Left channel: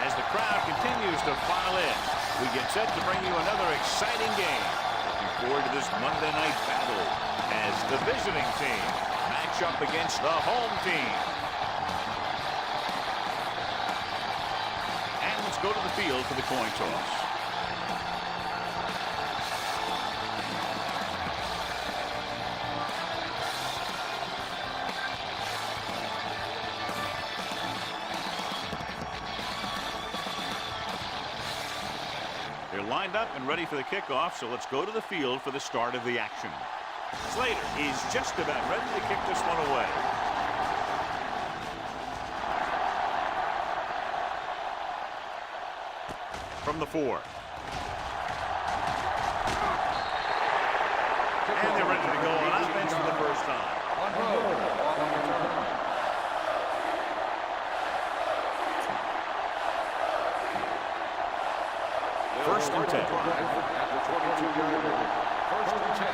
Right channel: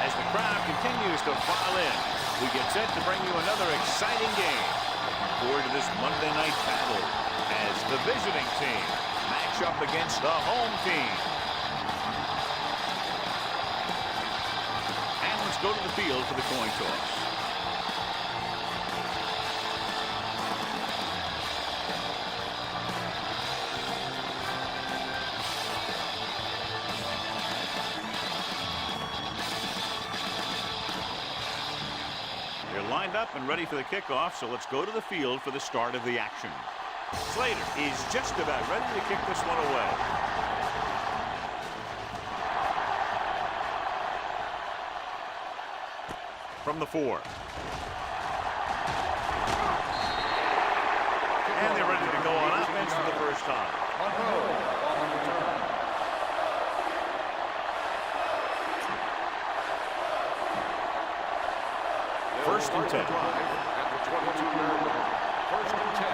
As the crowd continues to file in, we get set to bring you another exciting game. Looking forward to this Monday night battle as the visiting team match up against the home team. And let's go to the field for the coin toss. They're lined up and ready for the kickoff, so let's go to the field for the start of the action. Slater is just about ready to kick this one away. From the 4. And they're ready to go on offense for the first time. 1 row on the return. first and 10. At the 22-yard line. First and 10.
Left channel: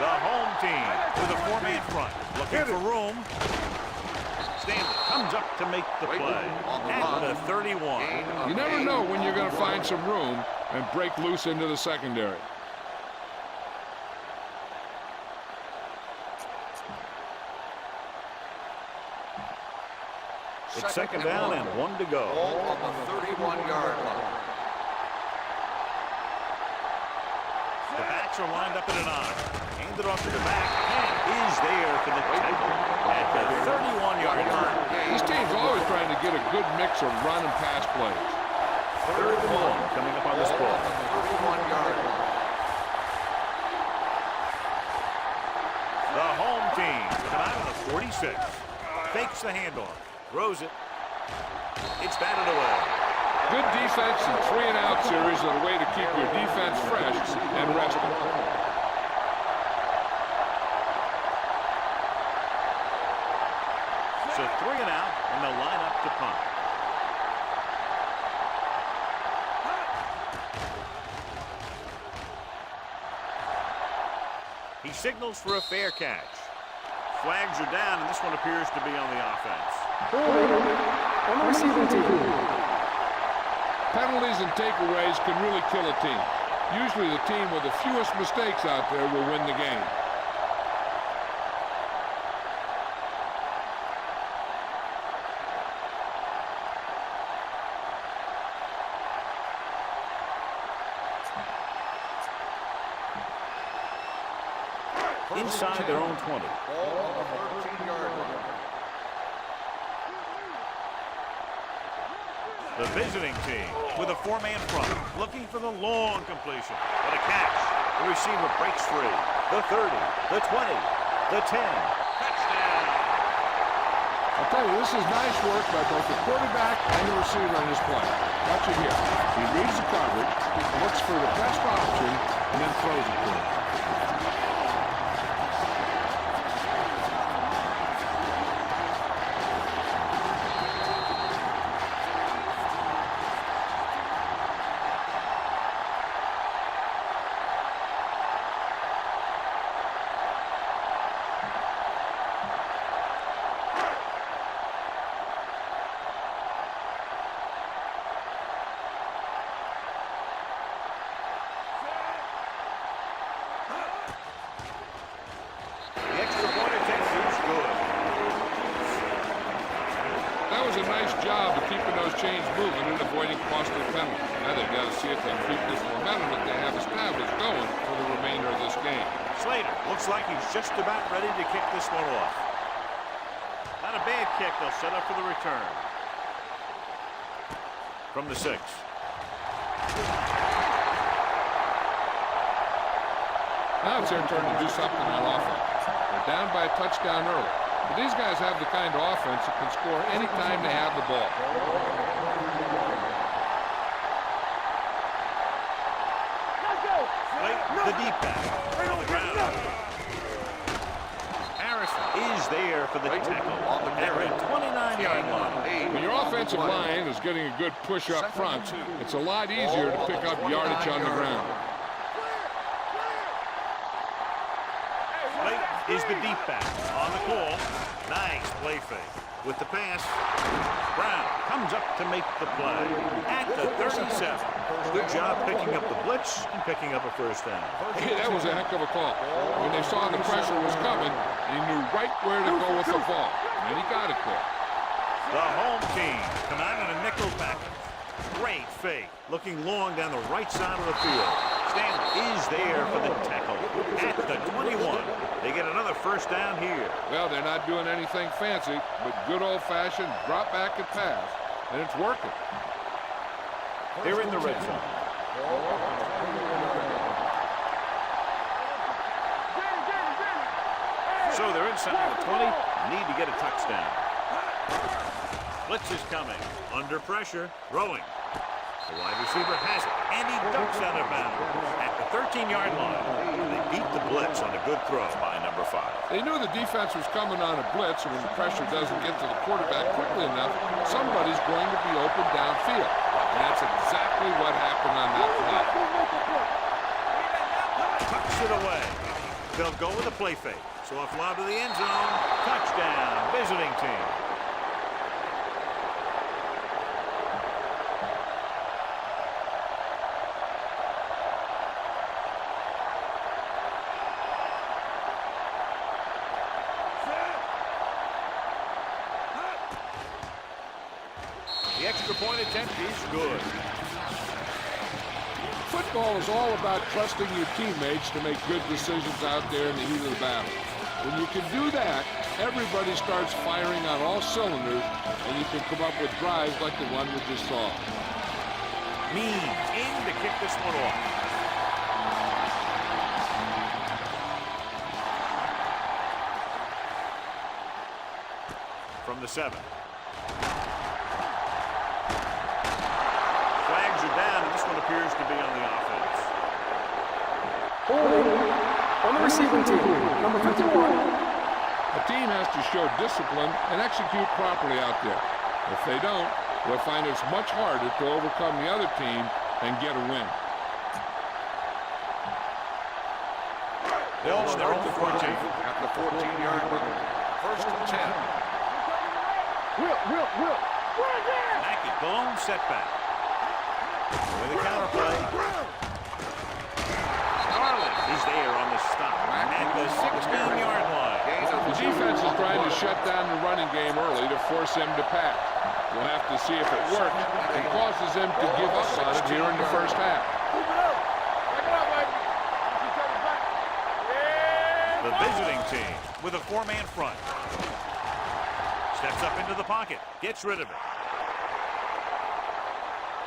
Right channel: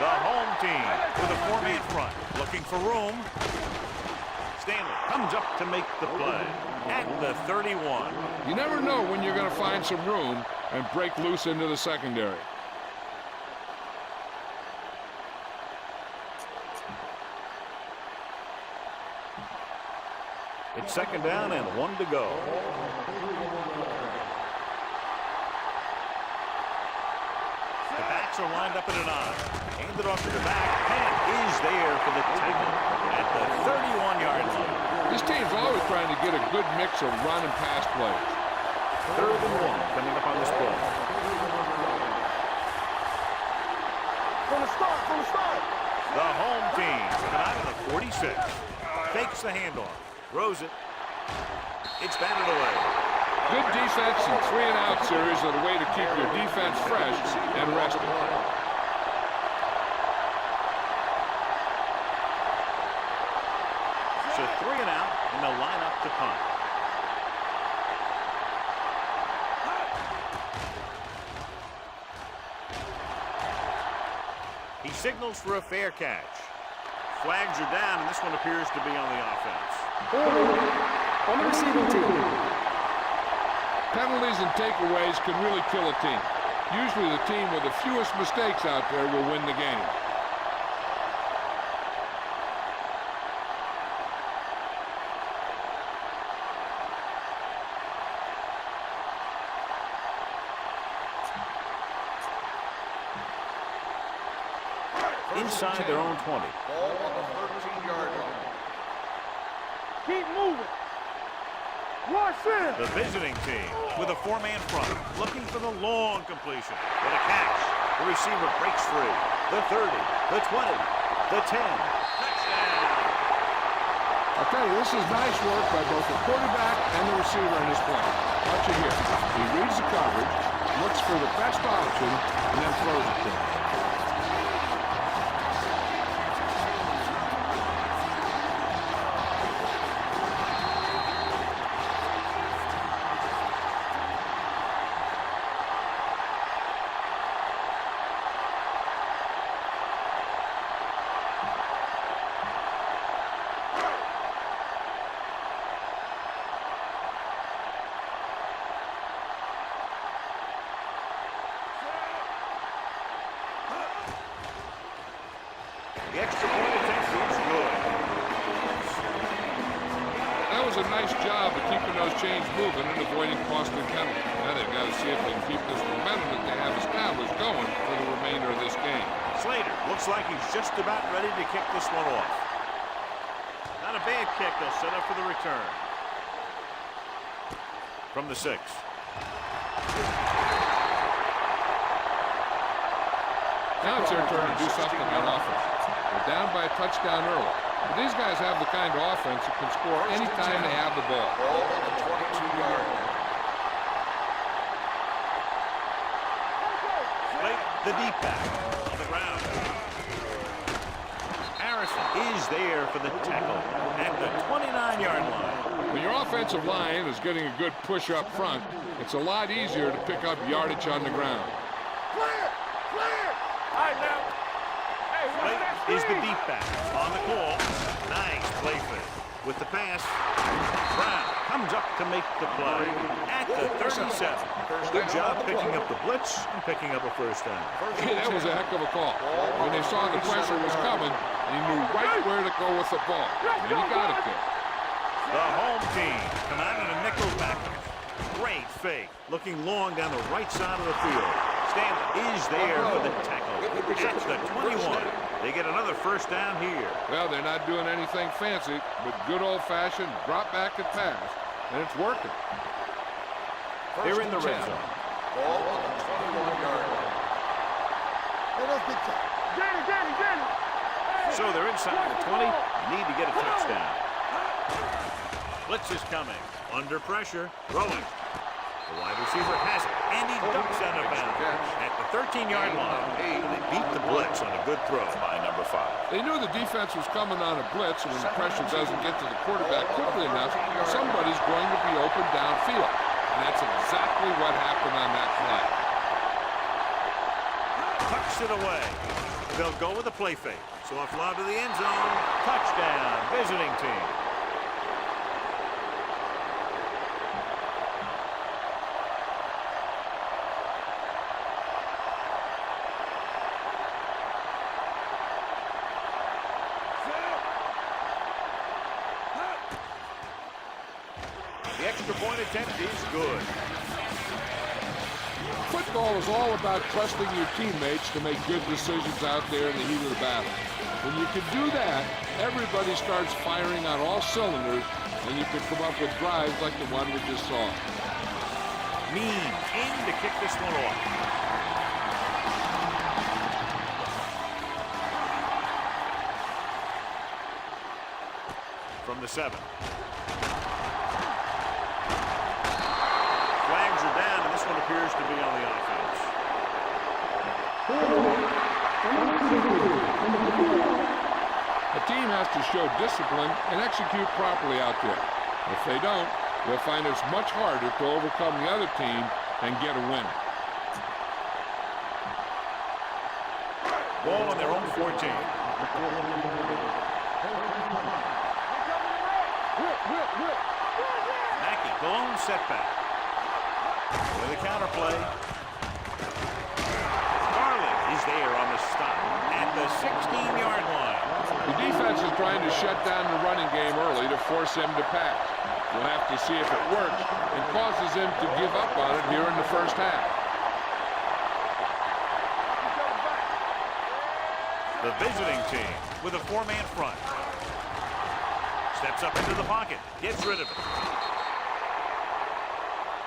The home team with a 4-man front, looking for room. Stanley comes up to make the play at the 31. You never know when you're going to find some room and break loose into the secondary. It's second down and 1 to go. On the 31-yard line. The backs are lined up in an I. Handed off to the back. Pan is there for the tackle at the 31-yard line. This team's always trying to get a good mix of run and pass plays. Third and long coming up on this play. The home team coming out of the 46. Fakes the handoff. Throws it. It's batted away. Good defense and 3-and-out series are the way to keep your defense fresh and rested. So 3 and out, and they'll line up to punt. He signals for a fair catch. Flags are down, and this one appears to be on the offense. On the receiving team. Penalties and takeaways can really kill a team. Usually the team with the fewest mistakes out there will win the game. Inside their own 20. Ball on the 13-yard line. Keep moving. Watch this. The visiting team with a 4-man front, looking for the long completion. What a catch. The receiver breaks free. The 30, the 20, the 10. Touchdown. I'll tell you, this is nice work by both the quarterback and the receiver in this play. Watch it here. He reads the coverage, looks for the best option, and then throws it to him. The extra point attempt is good. That was a nice job of keeping those chains moving and avoiding costly penalties. Now they've got to see if they can keep this momentum that they have established going for the remainder of this game. Slater looks like he's just about ready to kick this one off. Not a bad kick. They'll set up for the return. From the 6. Now it's their turn to do something on offense. They're down by a touchdown early. But these guys have the kind of offense that can score any time they have the ball. The deep back on the ground. Harrison is there for the tackle at the 29-yard line. When your offensive line is getting a good push up front, it's a lot easier to pick up yardage on the ground. Is the deep back on the call. Nice play fake. With the pass, Brown comes up to make the play at the 37. Good job picking up the blitz and picking up a first down. Hey, that was a heck of a call. When they saw the pressure was coming, he knew right where to go with the ball. And he got it there. The home team come out in a nickel package. Great fake. Looking long down the right side of the field. Stanley is there for the tackle at the 21. They get another first down here. Well, they're not doing anything fancy, but good old-fashioned drop back and pass, and it's working. They're in the red zone. Ball on the 21-yard line. So they're inside the 20. Need to get a touchdown. Blitz is coming. Under pressure. Throwing. The wide receiver has it, and he ducks out of bounds at the 13-yard line. And they beat the blitz on a good throw by number 5. They knew the defense was coming on a blitz, and when the pressure doesn't get to the quarterback quickly enough, somebody's going to be open downfield. And that's exactly what happened on that play. Tucks it away. They'll go with a play fake. So offload to the end zone. Touchdown, visiting team. The extra point attempt is good. Football is all about trusting your teammates to make good decisions out there in the heat of the battle. When you can do that, everybody starts firing on all cylinders, and you can come up with drives like the one we just saw. Means in to kick this one off. From the 7. Flags are down, and this one appears to be on the offense. On the receiving team, number 51. A team has to show discipline and execute properly out there. If they don't, they'll find it's much harder to overcome the other team and get a win. Ball on their own 14. At the 14-yard line. First and 10. Will. Mackey, the lone setback. With a counter play. Starling is there on the stop at the 16-yard line. The defense is trying to shut down the running game early to force him to pass. We'll have to see if it works and causes him to give up on it here in the first half. The visiting team with a 4-man front. Steps up into the pocket, gets rid of it.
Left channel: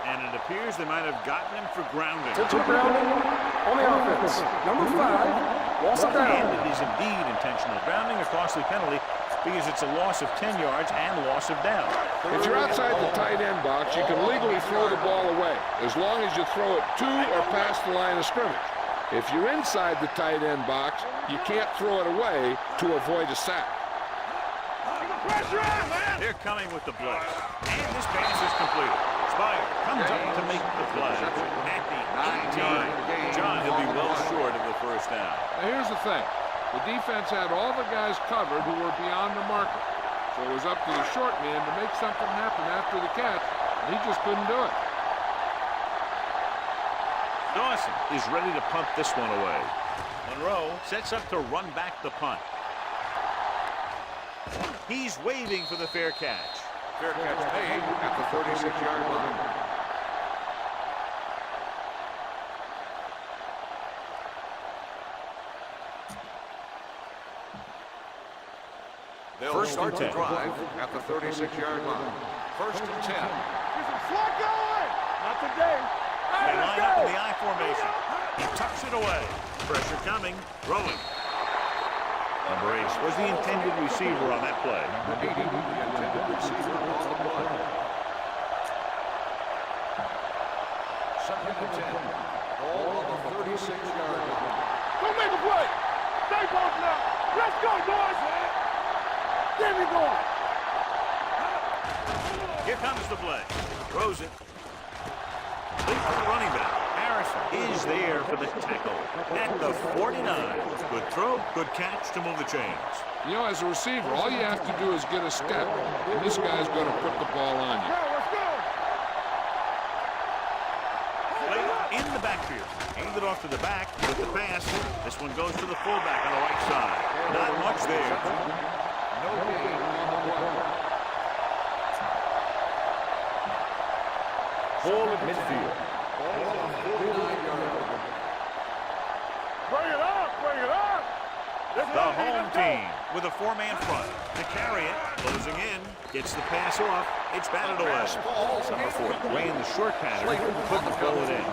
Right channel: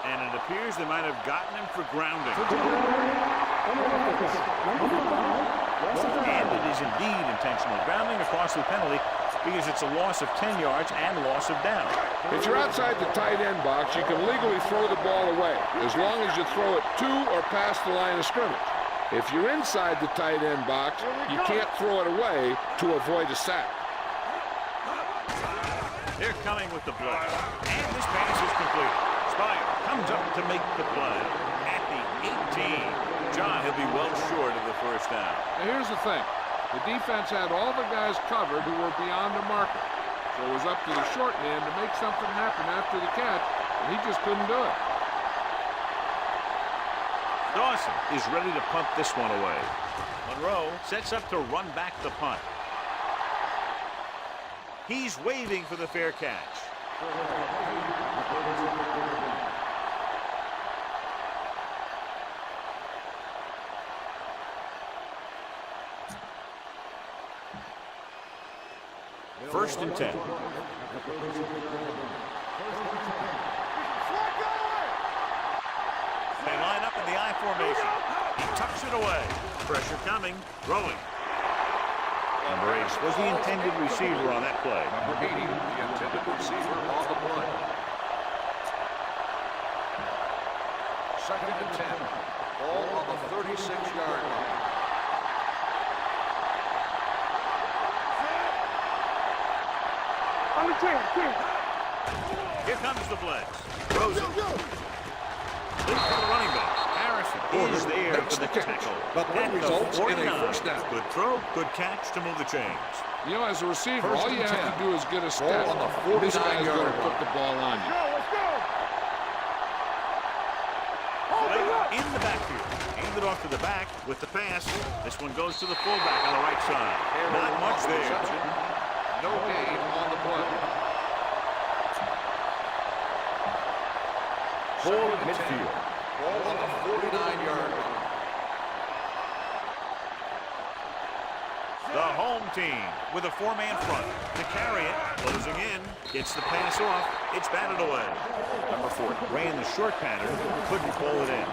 And it appears they might have gotten him for grounding. On the offense, number 5, loss of down. And it is indeed intentional grounding, a costly penalty because it's a loss of 10 yards and loss of down. If you're outside the tight end box, you can legally throw the ball away as long as you throw it to or past the line of scrimmage. If you're inside the tight end box, you can't throw it away to avoid a sack. They're coming with the blitz. And this pass is completed. Spire comes up to make the play at the 18. John, he'll be well short of the first down. Now here's the thing. The defense had all the guys covered who were beyond the marker. So it was up to the short man to make something happen after the catch, and he just couldn't do it. Dawson is ready to punt this one away. Monroe sets up to run back the punt. He's waving for the fair catch. Fair catch made at the 36-yard line. First and 10. At the 36-yard line. First and 10. They line up in the I formation. He tucks it away. Pressure coming. Throwing. Number 8 was the intended receiver on that play. Number 80, the intended receiver on the play. Second and 10. Ball on the 36-yard line. Don't make a play. Stay ball now. Let's go, boys. Give me ball. On the 10. Here comes the play. Throws it. Lead for the running back. Harrison is there for the tackle at the 49. Good throw, good catch to move the chains. You know, as a receiver, all you have to do is get a step, and this guy's going to put the ball on you. Let's go. Play in the backfield. Handed off to the back with the pass. This one goes to the fullback on the right side. Not much there. No gain on the play. Ball at midfield. Ball on the 49-yard line. Bring it up. The home team with a 4-man front to carry it. Closing in. Gets the pass off. It's batted away. Number 4 ran the short pattern. Couldn't pull it in.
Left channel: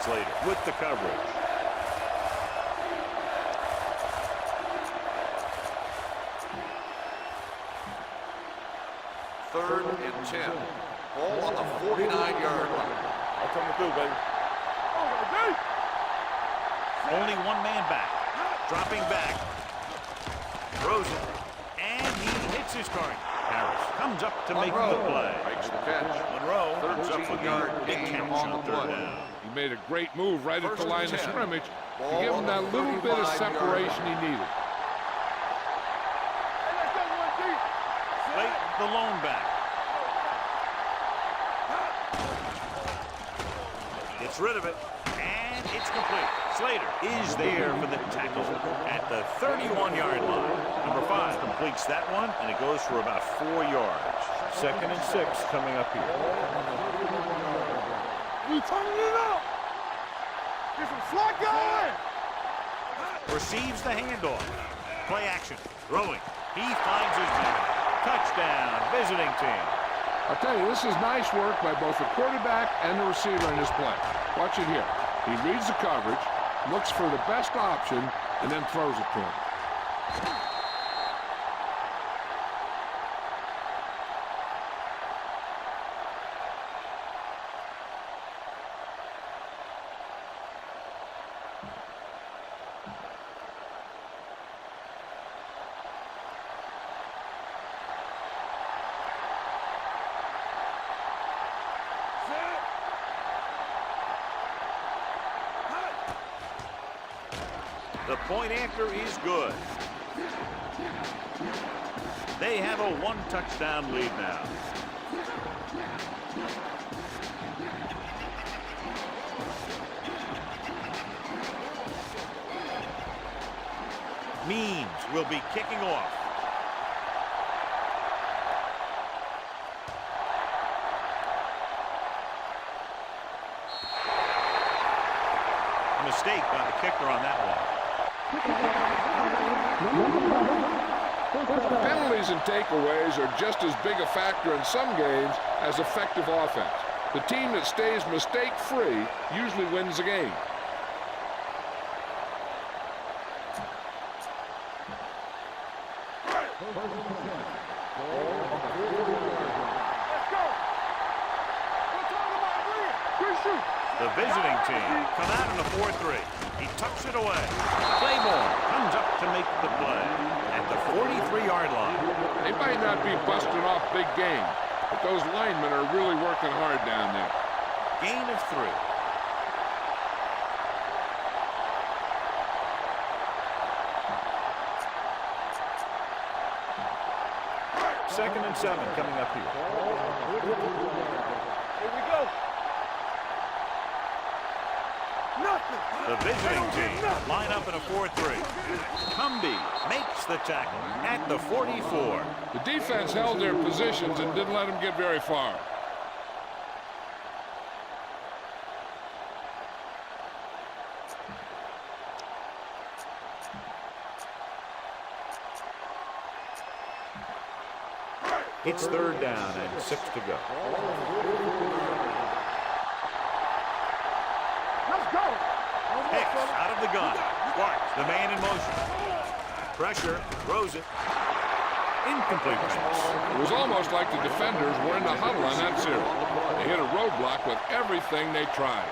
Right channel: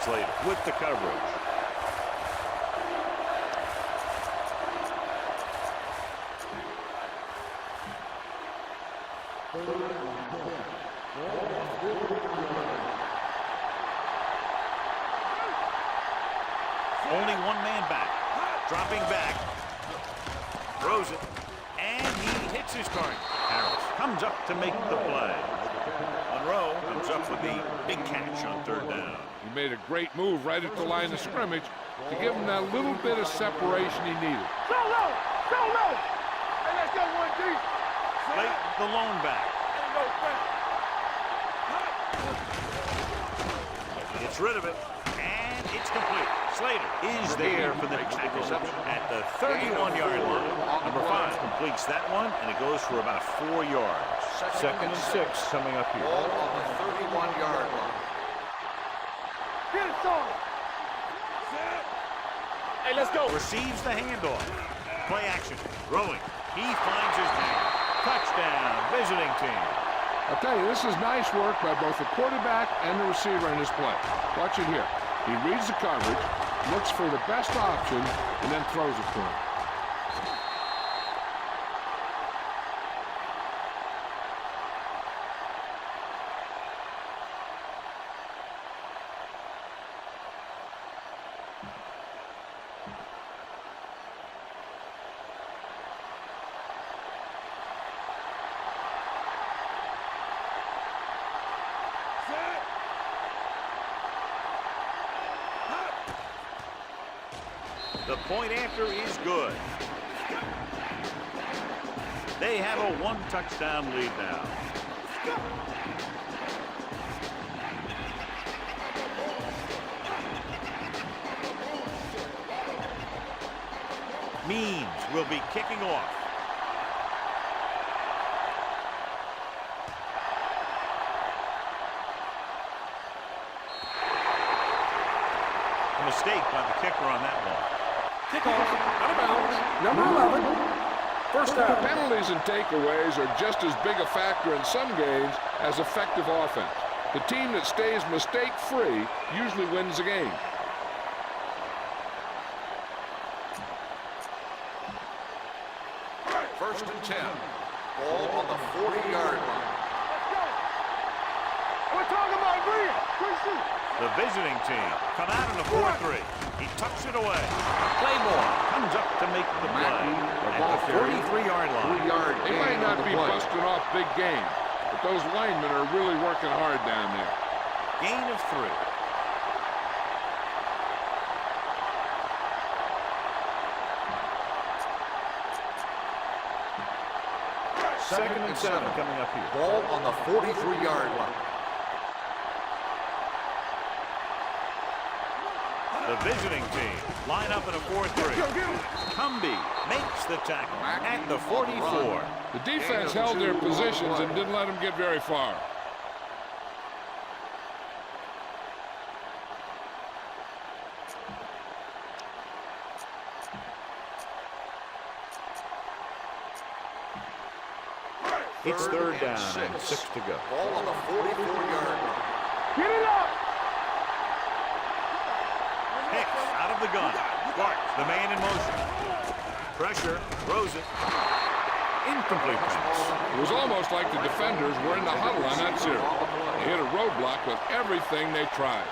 Slater with the coverage. Third and 10. Ball on the 49-yard line. That's coming through, baby. Only one man back. Dropping back. Throws it. And he hits his target. Harris comes up to make the play. Makes the catch. Monroe comes up with the big catch on third down. He made a great move right at the line of scrimmage to give him that little bit of separation he needed. So low. Hey, let's go one deep. Late the lone back. Ain't no threat. Gets rid of it. And it's complete. Slater is there for the tackle at the 31-yard line. Number 5 completes that one, and it goes for about 4 yards. Second and 6 coming up here. Ball on the 31-yard line. You turning it up. Get it started. Get some slack going. Hey, let's go. Receives the handoff. Play action. Throwing. He finds his man. Touchdown, visiting team. I'll tell you, this is nice work by both the quarterback and the receiver in this play. Watch it here. He reads the coverage, looks for the best option, and then throws it to him. The point after is good. They have a 1-touchdown lead now. Means will be kicking off. A mistake by the kicker on that one. Number 11. First down. Penalties and takeaways are just as big a factor in some games as effective offense. The team that stays mistake-free usually wins the game. First and 10. Ball on the 40-yard line. Let's go. We're talking about Green. Green shoot. The visiting team come out in a 4-3. He tucks it away. Claymore comes up to make the play at the 43-yard line. They might not be busting off big game, but those linemen are really working hard down there. Gain of 3. Second and 7 coming up here. Ball on the 43-yard line. Here we go. Nothing. The visiting team line up in a 4-3. Cumby makes the tackle at the 44. The defense held their positions and didn't let them get very far. It's third down and 6 to go. Ball on the 44-yard line. Get it up. Let's go. Hicks out of the gun. Sparks, the man in motion. Pressure, throws it. Incomplete pass. It was almost like the defenders were in the huddle on that series. They hit a roadblock with everything they tried.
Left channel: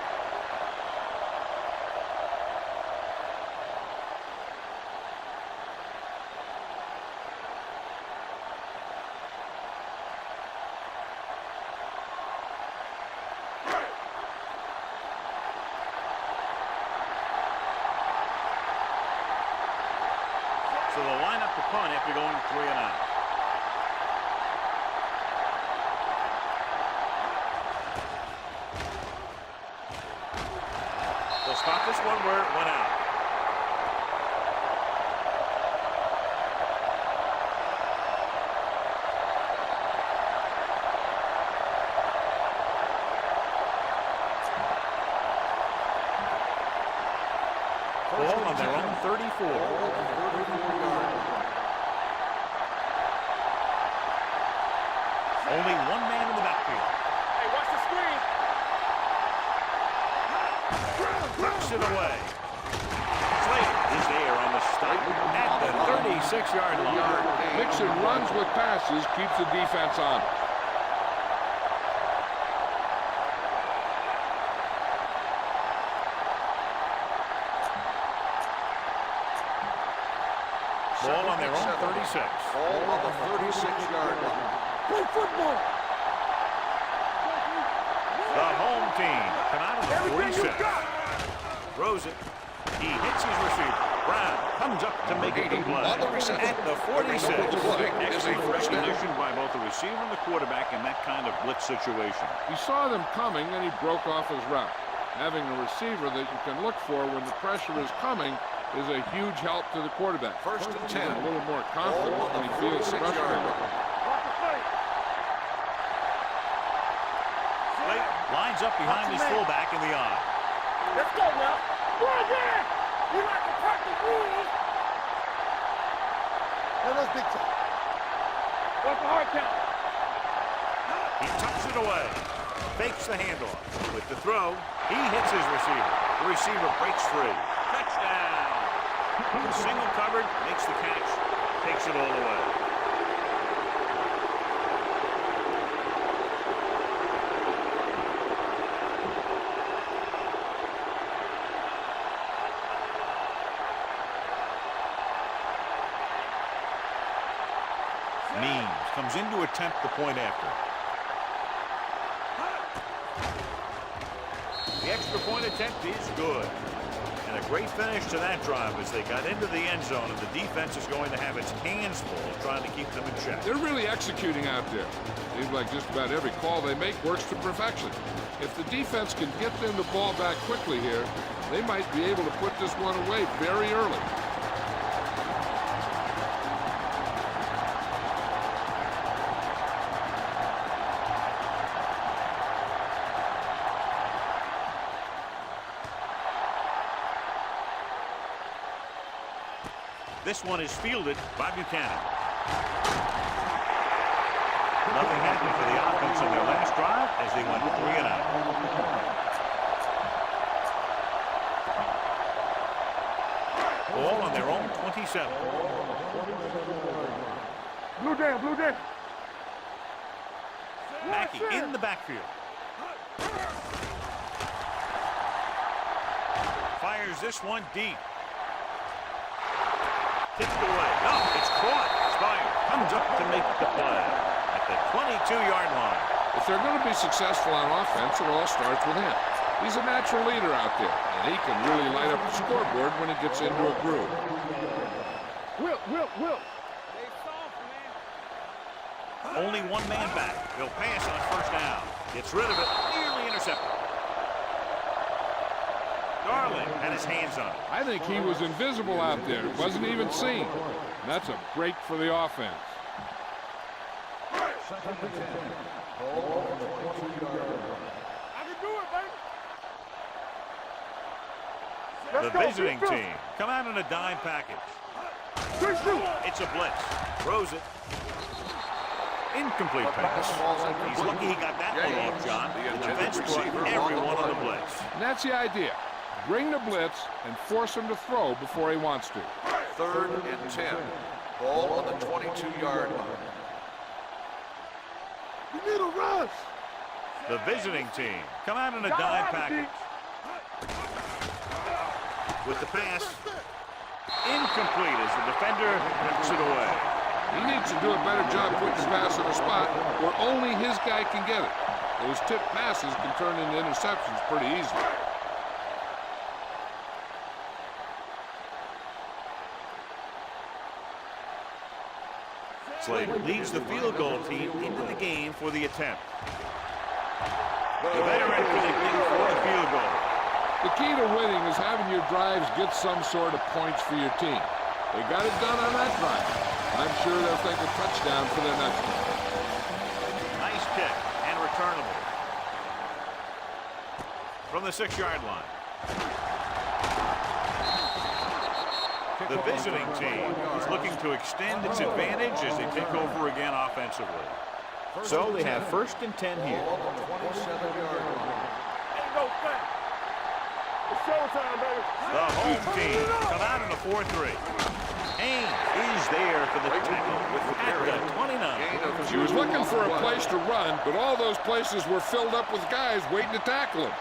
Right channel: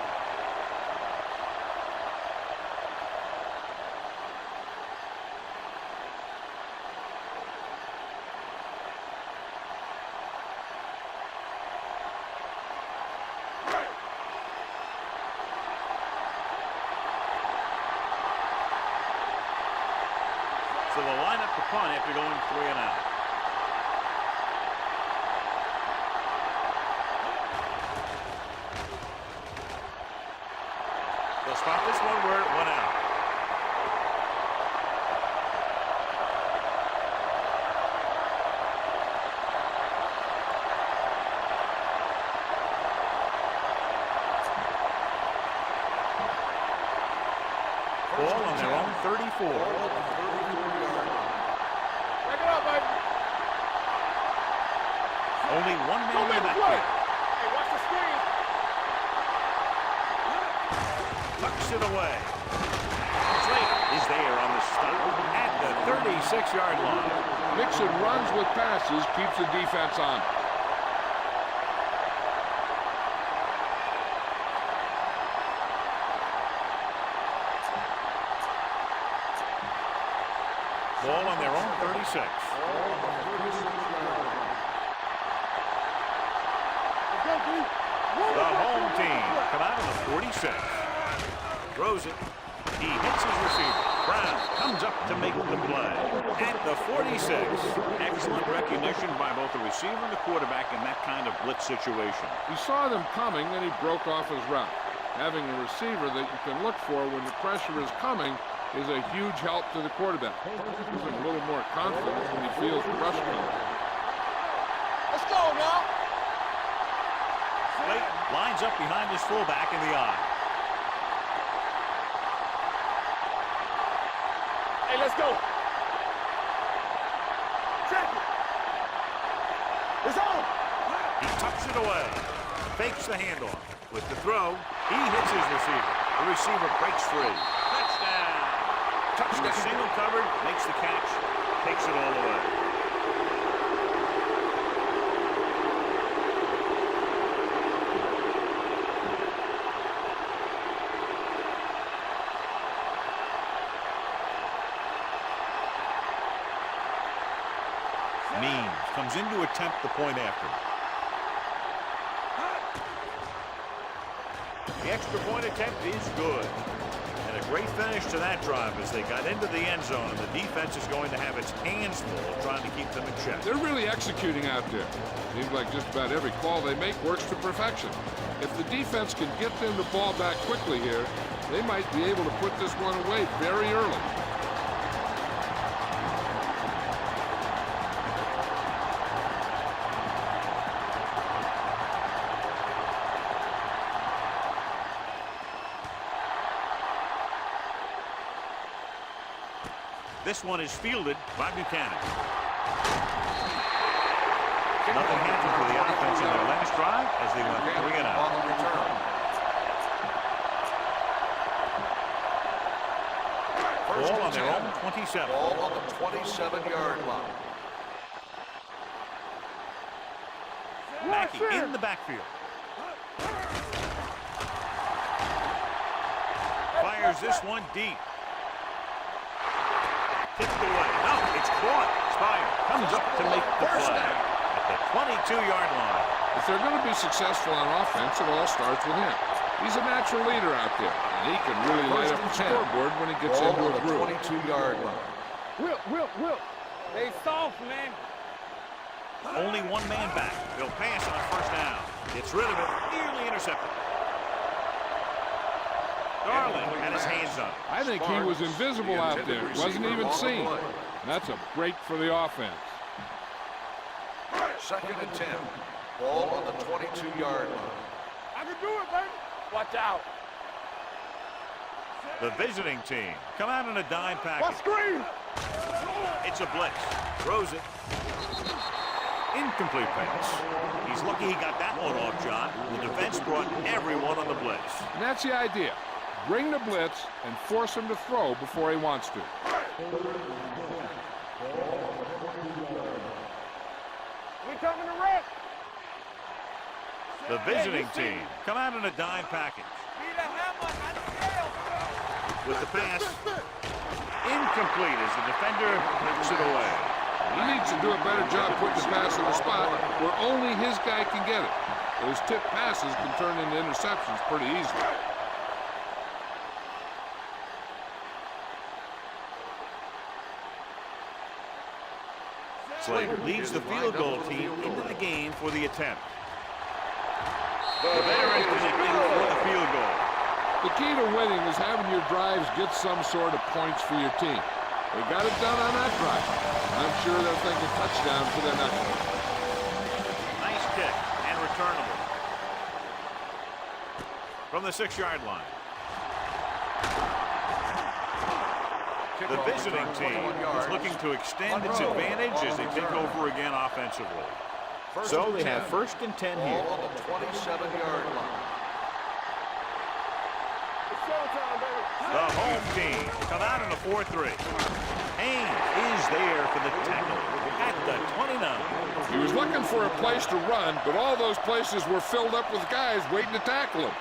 So they'll line up the punt after going 3 and out. They'll spot this one where it went out. Ball on their own 34. Ball on the 34-yard line. Back it up, baby. Only one man in the backfield. Hey, watch the screen. Tucks it away. Slater is there on the stop at the 36-yard line. Mixon runs with passes, keeps the defense on. Ball on their own 36. Ball on the 36-yard line. Play football. The home team come out of the 46. Throws it. He hits his receiver. Brown comes up to make the play at the 46. Excellent recognition by both the receiver and the quarterback in that kind of blitz situation. He saw them coming, and he broke off his route. Having a receiver that you can look for when the pressure is coming is a huge help to the quarterback. First and Gives 10. him a little more confidence when he feels the rush coming. Let's go now. Slate lines up behind his fullback in the eye. Let's go now. Right there. We like to practice rules. Hey, let's go. Let's get to check it. What's the hard count? It's on. He tucks it away. Fakes the handoff. With the throw, he hits his receiver. The receiver breaks free. Touchdown. Touched a single covered, makes the catch, takes it all away. Means comes in to attempt the point after. The extra point attempt is good. And a great finish to that drive as they got into the end zone, and the defense is going to have its hands full trying to keep them in check. They're really executing out there. Seems like just about every call they make works to perfection. If the defense can get them the ball back quickly here, they might be able to put this one away very early. This one is fielded by Buchanan. Nothing happened for the offense in their last drive as they went 3 and out. Ball on their own 27. Ball on the 27-yard line. Blue down, blue down. Mackey in the backfield. Fires this one deep. Tipped away. No, it's caught. Spire comes up to make the play at the 22-yard line. If they're going to be successful on offense, it all starts with him. He's a natural leader out there, and he can really light up the scoreboard when he gets into a groove. 22-yard line. Will. They soft, man. Only one man back. He'll pass on first down. Gets rid of it. Nearly intercepted. Darling had his hands on it. I think he was invisible out there. Wasn't even seen. That's a break for the offense. Second and 10. Ball on the 22-yard line. I can do it, baby. Watch out. The visiting team come out in a dime package. Screen. It's a blitz. Throws it. Incomplete pass. He's lucky he got that one off, John. The defense brought everyone on the blitz. And that's the idea. Bring the blitz and force him to throw before he wants to. Third and 10. Ball on the 22-yard line. We coming to rush. You need a rush. The visiting team come out in a dime package. With the pass, incomplete as the defender knocks it away. He needs to do a better job putting the pass in a spot where only his guy can get it. Those tip passes can turn into interceptions pretty easily. Slater leads the field goal team into the game for the attempt. The veteran connecting for the field goal. The key to winning is having your drives get some sort of points for your team. They got it done on that drive. I'm sure they'll think a touchdown for their next one. Nice kick and returnable. From the 6-yard line. The visiting team is looking to extend its advantage as they take over again offensively. So they have first and 10 here. Ball on the 27-yard line. It's showtime, baby. The home team come out in a 4-3. Haynes is there for the tackle at the 29. He was looking for a place to run, but all those places were filled up with guys waiting to tackle him.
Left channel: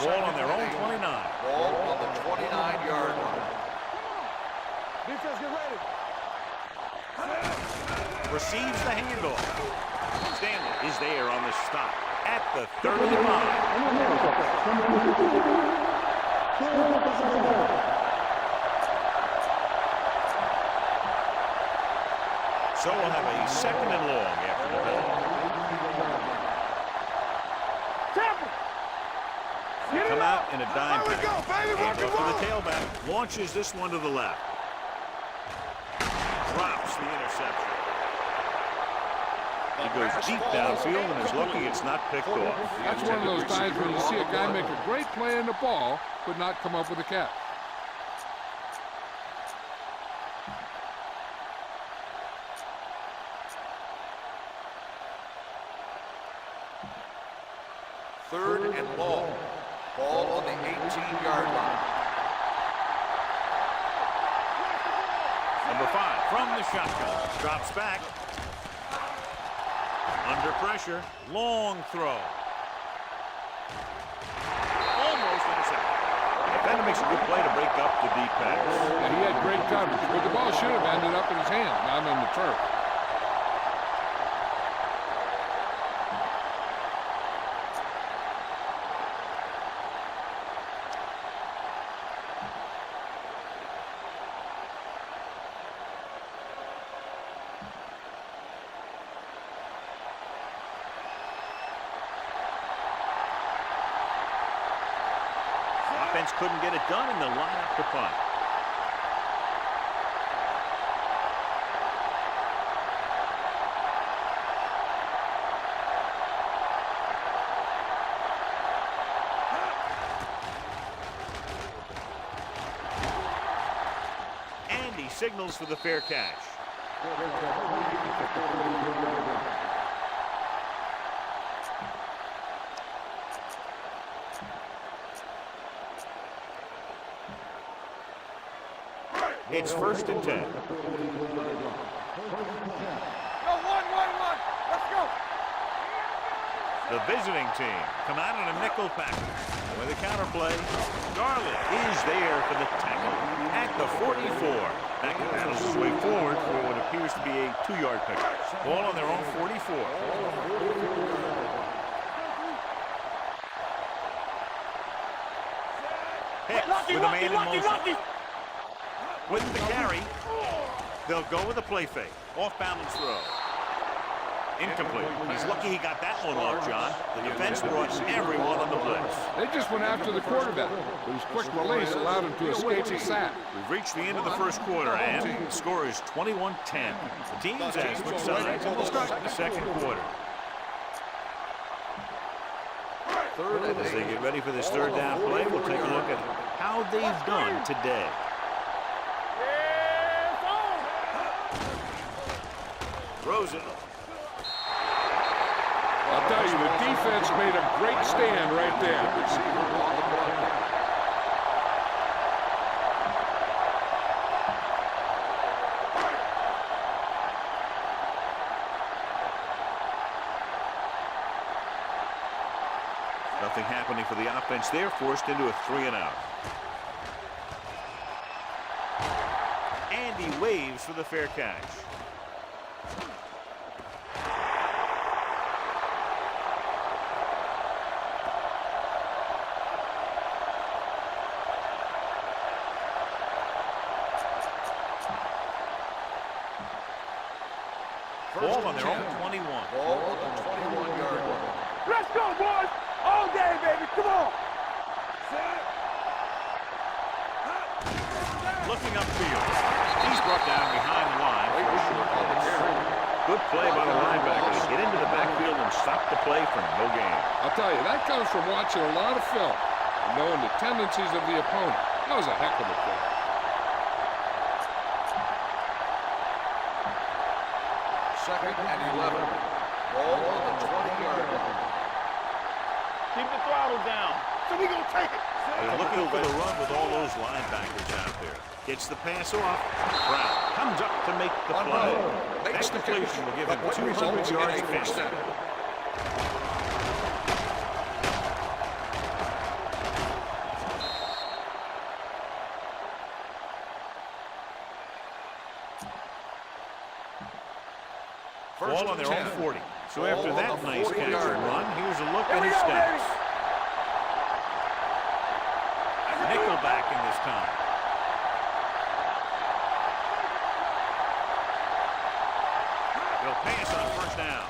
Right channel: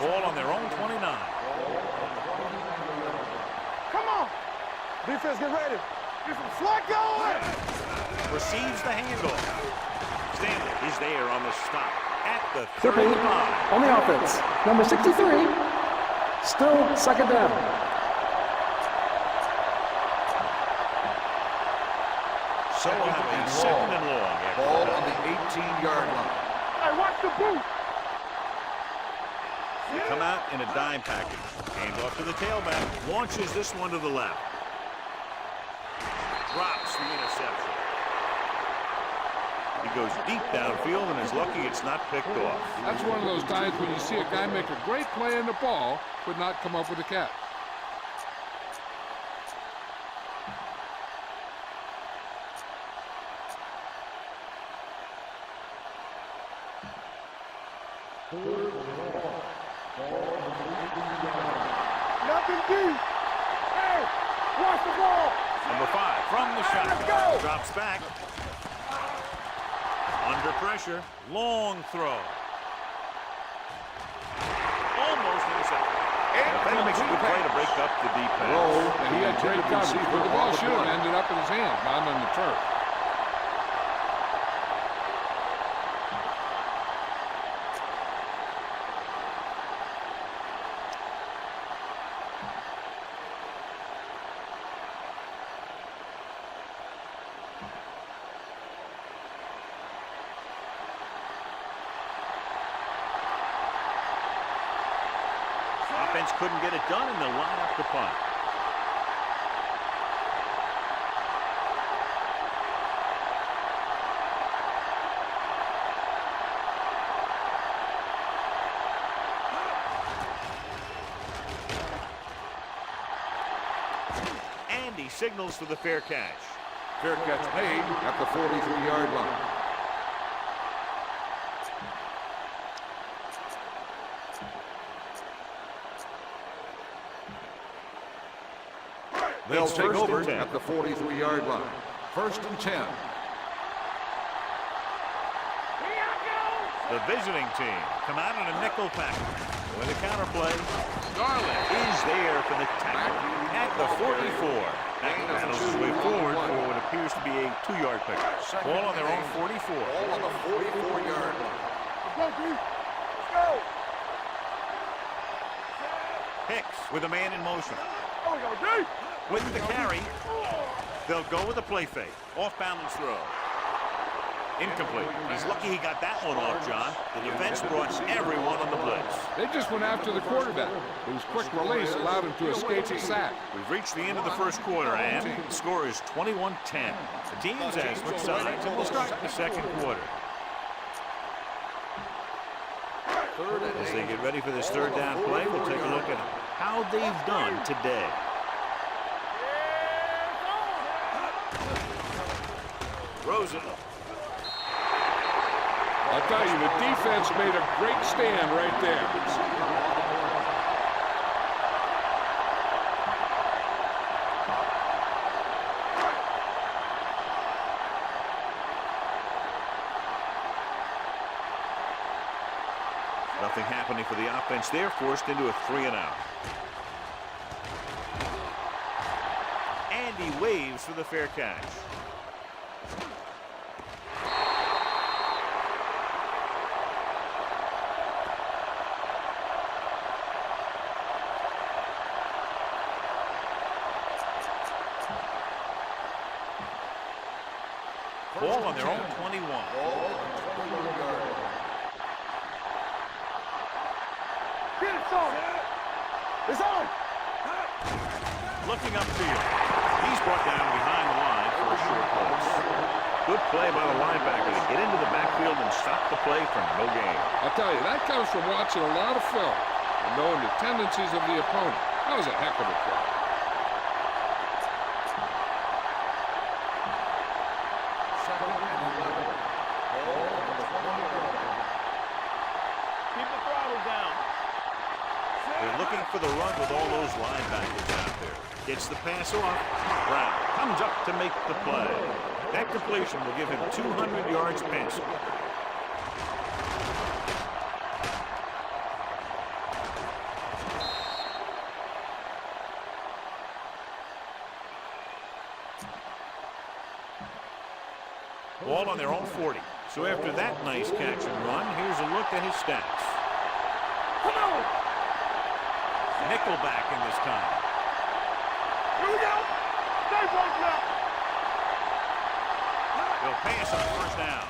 Ball on their own 29. Ball on the 29-yard line. Come on. Defense, get ready. Receives the handoff. Stanley is there on the stop at the Triple 35. on the offense. Number 63. Still second down. So we'll have a second and long after the Ball on penalty. the 18-yard line. Hey, watch the boot. Tackle. Come out in a dime package. Hand off to the tailback. Launches this one to the left. Drops the interception. He goes deep downfield and is lucky it's not picked off. That's one of those times when you see a guy make a great play in the ball, but not come up with a catch. Third and long. Ball on the 18-yard line. Nothing deep. Hey, watch the ball. Number 5 from the shotgun. Drops back. Under pressure. Long throw. Almost intercepted. The defender makes a good play to break up the deep pass. And he had great coverage, but the ball should have ended up in his hand, not on the turf. Offense couldn't get it done, and they'll line up to punt. And he signals for the fair catch. Fair catch made at the 43-yard line. It's They'll first take and over 10. at the 43-yard line. First and 10. Go, one. Let's go. Here I go. The visiting team come out in a nickel package. With a counterplay, Garland is there for the tackle at the 44. Mackey battles his way forward for what appears to be a 2-yard pickup. Ball on their own 44. Ball on the 44-yard line. Let's go, D. Let's go. Hicks with a man in motion. There we go, D. With the carry, they'll go with a play fake. Off-balance throw. Incomplete. He's lucky he got that one off, John. The defense brought everyone on the blitz. They just went after the quarterback, but his quick release allowed him to escape the sack. We've reached the end of the first quarter, and the score is 21-10. The teams have switched sides, and we'll start the second quarter. Third and As they 8. get ready for this third down play, we'll take a look at how they've done today. Throws it. I'll tell you, the defense made a great stand right there. Receiver on the play. Nothing happening for the offense there, forced into a 3-and-out. And he waves for the fair catch. Ball on their own 21. Ball on the 21-yard line. Let's go, boys. All day, baby. Come on. Get it started. It's on. Looking upfield. He's brought down behind the line for a short loss. Good play by the linebacker to get into the backfield and stop the play for no gain. I'll tell you, that comes from watching a lot of film and knowing the tendencies of the opponent. That was a heck of a play. Second and 11. Ball on the 20-yard line. Keep the throttle down. So we gonna take it. They're looking for the run with all those linebackers out there. Gets the pass off. Brown comes up to make the play. That completion will give him 200 yards passing. Ball on their own 40. So after that nice catch and run, here's a look at his stats. Nickelback in this time. They'll pass on first down.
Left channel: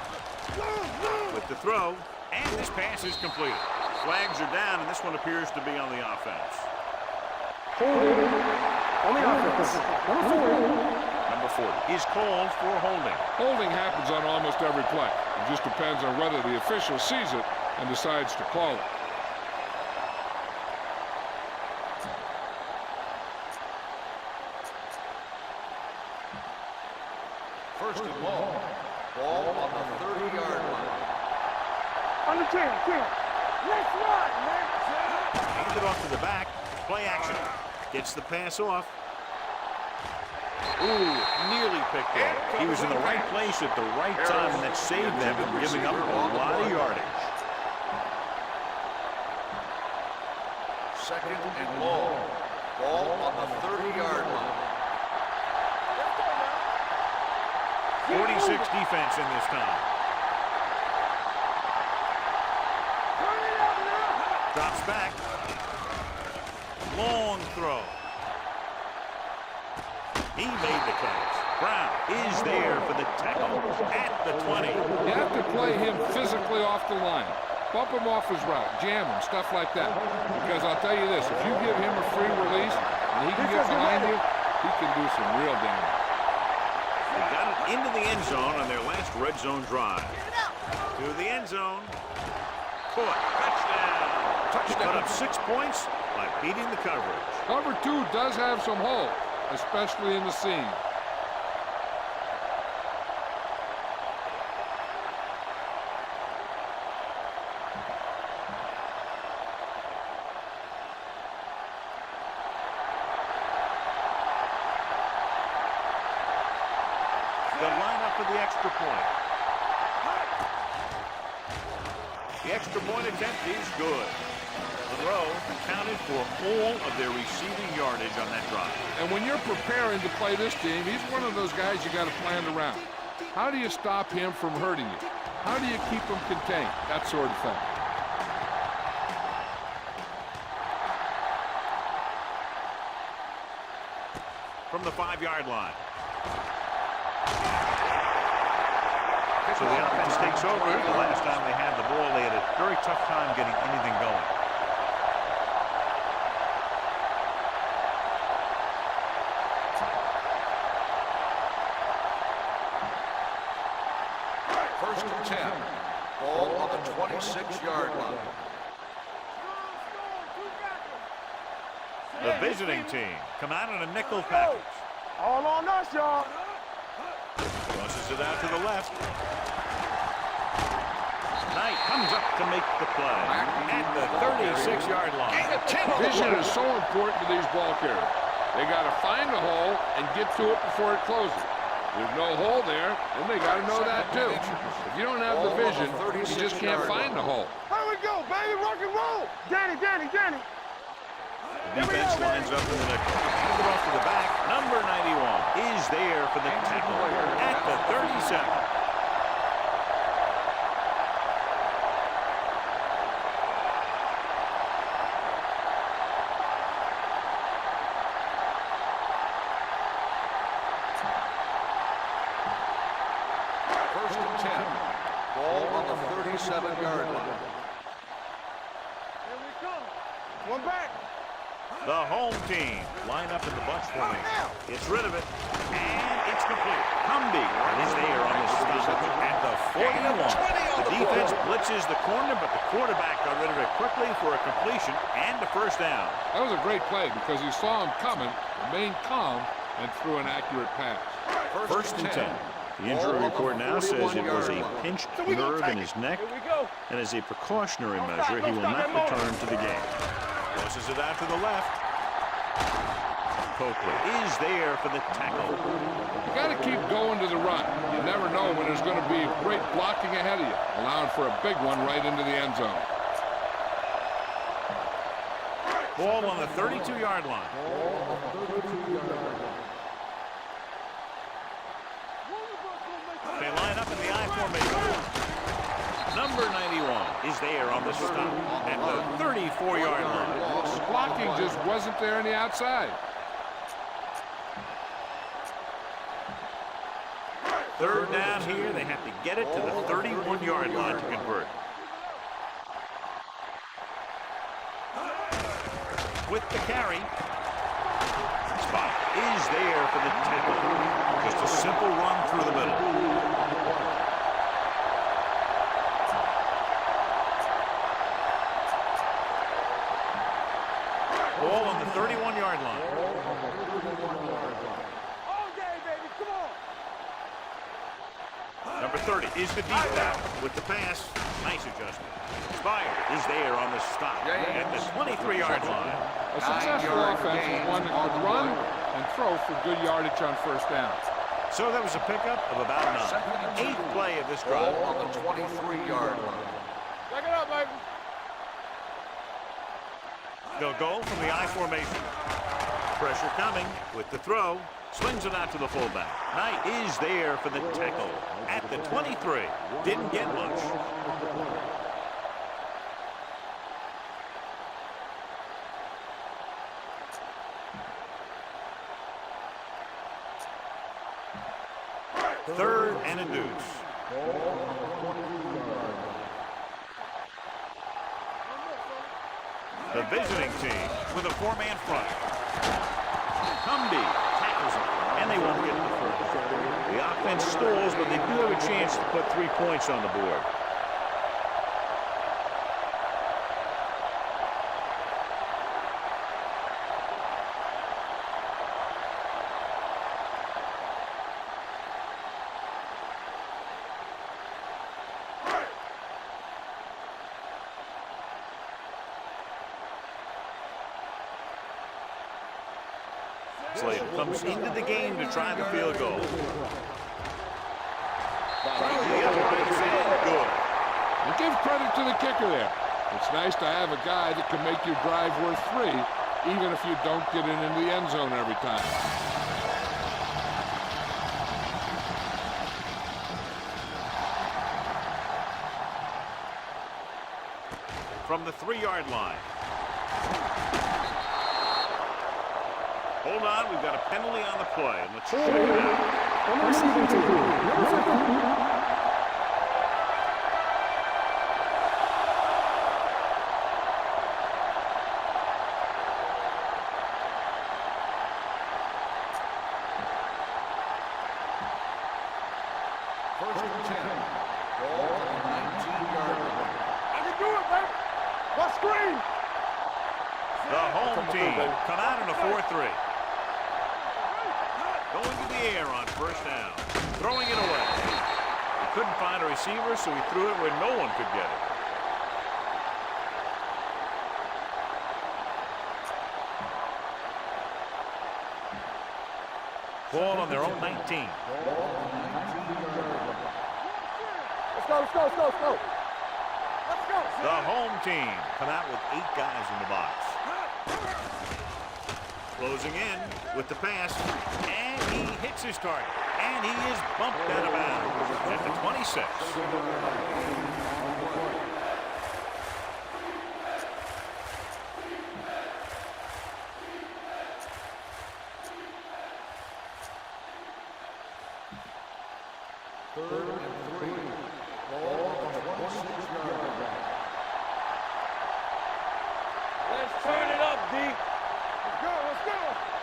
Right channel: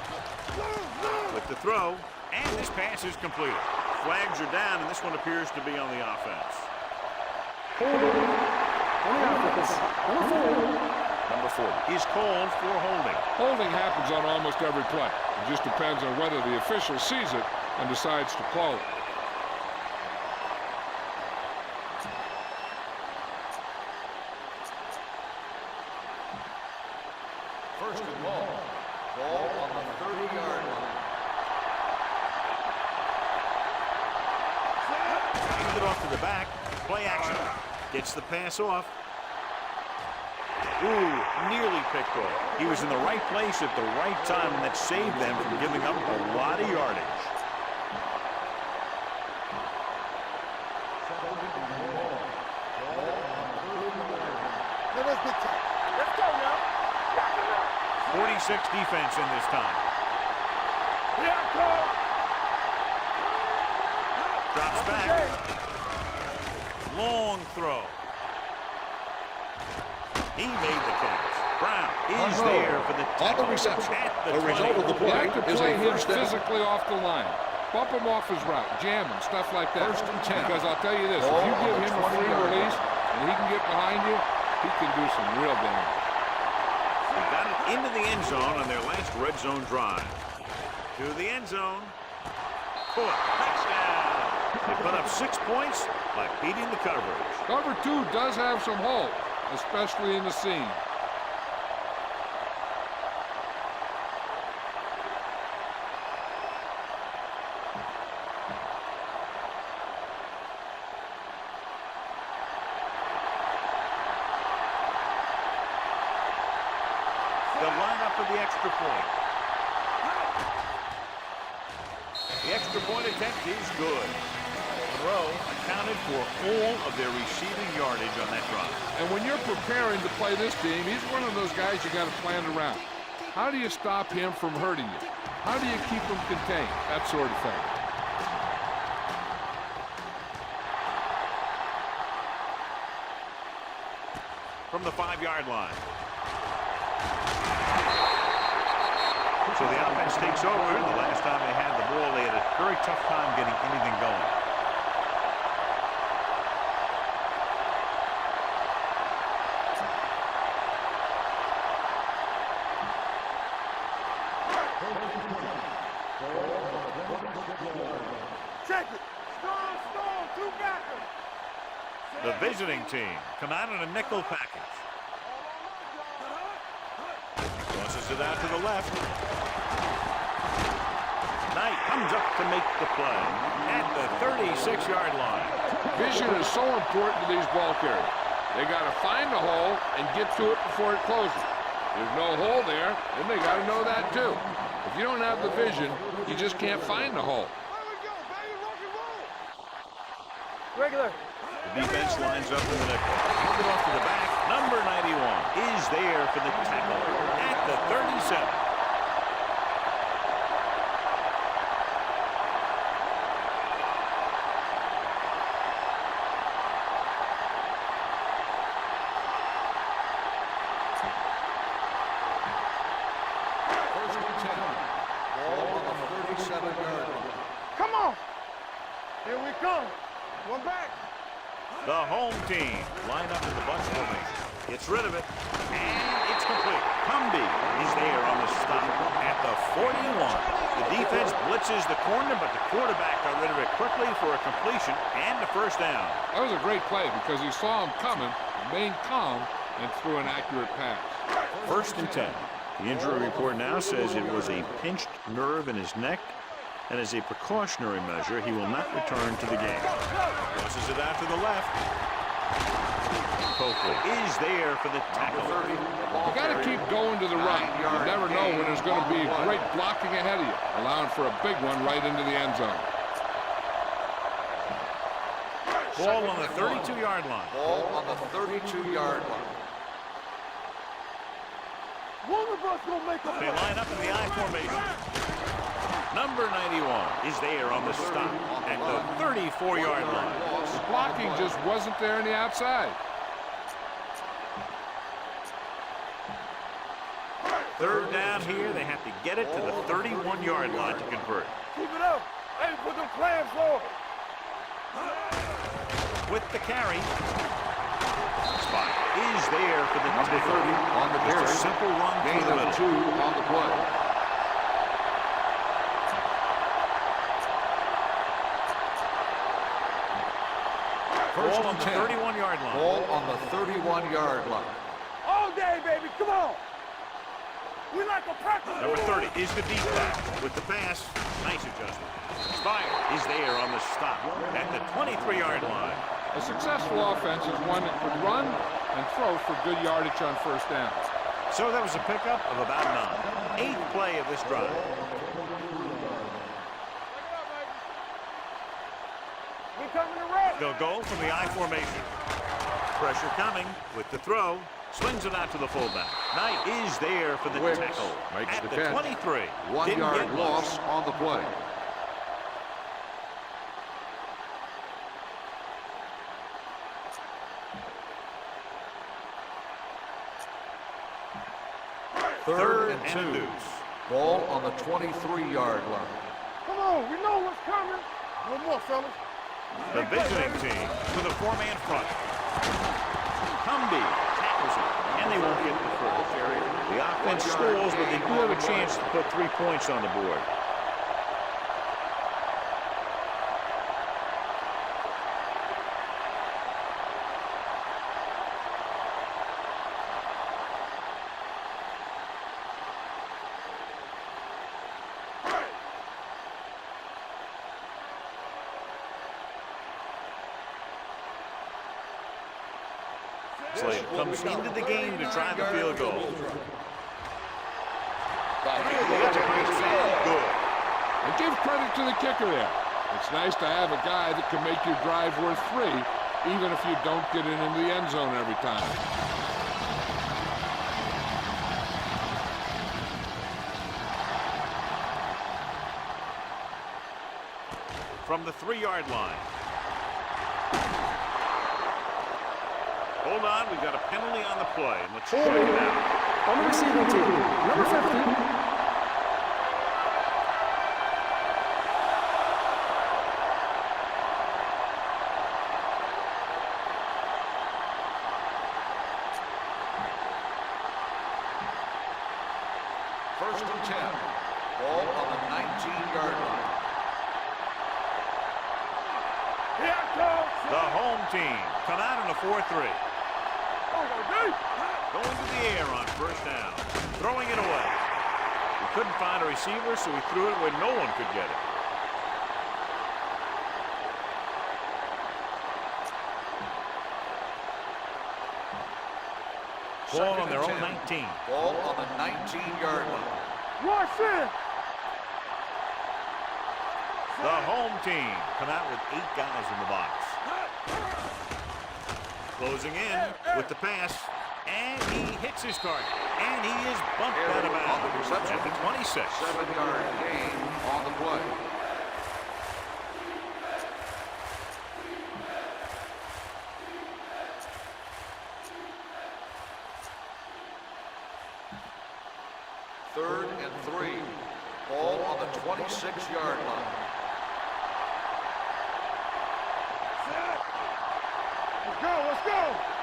With the throw, and this pass is completed. Flags are down, and this one appears to be on the offense. Holding on the offense. Number 40. Number 40 is called for holding. Holding happens on almost every play. It just depends on whether the official sees it and decides to call it. First and long. Ball on the 30-yard line. On the 10. Let's run, man. Hand it off to the back. Play action. Gets the pass off. Ooh, nearly picked off. He was in the right place at the right time, and that saved them from giving up a lot of yardage. Second and long. Ball on the 30-yard line. Let's go now. 46 defense in this time. Drops back. Long throw. He made the catch. Brown is there for the tackle at the 20. You have to play him physically off the line. Bump him off his route, jam him, stuff like that. Because I'll tell you this, if you give him a free release and he can get behind you, he can do some real damage. They got it into the end zone on their last red zone drive. To the end zone. Caught. Touchdown. They put up 6 points by beating the coverage. Cover 2 does have some holes, especially in the seam. They'll line up for the extra point. The extra point attempt is good. Monroe accounted for all of their receiving yardage on that drive. And when you're preparing to play this team, he's one of those guys you got to plan around. How do you stop him from hurting you? How do you keep him contained? That sort of thing. From the 5-yard line. So the offense takes over. The last time they had the ball, they had a very tough time getting anything going. First and 10. Ball on the 26-yard line. Check it. Strong, two backers. The visiting team come out in a nickel package. All on us, y'all. Tosses it out to the left. Knight comes up to make the play at the 36-yard line. Vision is so important to these ball carriers. They got to find the hole and get to it before it closes. There's no hole there, and they got to know that too. If you don't have the vision, you just can't find the hole. Here we go, baby, rock and roll. Danny. Regular. The defense lines up in the nickel. Hand it off to the back. Number 91 is there for the tackle at the 37. First and 10. Ball on the 37-yard line. Come on. Here we come. One back. The home team line up in the bunch formation. Gets rid of it, and it's complete. Cumby is there on the stop at the 41. The defense blitzes the corner, but the quarterback got rid of it quickly for a completion and a first down. That was a great play because he saw him coming, remained calm, and threw an accurate pass. First and 10. The injury report now says it was a pinched nerve in his neck, and as a precautionary measure, he will not return to the game. Tosses it out to the left. Coakley is there for the tackle. You got to keep going to the run. You never know when there's going to be great blocking ahead of you, allowing for a big one right into the end zone. Ball on the 32-yard line. Ball on the 32-yard line. One They line up in the I formation. Number 91 is there on the stop at the 34-yard line. The blocking just wasn't there on the outside. Third down here, they have to get it to the 31-yard line to convert. Keep it up. Hey, put them plans forward. With the carry, spot is there for the tackle. Just a simple run through the middle. Ball on the 31-yard line. Ball on the 31-yard line. All day, baby. Come on. We like to practice. Number 30 is the deep back with the pass. Nice adjustment. Spire is there on the stop at the 23-yard line. A successful offense is one that could run and throw for good yardage on first down. So that was a pickup of about 9. 8th play of this drive. Ball on the 23-yard line. Check it out, baby. We coming to run. They'll go from the I formation. Pressure coming with the throw. Swings it out to the fullback. Knight is there for the tackle at the 23. Didn't get much. On the play. Third and a deuce. Ball on the 23-yard line. Come on. We know what's coming. No more, fellas. The visiting team with a 4-man front. Cumby tackles him, and they won't get the first. The offense stalls, but they do have a chance to put 3 points on the board. Slater comes into the game to try the field goal. The upright and good. And give credit to the kicker there. It's nice to have a guy that can make your drive worth 3, even if you don't get it into the end zone every time. From the 3-yard line. Hold on, we've got a penalty on the play, and let's check it out. On the receiving team, number 50. First and 10. Ball on the 19-yard line. I can do it, baby. What screen? Here I come. The home team come out in a 4-3. Going to the air on first down. Throwing it away. He couldn't find a receiver, so he threw it where no one could get it. Ball on their own 19. Ball on the 19-yard line. Rush in. Let's go, let's go, let's go, let's go. Let's go. The home team come out with 8 guys in the box. Closing in with the pass, and he hits his target, and he is bumped out of bounds at the 26. 7-yard gain on the play. Third and 3. Ball on the 26-yard line. Let's turn it up, D. Let's go, let's go.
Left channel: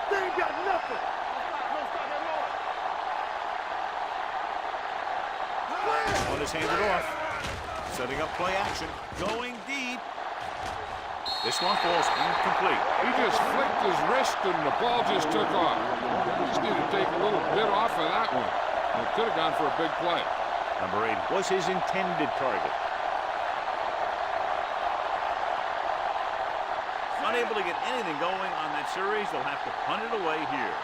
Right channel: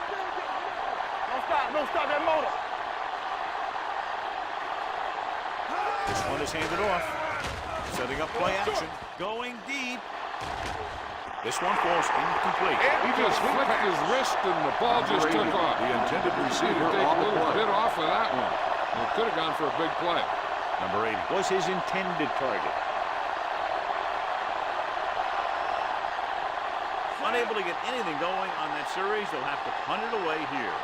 They ain't got nothing. Don't stop that motor. This one is handed off. Setting up play action. Going deep. This one falls incomplete. He just flicked his wrist and the ball just took off. You see to take a little bit off of that one. And it could have gone for a big play. Number 8 was his intended target. Unable to get anything going on that series, they'll have to punt it away here.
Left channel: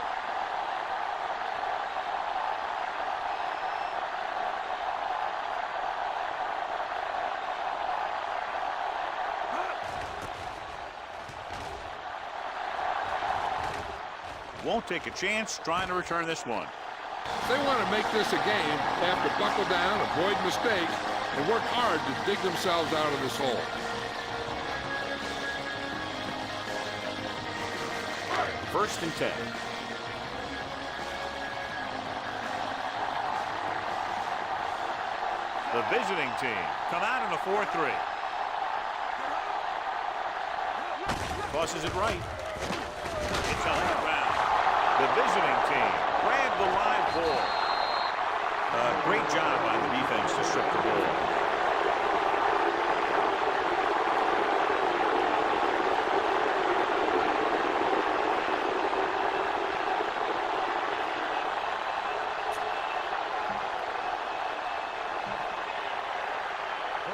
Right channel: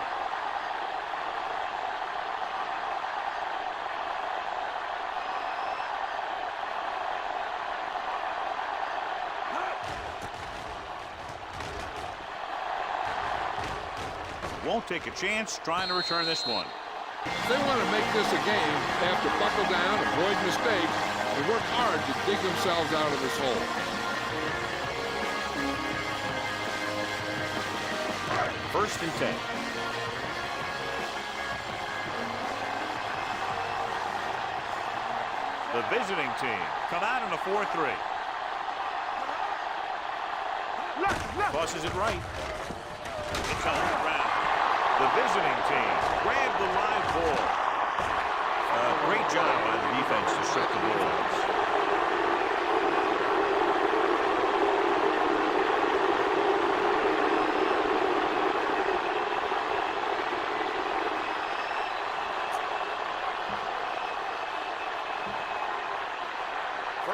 Won't take a chance trying to return this one. If they want to make this a game, they have to buckle down, avoid mistakes, and work hard to dig themselves out of this hole. First and 10. The visiting team come out in a 4-3. Tosses it right. It's on the ground. The visiting team grab the live ball. Great job by the defense to strip the balls.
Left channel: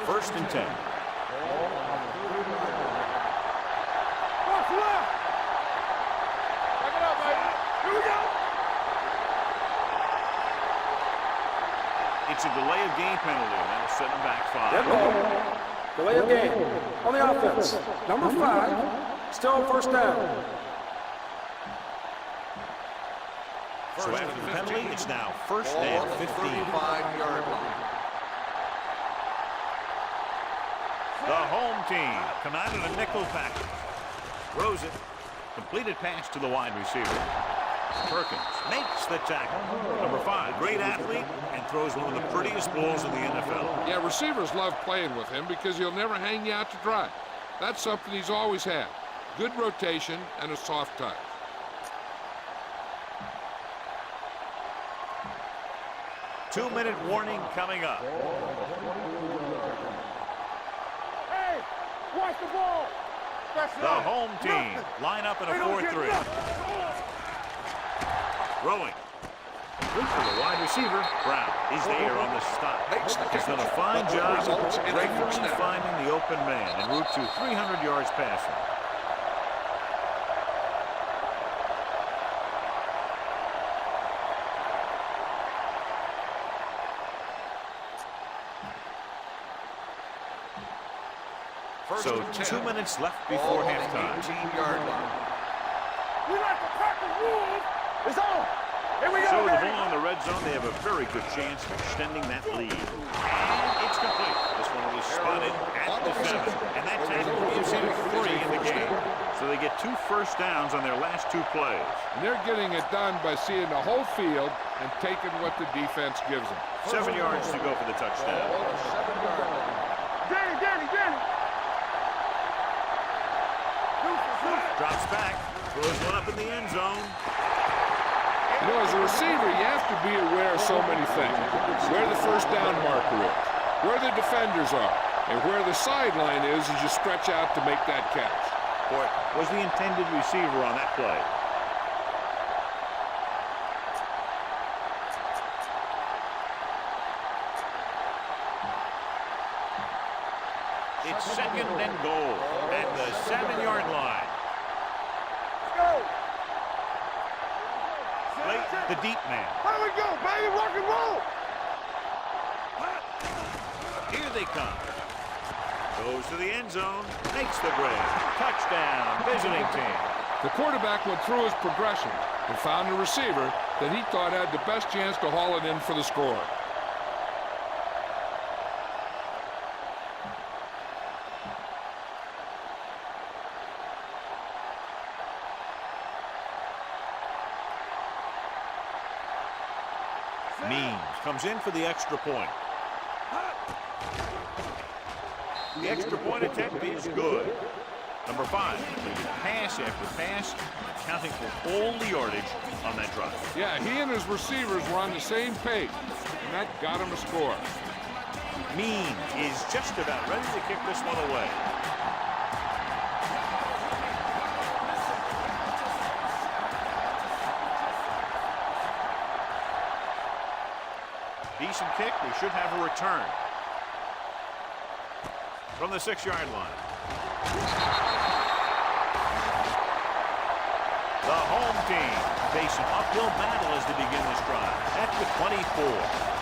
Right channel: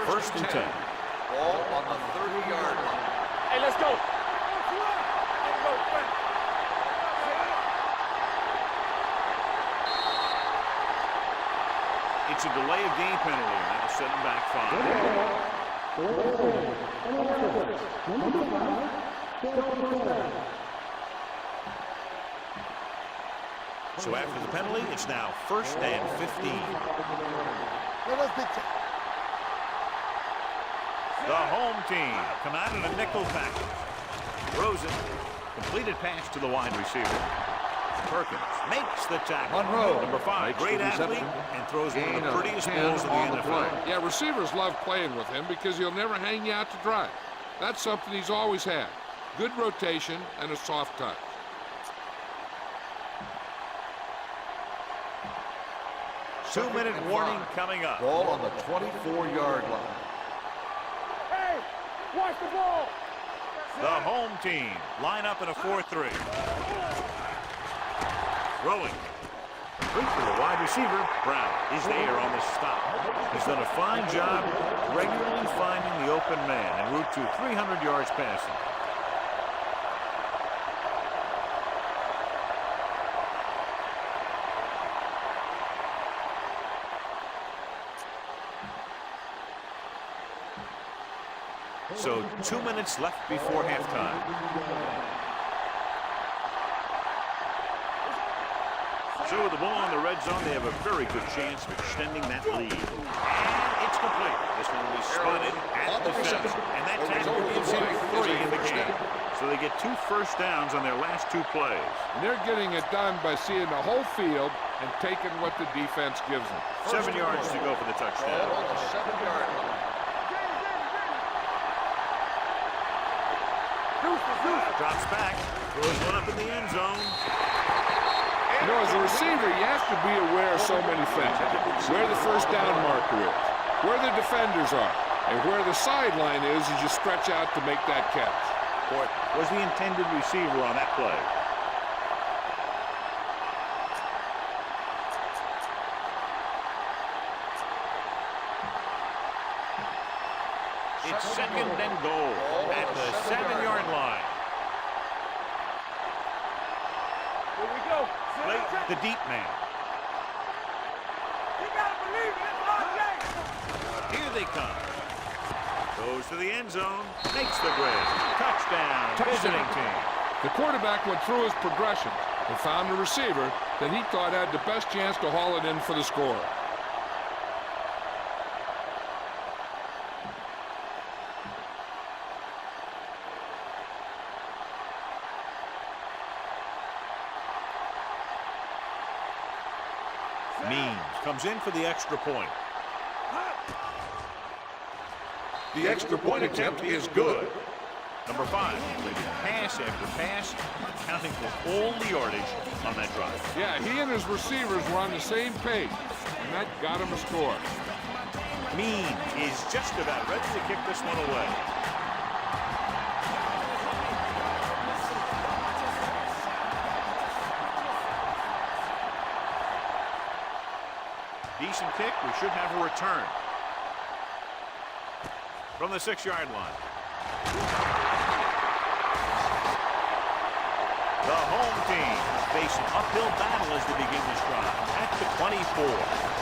First and 10. Ball on the 30-yard line. Hey, let's go. What's left? Back it up, baby. Here we go. It's a delay of game penalty, and that'll set them back 5. Red ball. Delay of game. On the offense. Number 5. Still first down. So after the penalty, it's now first and 15. 35-yard line. The home team come out in a nickel package. Throws it. Completed pass to the wide receiver. Perkins makes the tackle. Number 5, great athlete, and throws one of the prettiest balls in the NFL. Yeah, receivers love playing with him because he'll never hang you out to dry. That's something he's always had. Good rotation and a soft touch. Two-minute warning coming up. Ball on the 24-yard line. Hey, watch the ball. The home team line up in a 4-3. Throwing. Complete for the wide receiver. Brown is there on the stop. He's done a fine job regularly finding the open man en route to 300 yards passing. So 2 minutes left before halftime. 18-yard line. We like to practice rules. It's on. Here we go. So with the ball in the red zone, they have a very good chance of extending that lead. And it's complete. This one will be spotted at the 7. And that tackle gives him 3 in the game. So they get 2 first downs on their last 2 plays. And they're getting it done by seeing the whole field and taking what the defense gives them. 7 yards to go for the Ball touchdown. on the 7-yard line. Danny. Drops back, throws one up in the end zone. You know, as a receiver, you have to be aware of so many things. Where the first down marker is, where the defenders are, and where the sideline is as you stretch out to make that catch. Port was the intended receiver on that play. It's second and goal at the 7-yard line. Here we go. Play the deep man. Here we go, baby. Rock and roll. You gotta believe it. Here they come. Goes to the end zone. Makes the grab. Touchdown, visiting team. The quarterback went through his progressions and found a receiver that he thought had the best chance to haul it in for the score. Means comes in for the extra point. The extra point attempt is good. Number 5 completed pass after pass, accounting for all the yardage on that drive. Yeah, he and his receivers were on the same page, and that got him a score. Means is just about ready to kick this one away. Decent kick. We should have a return from the 6-yard line. The home team face an uphill battle as they begin this drive at the 24.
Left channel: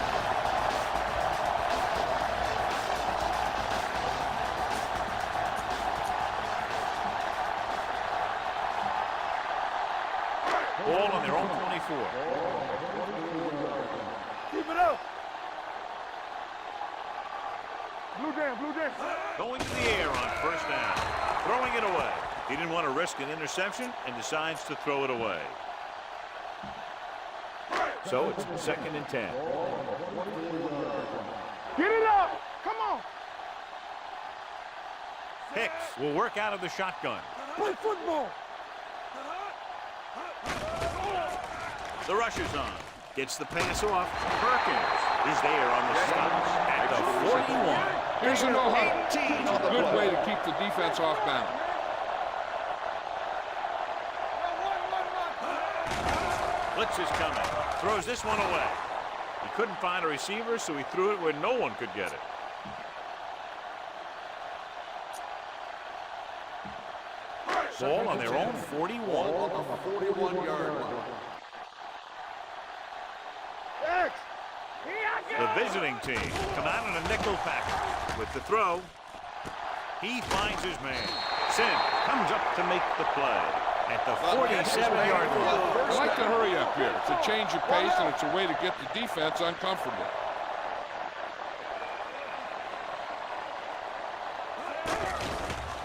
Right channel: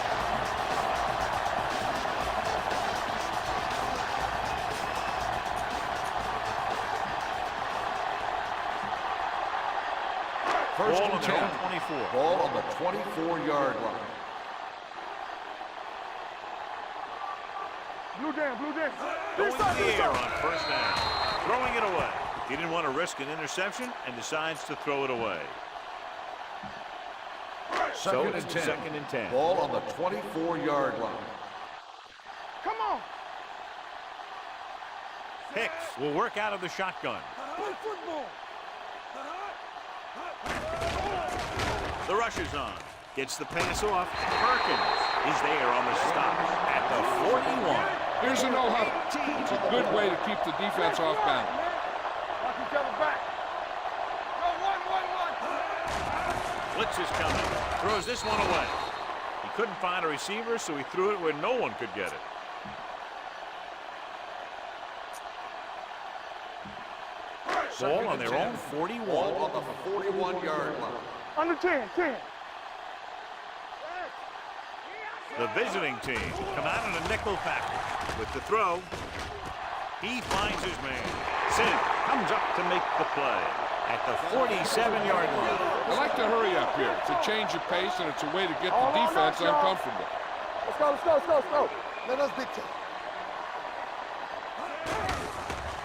Ball on and their own 10. 24. Ball on the 24-yard line. Keep it up. Blue down, blue down. Going to the air on first down. Throwing it away. He didn't want to risk an interception and decides to throw it away. So it's second and 10. Ball on the 24-yard line. Get it up. Come on. Hicks will work out of the shotgun. Play football. The rush is on. Gets the pass off. Perkins is there on the stop at the 41. Here's a no-huddle. It's a good way to keep the defense off balance. Blitz is coming. Throws this one away. He couldn't find a receiver, so he threw it where no one could get it. Ball on their own 41. Ball on the 41-yard line. Under 10, 10. X. The visiting team come out in a nickel package. With the throw, he finds his man. Sim comes up to make the play at the 47-yard line. I like to hurry up here. It's a change of pace, and it's a way to get the defense uncomfortable. Let's go, let's go, let's go, let's go. Let us dictate.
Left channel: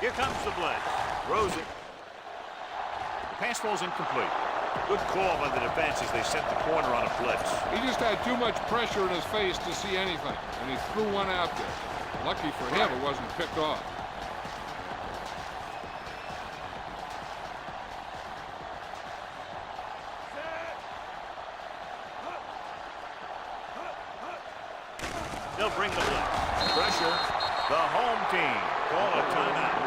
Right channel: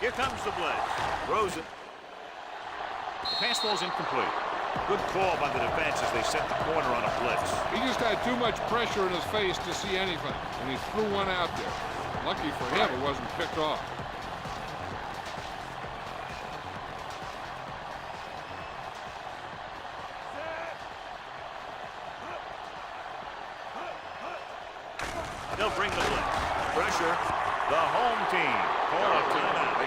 Here comes the blitz. Throws it. The pass falls incomplete. Good call by the defense as they set the corner on a blitz. He just had too much pressure in his face to see anything, and he threw one out there. Lucky for him, it wasn't picked off. They'll bring the blitz. Pressure. The home team call a timeout.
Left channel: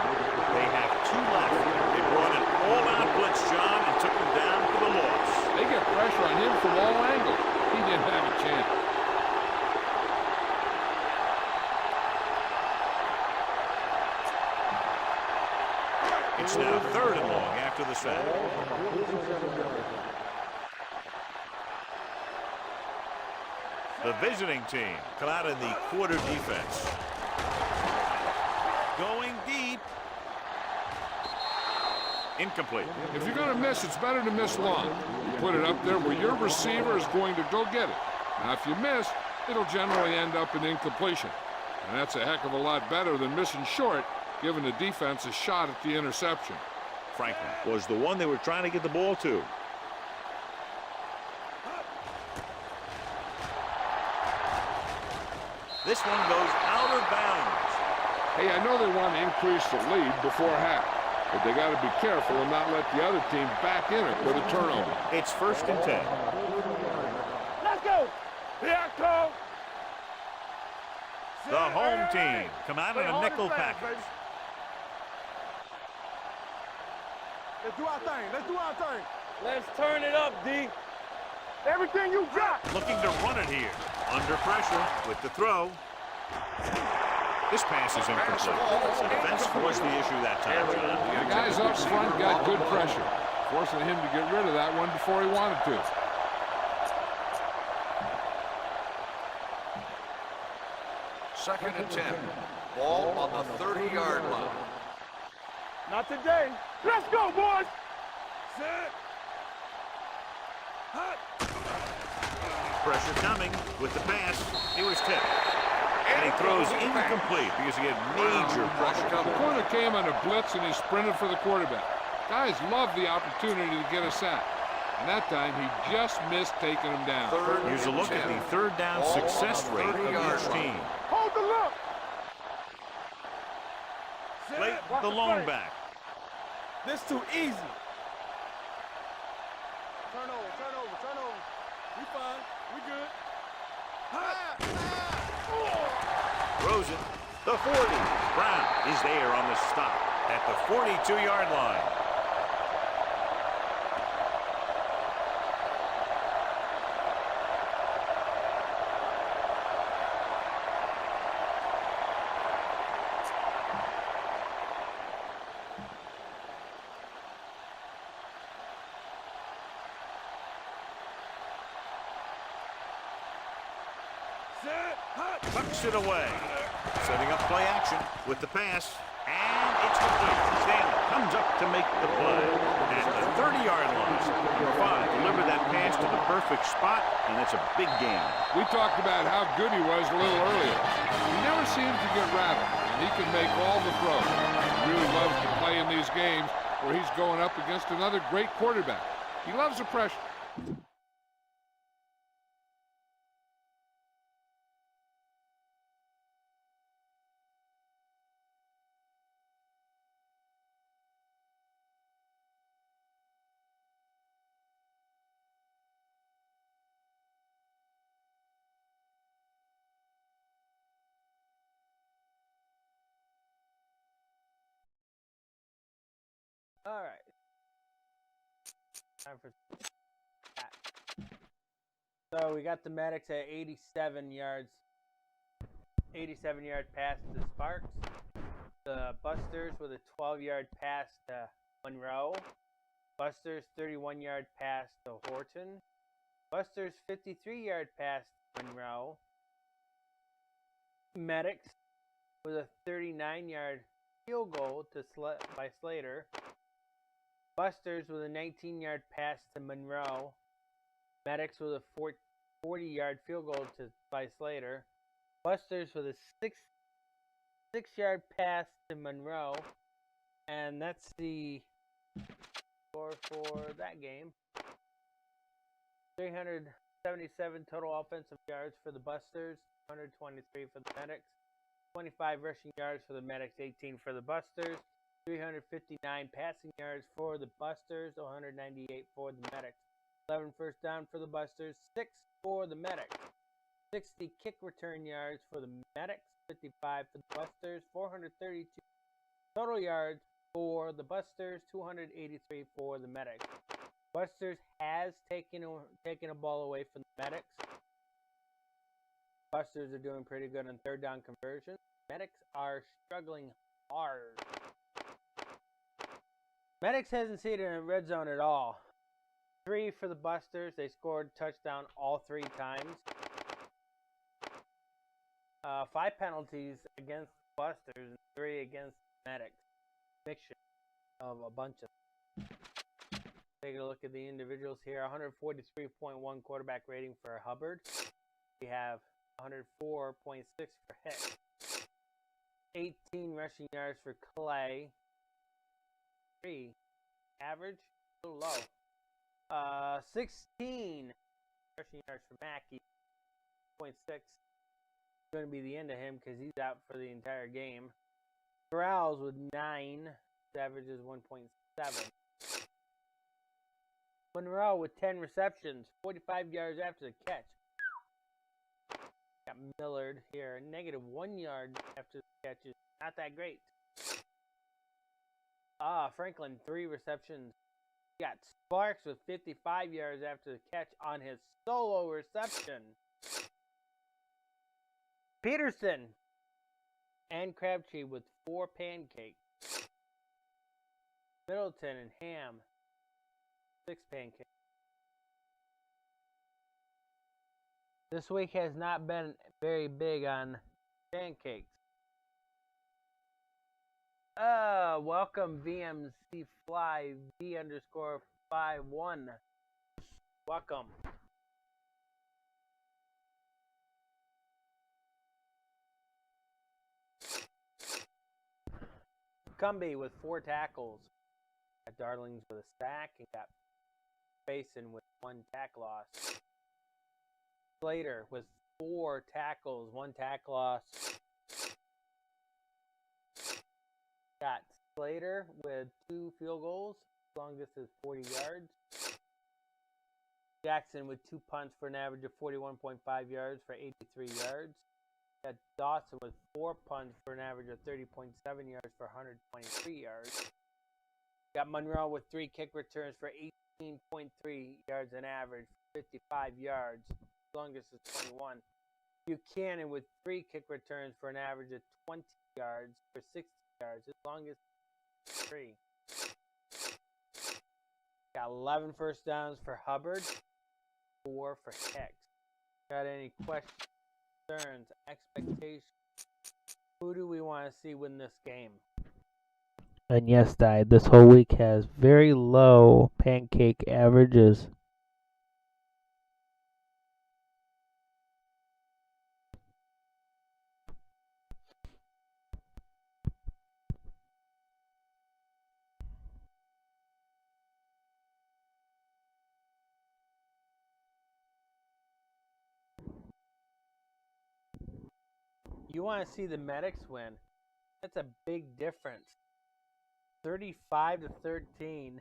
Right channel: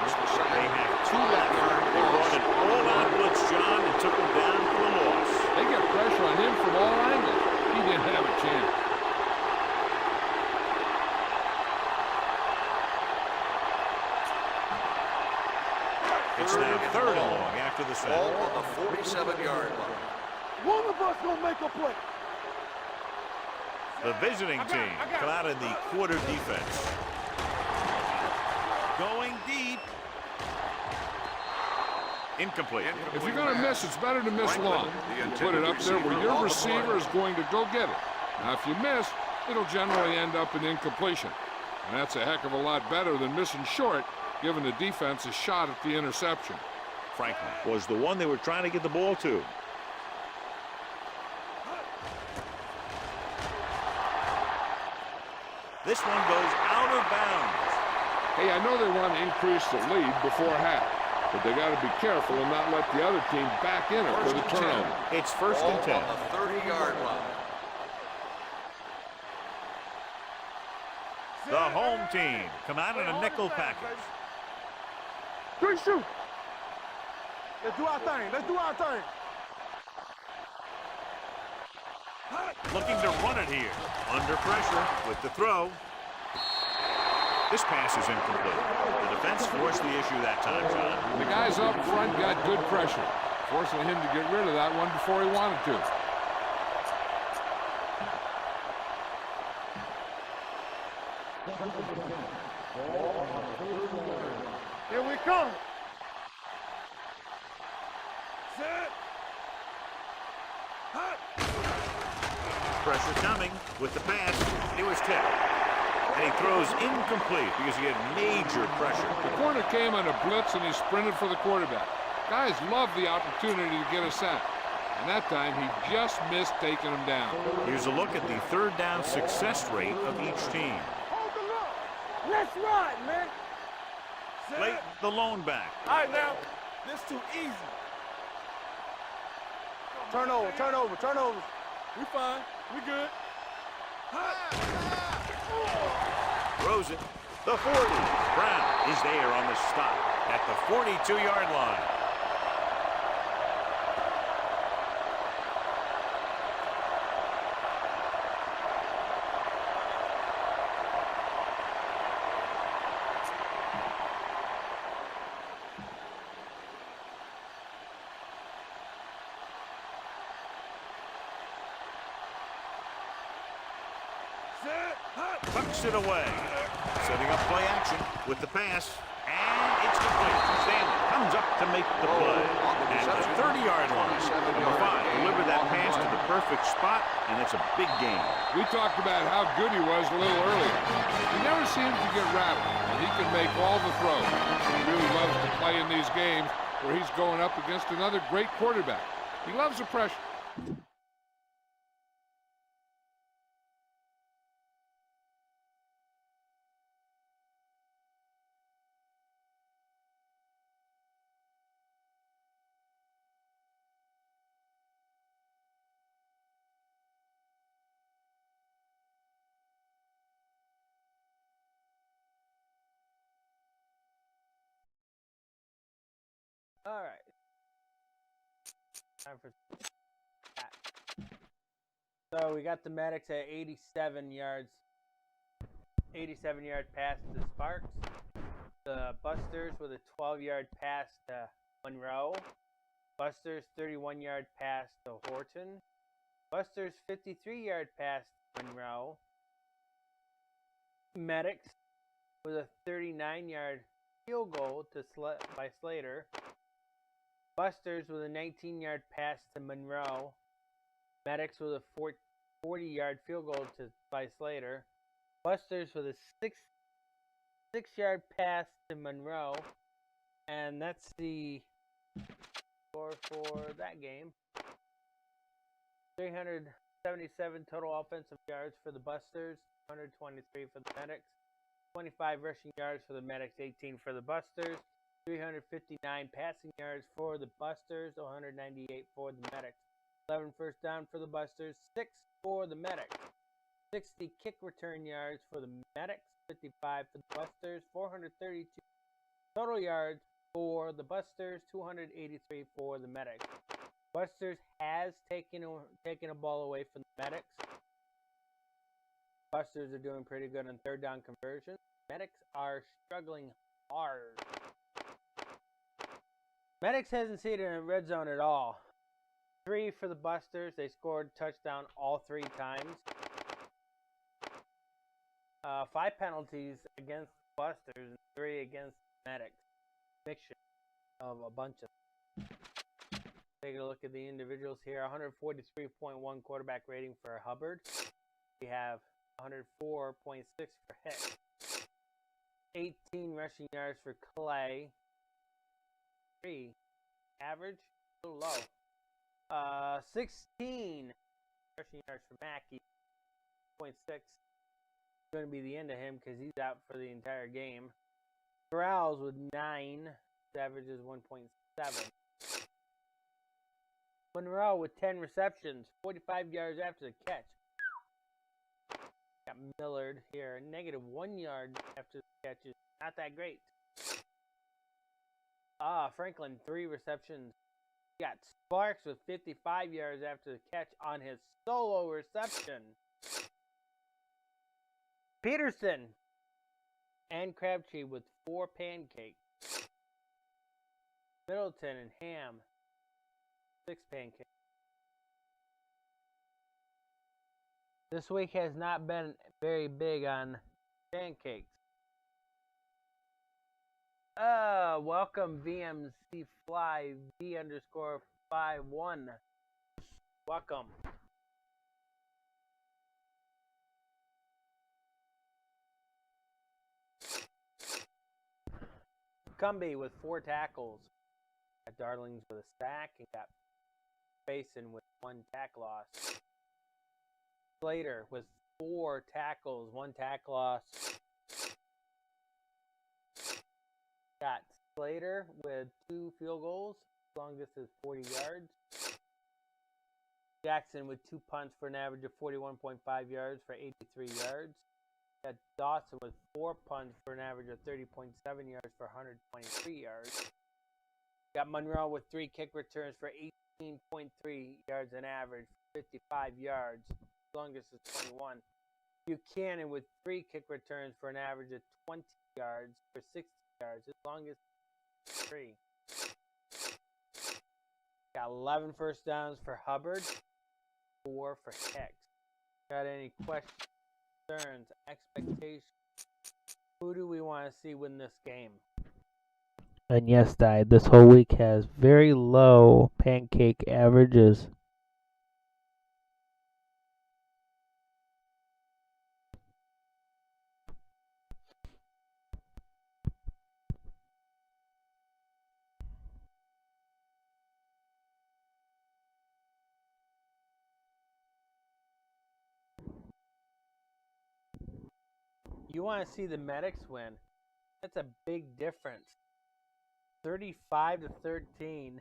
They have 2 left. They brought an all-out blitz, John, and took him down for the loss. They get pressure on him from all angles. He didn't have a chance. It's now 3rd and long after the sack. Ball on the 47-yard line. One of us gonna make a play. The visiting team come out in the quarter defense. Going deep. Incomplete. If you're going to miss, it's better to miss long. You put it up there where your receiver is going to go get it. Now, if you miss, it'll generally end up in incompletion. And that's a heck of a lot better than missing short, giving the defense a shot at the interception. Franklin was the one they were trying to get the ball to. This one goes out of bounds. Hey, I know they want to increase the lead before half, but they got to be careful and not let the other team back in it with a turnover. It's 1st and 10. On the 30-yard line. Let's go. Here I come. The home team come out in a nickel package. 3 shoot. Let's do our thing. Let's do our thing. Let's turn it up, D. Everything you got. Looking to run it here. Under pressure with the throw. This pass is incomplete. The defense forced the issue that time, John. The guys up front got good pressure, forcing him to get rid of that one before he wanted to. Second and 10. Ball on the 30-yard line. Here we come. Not today. Let's go, boys. Set. Hot. Pressure coming with the pass. It was tipped. And he throws incomplete because he had major pressure. The corner came on a blitz and he sprinted for the quarterback. Guys love the opportunity to get a sack. And that time he just missed taking him down. Here's a look at the 3rd down success rate of each team. Hold the look. Let's ride, man. Set. Late the lone back. All right, now. This too easy. Turnover, turnover, turnover. We fine. We good. Throws it. The 40. Brown is there on the stop at the 42-yard line. Tucks it away. Setting up play action with the pass. And It's complete. Stanley comes up to make the play. At the 30-yard line, number 5 delivered that pass to the perfect spot, and that's a big gain. We talked about how good he was a little earlier. He never seems to get rattled, and he can make all the throws. He really loves to play in these games where he's going up against another great quarterback. He loves the pressure. All right. Time for that. So we got the Medics at 87 yards. 87-yard pass to Sparks. The Busters with a 12-yard pass to Monroe. Busters 31-yard pass to Horton. Busters 53-yard pass to Monroe. Medics with a 39-yard field goal by Slater. Busters with a 19-yard pass to Monroe. Medics with a 40-yard field goal by Slater. Busters with a 6-yard pass to Monroe. And that's the score for that game. 377 total offensive yards for the Busters. 123 for the Medics. 25 rushing yards for the Medics. 18 for the Busters. 359 passing yards for the Busters. 198 for the Medics. 11 first down for the Busters. 6 for the Medics. 60 kick return yards for the Medics. 55 for the Busters. 432 total yards for the Busters. 283 for the Medics. Busters has taken a ball away from the Medics. Busters are doing pretty good on third down conversion. Medics are struggling hard. Medics hasn't seen it in the red zone at all. 3 for the Busters. They scored touchdown all 3 times. 5 penalties against the Busters and 3 against the Medics. Mixture of a bunch of them. Take a look at the individuals here. 143.1 quarterback rating for Hubbard. We have 104.6 for Hicks. 18 rushing yards for Clay. 3 average, a little low. 16 rushing yards for Mackey. 0.6. Going to be the end of him because he's out for the entire game. Corrals with 9. His average is 1.7. Monroe with 10 receptions, 45 yards after the catch. Got Millard here, -1 yard after the catch is not that great. Franklin, 3 receptions. Got Sparks with 55 yards after the catch on his solo reception. Peterson and Crabtree with 4 pancakes. Middleton and Ham, 6 pancakes. This week has not been very big on pancakes. Welcome VMC Fly V_51. Welcome. Cumby with 4 tackles. Got Darlings with a sack and got Basin with 1 tackle loss. Slater with 4 tackles, 1 tackle loss. Got Slater with 2 field goals. Longest is 40 yards. Jackson with 2 punts for an average of 41.5 yards for 83 yards. Got Dawson with 4 punts for an average of 30.7 yards for 123 yards. Got Monroe with 3 kick returns for 18.3 yards an average, 55 yards. Longest is 21. Buchanan with 3 kick returns for an average of 20 yards for 60 yards. His longest is 3. Got 11 first downs for Hubbard, 4 for Hicks. Got any questions, concerns, expectations? Who do we want to see win this game? And yes, this whole week has very low pancake averages. You want to see the medics win. That's a big difference. 35-13.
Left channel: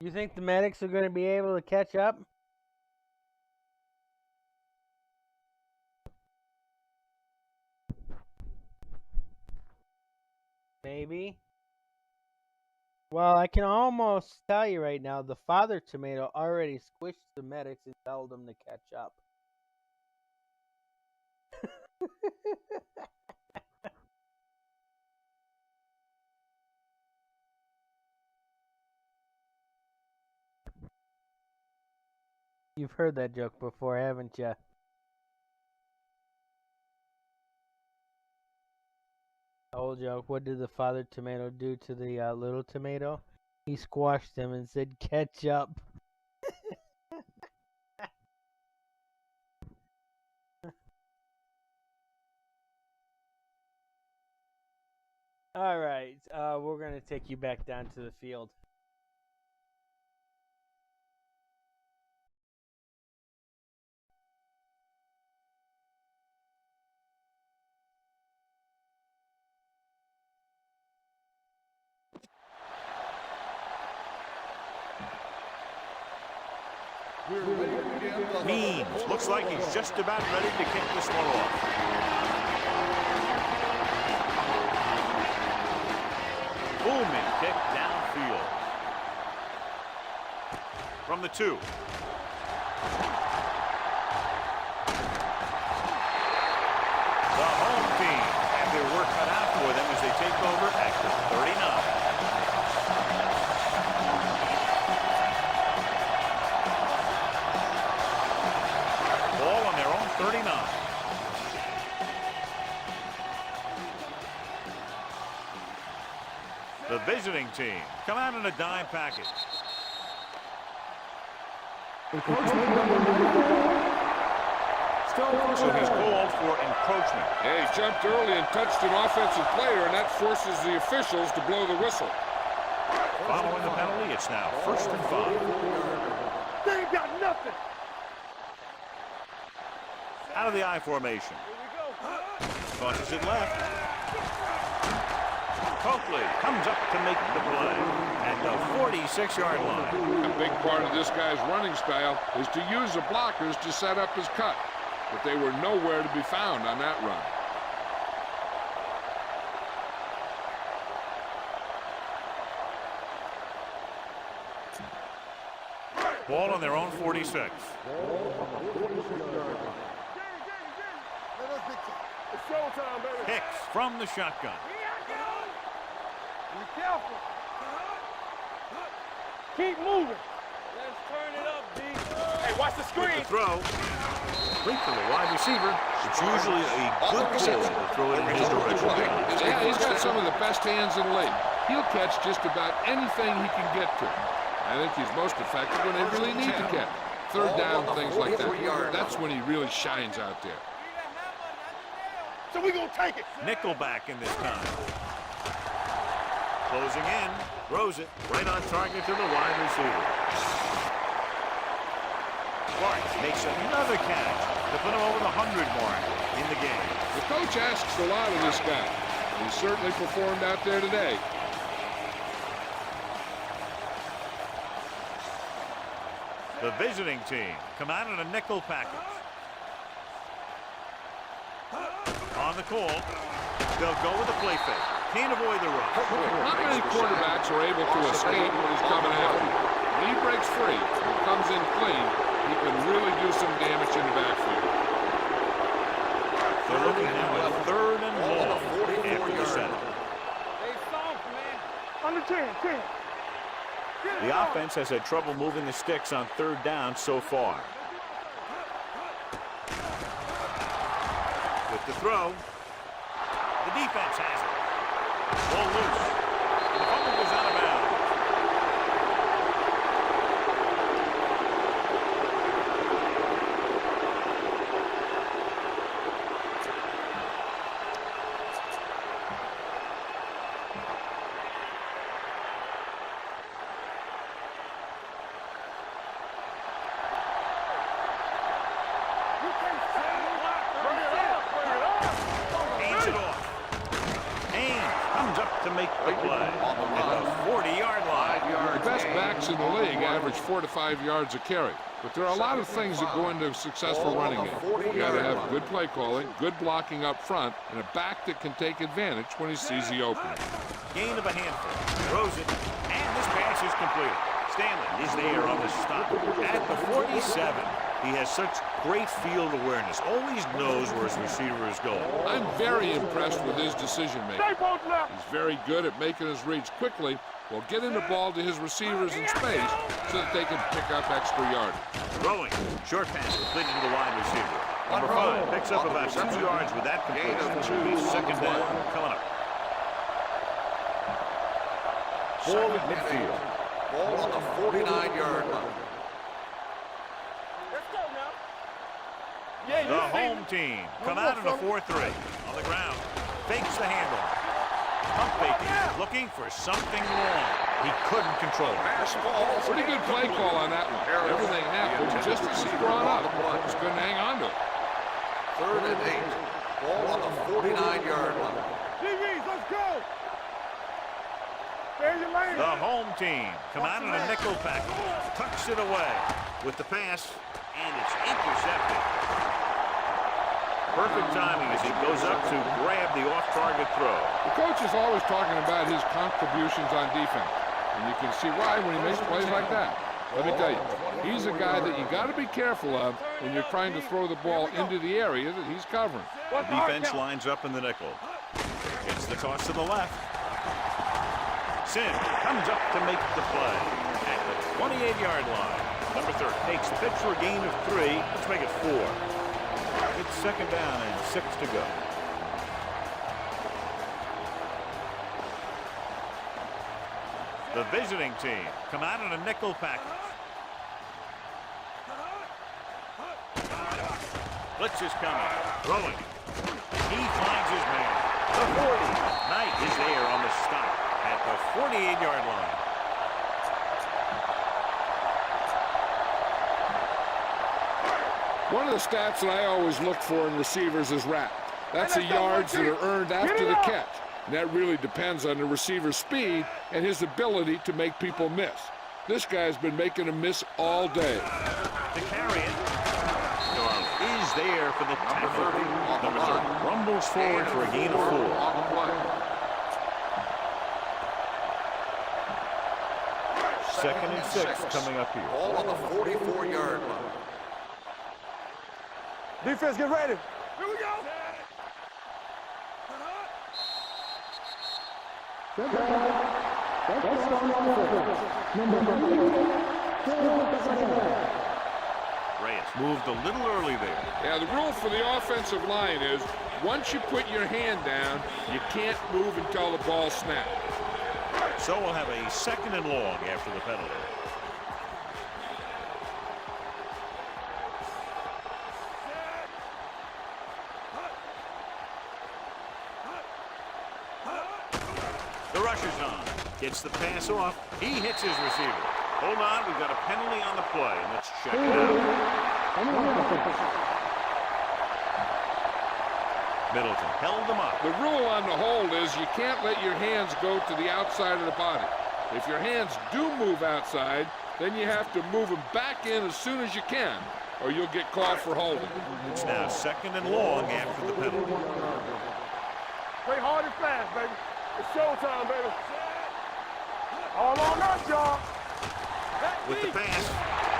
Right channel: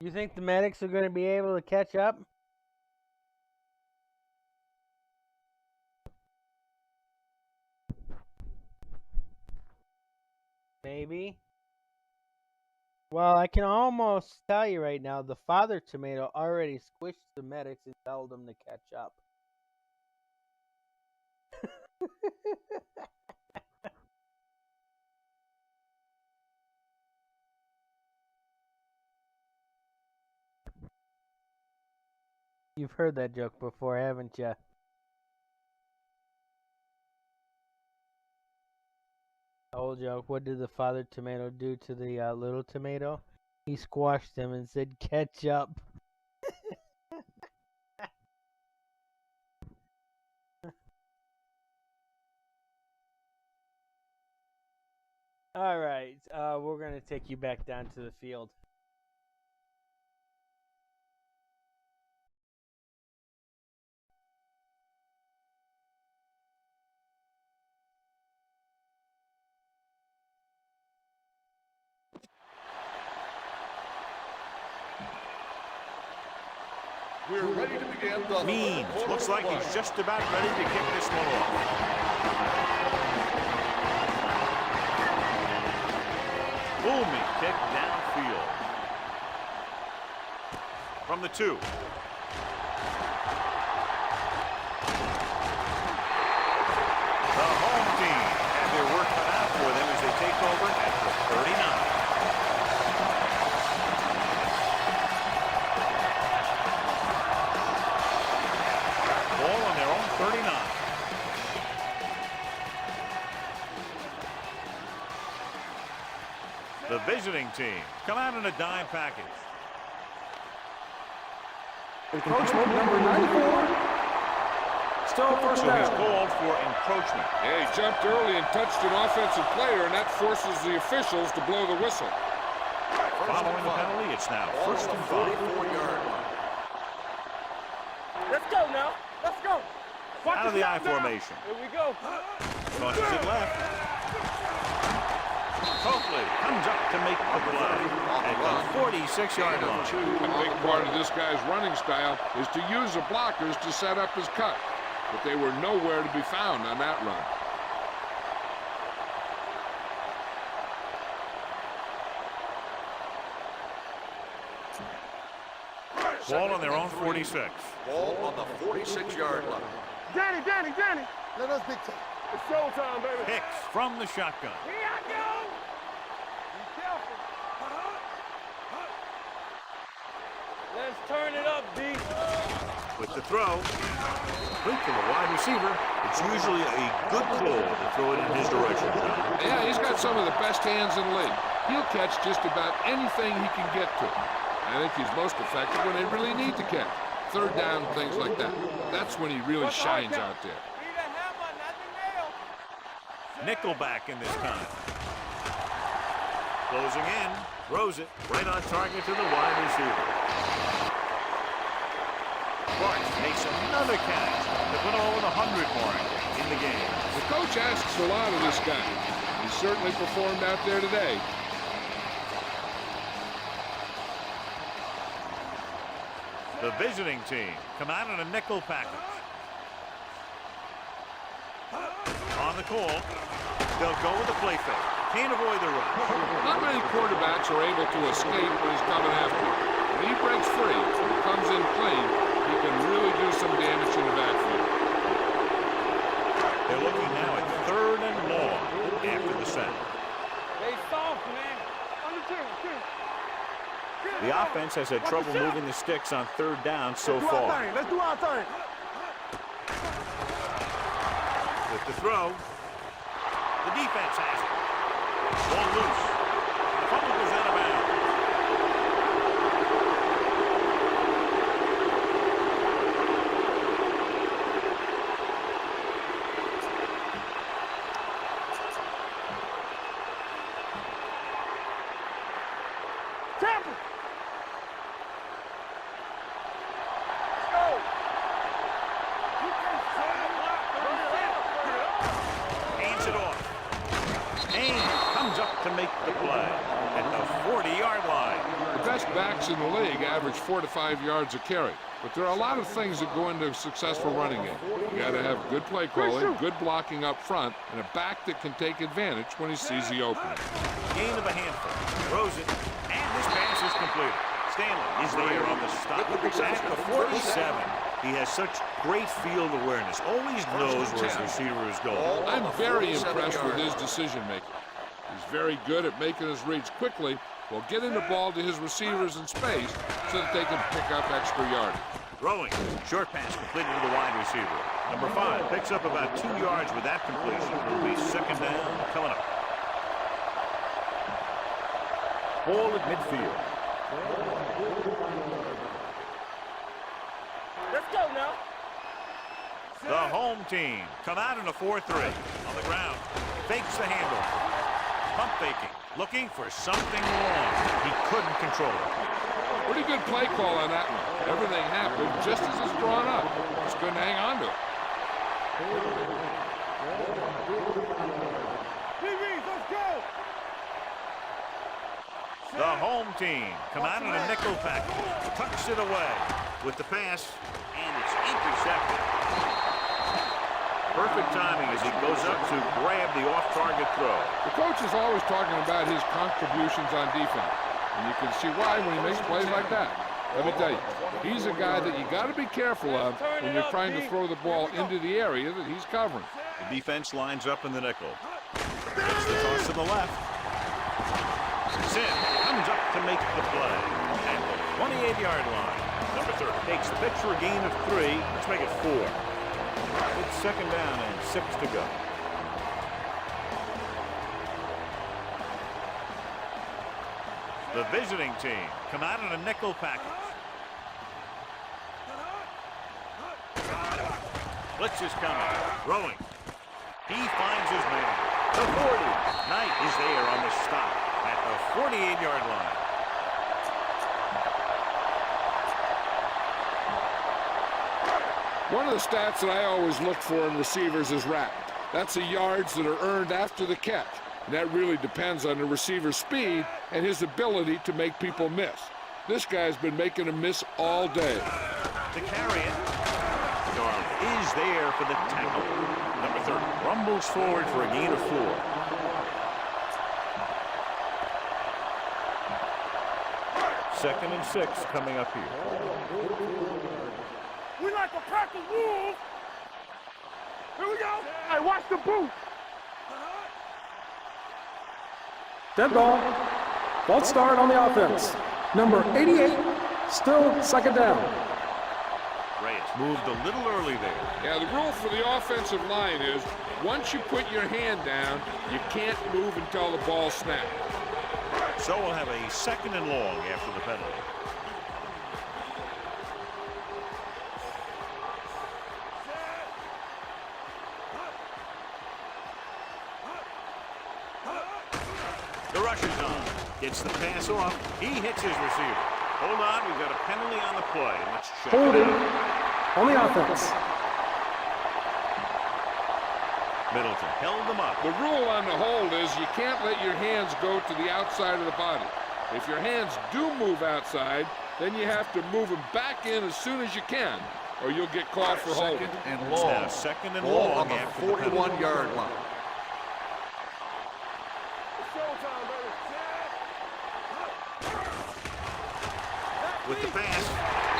You think the medics are going to be able to catch up? Maybe. Well, I can almost tell you right now, the father tomato already squished the medics and told them to catch up. You've heard that joke before, haven't you? Old joke. What did the father tomato do to the little tomato? He squashed him and said, "Catch up." All right, we're going to take you back down to the field. We're ready to begin the Means. Looks like he's just about ready to kick this one off. Booming kick downfield. From the 2. The home team have their work cut out for them as they take over at the 39. Ball on their own 39. The visiting team come out in a dime package. Encroachment number 94. Still first So he's down. called for encroachment. Yeah, he jumped early and touched an offensive player, and that forces the officials to blow the whistle. Following the penalty, it's now 1st and 5. 44-yard line. They ain't got nothing. Let's go now. Let's go. Out of the I formation. Here we go. Tosses it left. Coakley comes up to make the play at the 46-yard line. A big part of this guy's running style is to use the blockers to set up his cut, but they were nowhere to be found on that run. Ball on their own 46. Ball on the 46-yard line. Danny. Let us big time. It's showtime, baby. Hicks from the shotgun. Here I go. Be careful. Keep moving. Let's turn it up, D. Hey, watch the With screen. the throw, complete to the wide receiver. It's usually a good call to throw it in his direction, John. Yeah, he's got some of the best hands in the league. He'll catch just about anything he can get to. I think he's most effective when they really need to catch. Third down, things like that. That's when he really shines out there. Be the hammer, not the nail. So we gonna take it. Nickelback in this time. Closing in, throws it right on target to the wide receiver. Bart makes another catch to put him over the 100 mark in the game. The coach asks a lot of this guy. He certainly performed out there today. The visiting team come out in a nickel package. On the call, they'll go with a play fake. Can't avoid the run. Not many quarterbacks are able to escape when he's coming after you. When he breaks free and comes in clean, he can really do some damage in the backfield. They're looking now at 3rd and long after the set. They soft, man. Under 10. The offense has had trouble moving the sticks on 3rd down so far. Let's do our thing. With the throw, the defense has it. Ball loose. The fumble goes out of bounds. To make the play at the 40-yard line. The best backs in the league average 4 to 5 yards a carry. But there are a lot of things that go into a successful running game. You got to have good play calling, good blocking up front, and a back that can take advantage when he sees the opening. Gain of a handful. Throws it, and this pass is completed. Stanley is there on the stop at the 47. He has such great field awareness, always knows where his receiver is going. I'm very impressed with his decision-making. He's very good at making his reads quickly while getting the ball to his receivers in space so that they can pick up extra yardage. Throwing. Short pass completed to the wide receiver. Number 5 picks up about 2 yards with that completion. It will be second down coming up. Ball at midfield. Ball on the 49-yard line. Let's go now. The home team come out in a 4-3. On the ground. Fakes the handoff. Pump faking. Looking for something long. He couldn't control it. Pretty good play call on that one. Everything happened just as it's drawn up. Just couldn't hang on to it. 3rd and 8. Ball on the 49-yard line. DBs, let's go. The home team come out in a nickel package. Tucks it away with the pass, and it's intercepted. Perfect timing as he goes up to grab the off-target throw. The coach is always talking about his contributions on defense, and you can see why when he makes plays like that. Let me tell you, he's a guy that you got to be careful of when you're trying to throw the ball into the area that he's covering. The defense lines up in the nickel. Gets the toss to the left. Sin comes up to make the play at the 28-yard line. Number 30 takes the pitch for a gain of 3. Let's make it 4. It's second down and 6 to go. The visiting team come out in a nickel package. Blitz is coming. Throwing. He finds his man. The 40. Knight is there on the stop at the 48-yard line. One of the stats that I always look for in receivers is RAP. That's the yards that are earned after the catch. And that really depends on the receiver's speed and his ability to make people miss. This guy's been making them miss all day. To carry it, Darling is there for the tackle. Number 30 rumbles forward for a gain of 4. Second and 6 coming up here. Ball on the 44-yard line. We like to practice rules. Defense, get ready. Here we go. Hey, watch the boot. Dead ball. False start on the offense. Number 88, still second down. Reyes moved a little early there. Yeah, the rule for the offensive line is once you put your hand down, you can't move until the ball snaps. So we'll have a second and long after the penalty. The rush is on. Gets the pass off. He hits his receiver. Hold on, we've got a penalty on the play, and let's check it out. On the offense. Middleton held them up. The rule on the hold is you can't let your hands go to the outside of the body. If your hands do move outside, then you have to move them back in as soon as you can, or you'll get called for holding. It's now second and long after the penalty. 41-yard line. Play hard and fast, baby. It's showtime, baby. All on us, y'all. With the pass,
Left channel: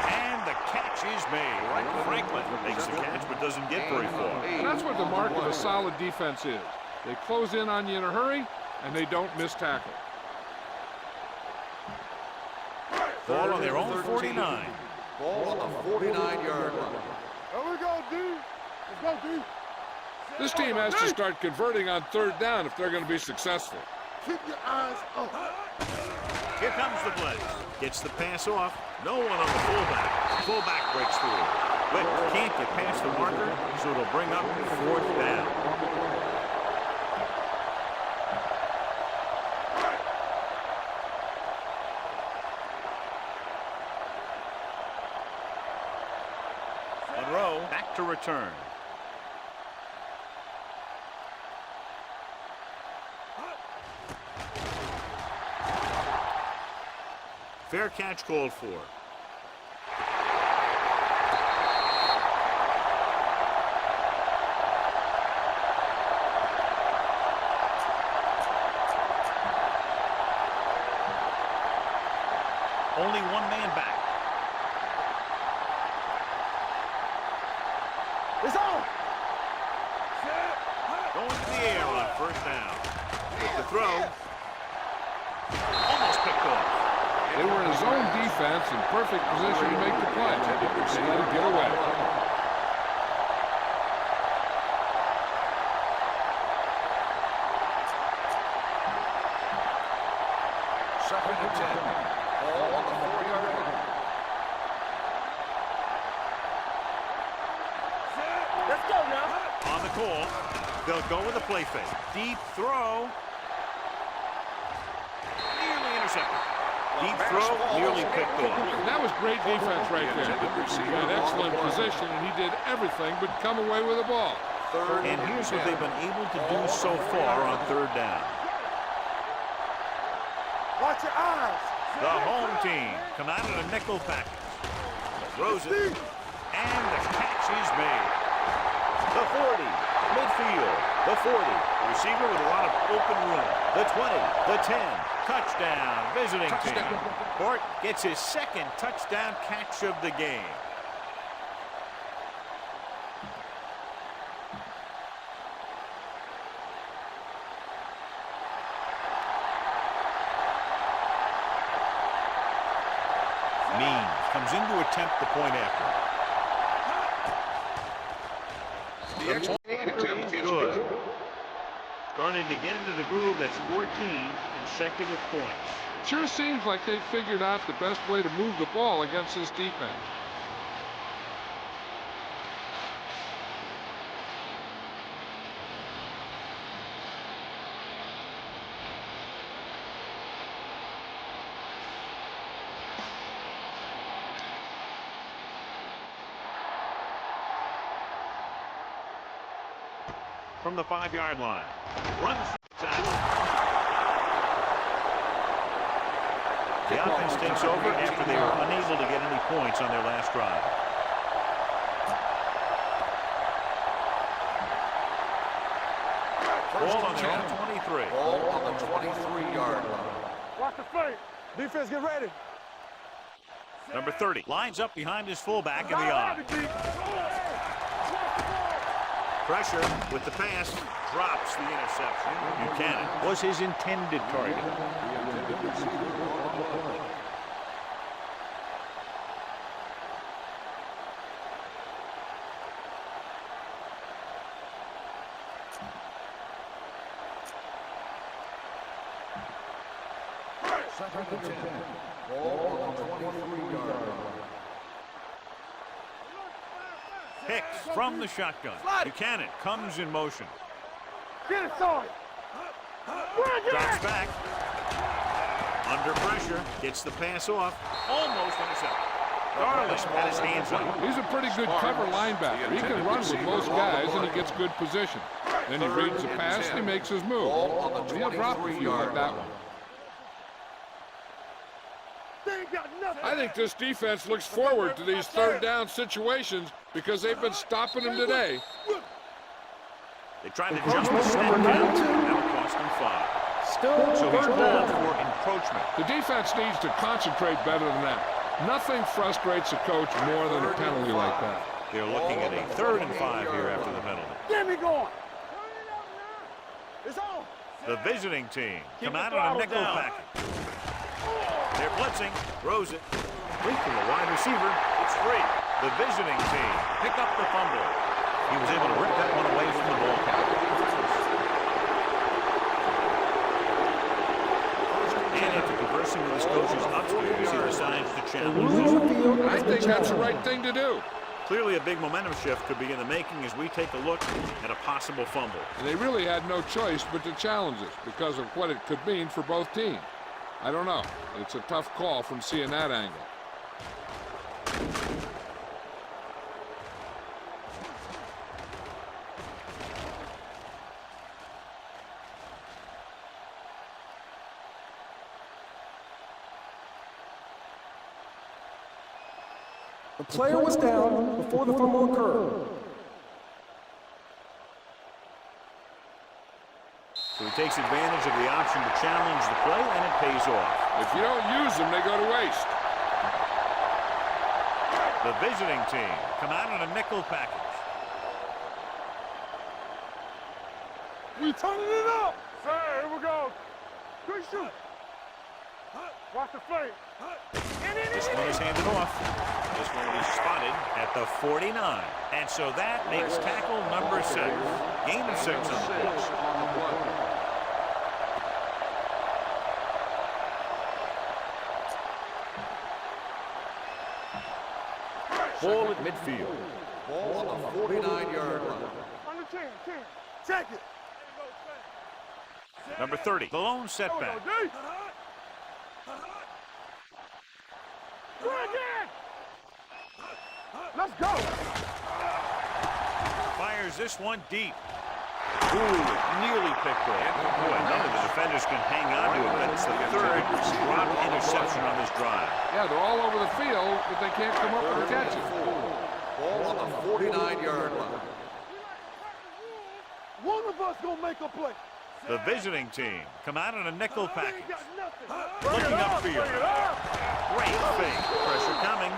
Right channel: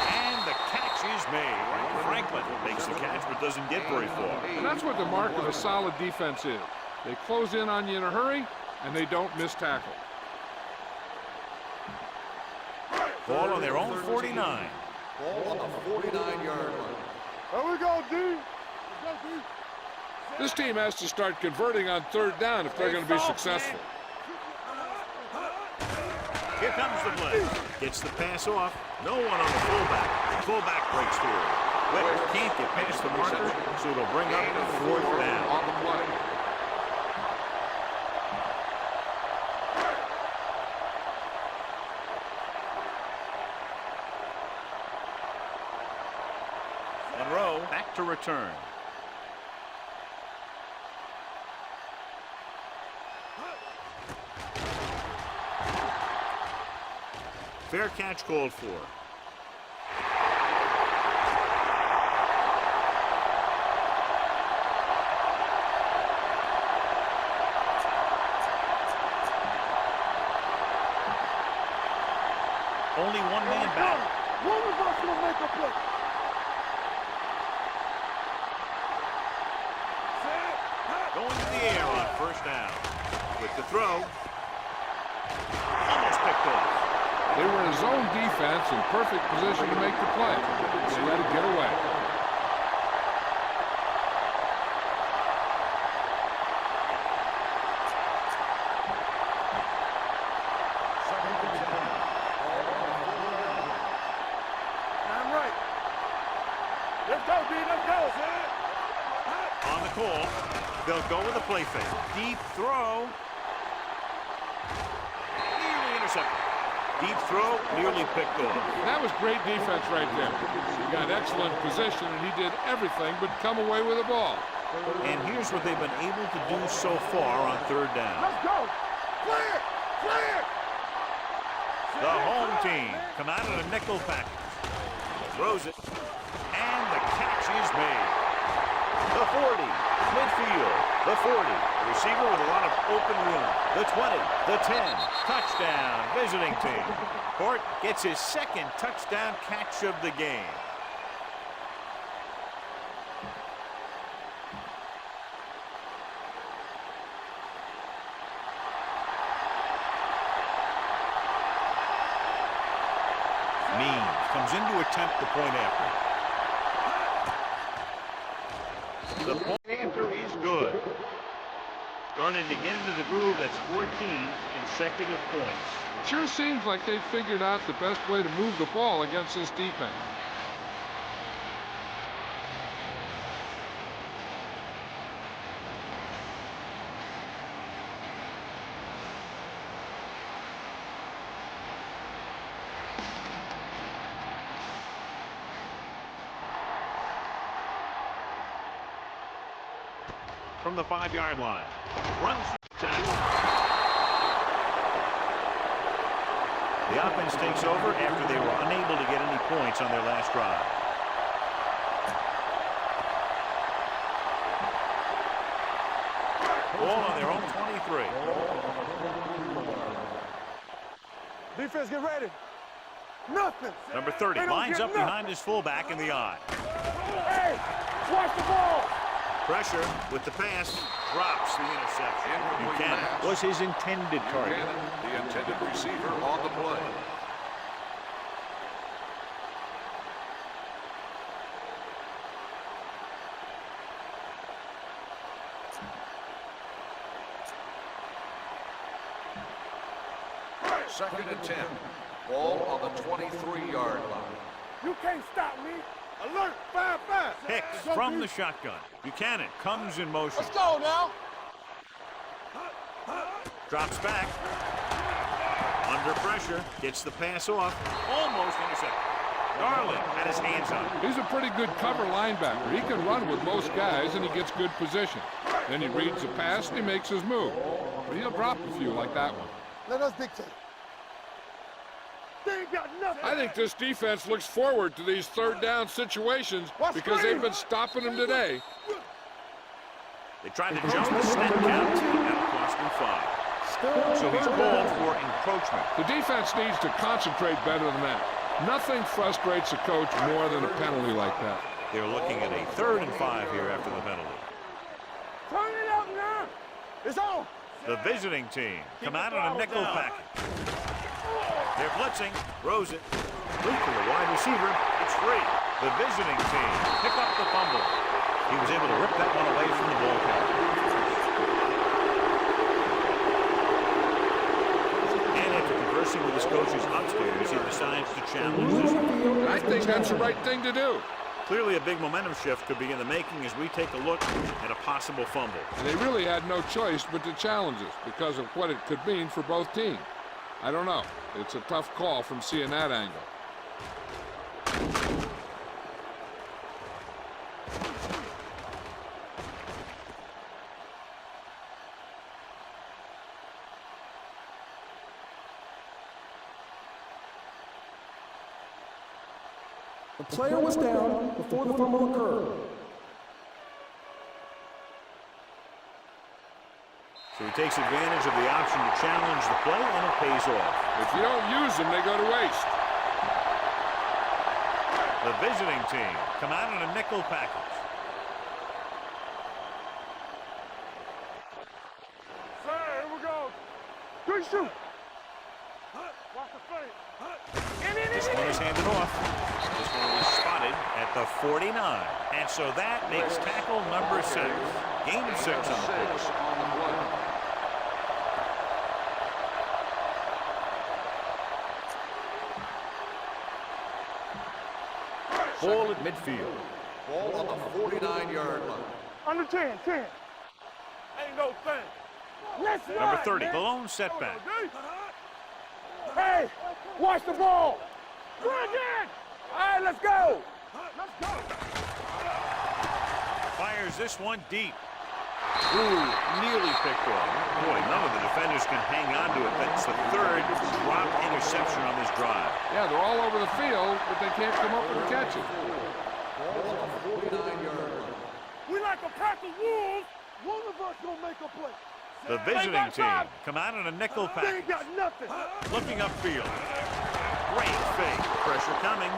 and the catch is made. Franklin makes the catch but doesn't get very far. And that's what the mark of a solid defense is. They close in on you in a hurry, and they don't miss tackle. Ball on their own 49. Ball on the 49-yard line. Here we go, D. Let's go, D. This team has to start converting on third down if they're going to be successful. Keep your eyes open. Here comes the blitz. Gets the pass off. No one on the fullback. Fullback breaks through. Wick can't get past the marker, so it'll bring up 4th down. On the play. Monroe back to return. Fair catch called for. Only one man back. One of us will make a play. It's on. Set. Going to the air on 1st down. With the throw. Almost picked off. They were in zone defense in perfect position to make the play. They let it get away. Second and 10. Ball on the 4-yard line. I'm right. Let's go, B. Let's go. Set. Let's go now. On the call. They'll go with a play fake. Deep throw. Nearly intercepted. Deep throw, nearly picked off. That was great defense right there. He got excellent position, and he did everything but come away with the ball. And here's what they've been able to do so far on 3rd down. Let's go. Clear. Clear. Watch your eyes. The home team come out in a nickel package. Throws it, and the catch is made. The 40, midfield, the 40. The receiver with a lot of open room. The 20, the 10. Touchdown, visiting team. Court gets his 2nd touchdown catch of the game. Means comes in to attempt the point after. The point after is good. Starting to get into the groove. That's 14 consecutive points. Sure seems like they figured out the best way to move the ball against this defense. From the 5-yard line. Runs to the offense takes over after they were unable to get any points on their last drive. Ball on their own 23. Ball on the 23-yard line. Watch the play. Defense, get ready. Nothing. Number 30 lines up behind his fullback in the eye. Hey, watch the ball. Pressure with the pass, drops the interception. Buchanan was his intended target. The intended receiver on the play. Second and 10. Ball on the 23-yard line. You can't stop me. Alert, 5-5. Hicks from the shotgun. Buchanan comes in motion. Let's go now. Get it started. Drops back. Under pressure. Gets the pass off. Almost intercepted. Darling had his hands on him. He's a pretty good cover linebacker. He can run with most guys, and he gets good position. Then he reads the pass, and he makes his move. But he'll drop a few like that one. Let us dictate. They ain't got nothing. I think this defense looks forward to these 3rd down situations because they've been stopping them today. They tried to jump the snap count, and that'll cost him 5. So he's called for encroachment. The defense needs to concentrate better than that. Nothing frustrates a coach more than a penalty like that. They're looking at a 3rd and 5 here after the penalty. Get me going. Turn it up now. It's on. The visiting team come out in a nickel package. They're blitzing, throws it, complete to the wide receiver. It's free. The visiting team pick up the fumble. He was able to rip that one away from the ball carrier. discussing with his coaches upstairs, he decides to challenge Ruling this on the one. field And I has been think that's the challenged. right thing to do. Clearly a big momentum shift could be in the making as we take a look at a possible fumble. And they really had no choice but to challenge this because of what it could mean for both teams. I don't know. It's a tough call from seeing that angle. The player was down before the fumble occurred. So he takes advantage of the option to challenge the play, and it pays off. If you don't use them, they go to waste. The visiting team come out in a nickel package. We turning it up. Sir, here we go. Good shoot. Watch the flame. This one is handed off. This one will be spotted at the 49. And so that makes tackle number 6. Gain of 6 on the play. on the play. Ball at midfield. Ball on the 49-yard line. Under 10. Check it. Ain't no thing. Yes, sir. Number 30, the lone setback. Hey, watch the ball. Good again. All right, let's go. Let's go. Fires this one deep. Ooh, nearly picked off. Boy, none of the defenders can hang on to it. That's the 3rd drop interception on this drive. Yeah, they're all over the field, but they can't come up with a catch it. Ball on the 49-yard line. We like a pack of wolves. One of us gonna make a play. The visiting team come out in a nickel They package. ain't got nothing. Looking upfield. Great fake. Pressure coming.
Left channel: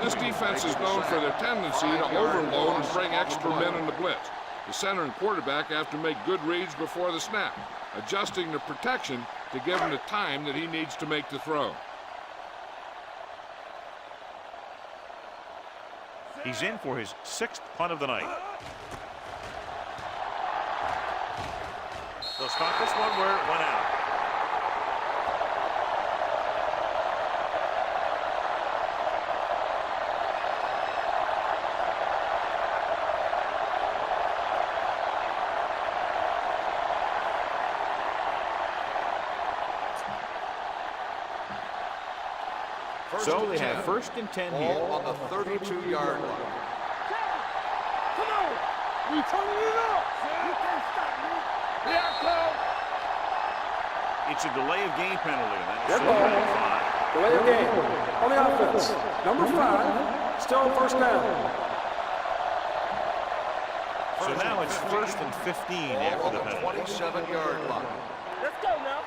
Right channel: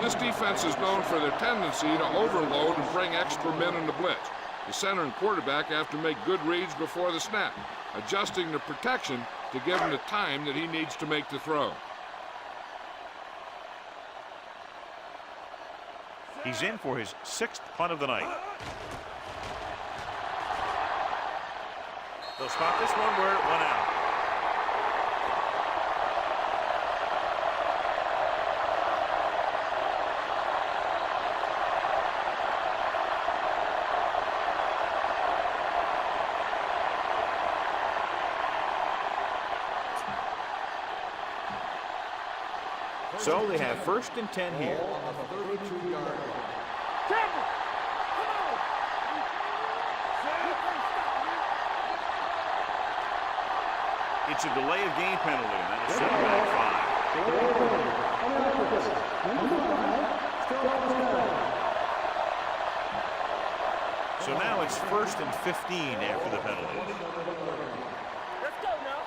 This defense is known for their tendency to overload and bring extra men in the blitz. The center and quarterback have to make good reads before the snap, adjusting the protection to give him the time that he needs to make the throw. He's in for his 6th punt of the night. They'll stop this one where it went out. So they have 1st and 10 here. Ball on the 32-yard line. Campbell, come on. We turning it up. You can't stop me. Here I come. It's a delay of game penalty, and that is Dead set ball. back 5. Delay of game on the offense. Number 5, still first down. So now it's 1st and 15 after the penalty. 27-yard line. Let's go now.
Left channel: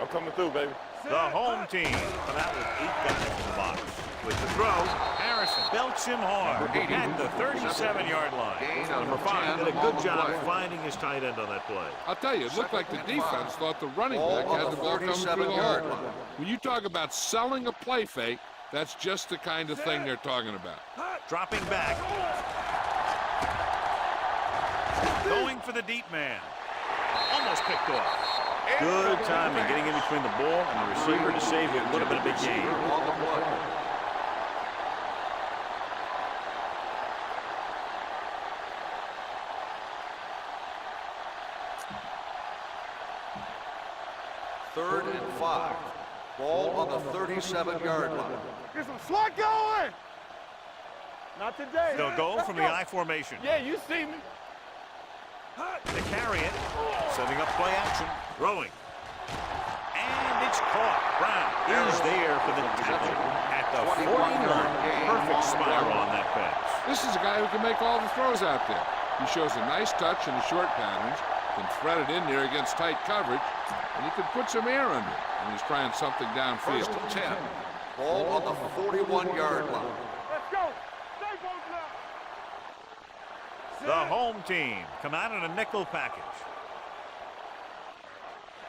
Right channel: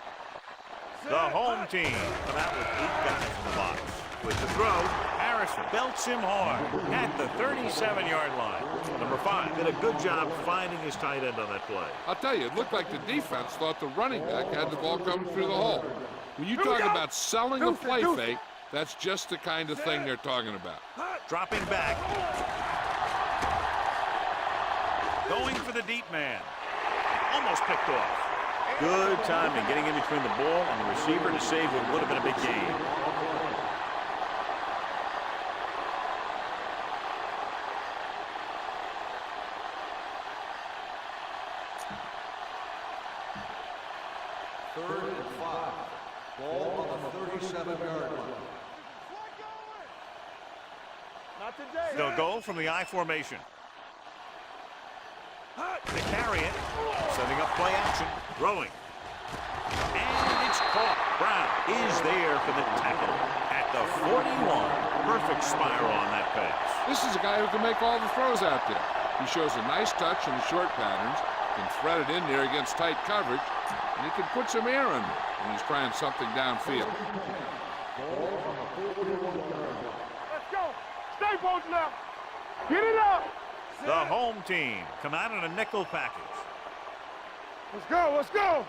I'm coming through, baby. The home team come out with 8 guys in the box. With the throw, Harrison belts him hard at the 37-yard line. Number 5 did a good job finding his tight end on that play. I'll tell you, it looked like the defense thought the running back had the ball coming through the hole. When you talk about selling a play fake, that's just the kind of thing they're talking about. Dropping back. Going for the deep man. Almost picked off. Good timing getting in between the ball and the receiver to save what would have been a big gain. On the play. Third and 5. Ball on the 37-yard line. Get some swat going. Not today. They'll go from the I formation. Yeah, you see me. To carry it, setting up play action, throwing. And it's caught. Brown is there for the tackle at the 41. Perfect spiral on that pass. This is a guy who can make all the throws out there. He shows a nice touch in the short patterns, can thread it in there against tight coverage, and he can put some air under it when he's trying something downfield. 1st and 10. Ball on the 41-yard line. Let's go. Stay posted up. Get it up. The home team come out in a nickel package. Let's go. Let's go.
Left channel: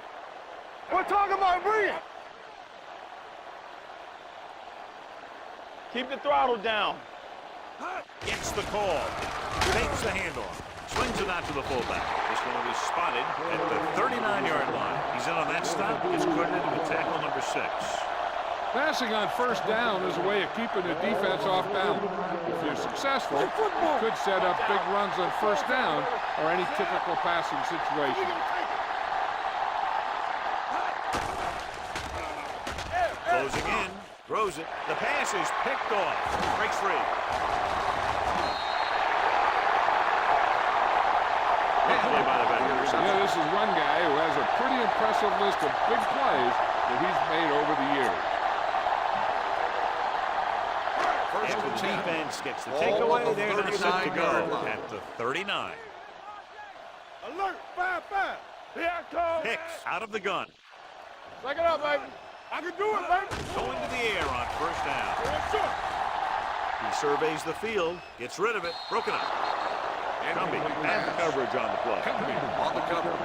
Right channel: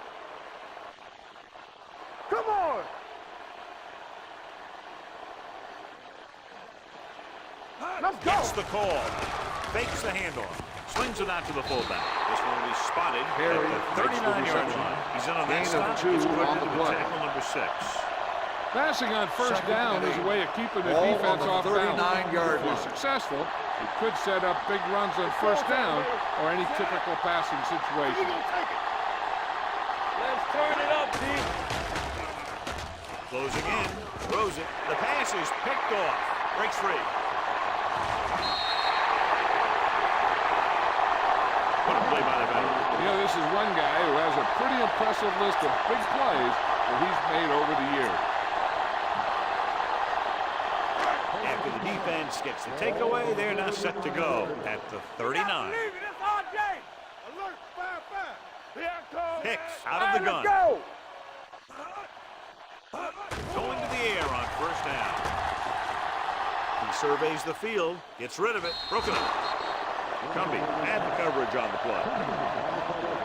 We're talking about bring it. Come on. Keep the throttle down. Let's go. Gets the call. Fakes the handoff. Swings it out to the fullback. This one will be spotted at the 39-yard line. He's in on that stop. Gets credited with tackle number 6. Passing on first down is a way of keeping the defense off balance. If you're successful, you could set up big runs on first down or any typical passing situation. Closing in, throws it. The pass is picked off. Breaks free. Good play by the veterans. You know, this is one guy who has a pretty impressive list of big plays that he's made over the years. After the defense gets the takeaway, they're now set to go at the 39. Alert, 5-5. Here I come. Hicks out of the gun. Back it up, baby. I can do it. Going to the air on first down. He surveys the field, gets rid of it, broken up. Cumbie had the coverage on the play. On the coverage.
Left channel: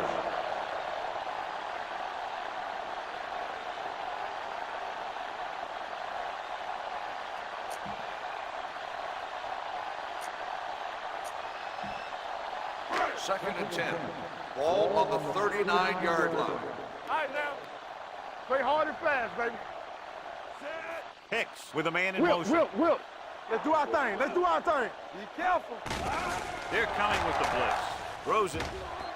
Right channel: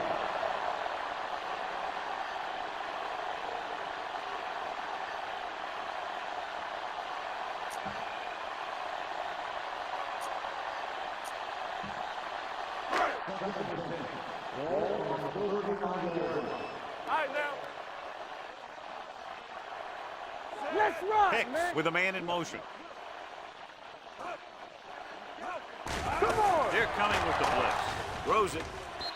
Second and 10. Ball on the 39-yard line. All right, now. Play hard and fast, baby. Let's run, Hicks man. with a man in motion. Will. Let's do our thing. Let's do our thing. Be careful. Come on. They're coming with the blitz. Throws it.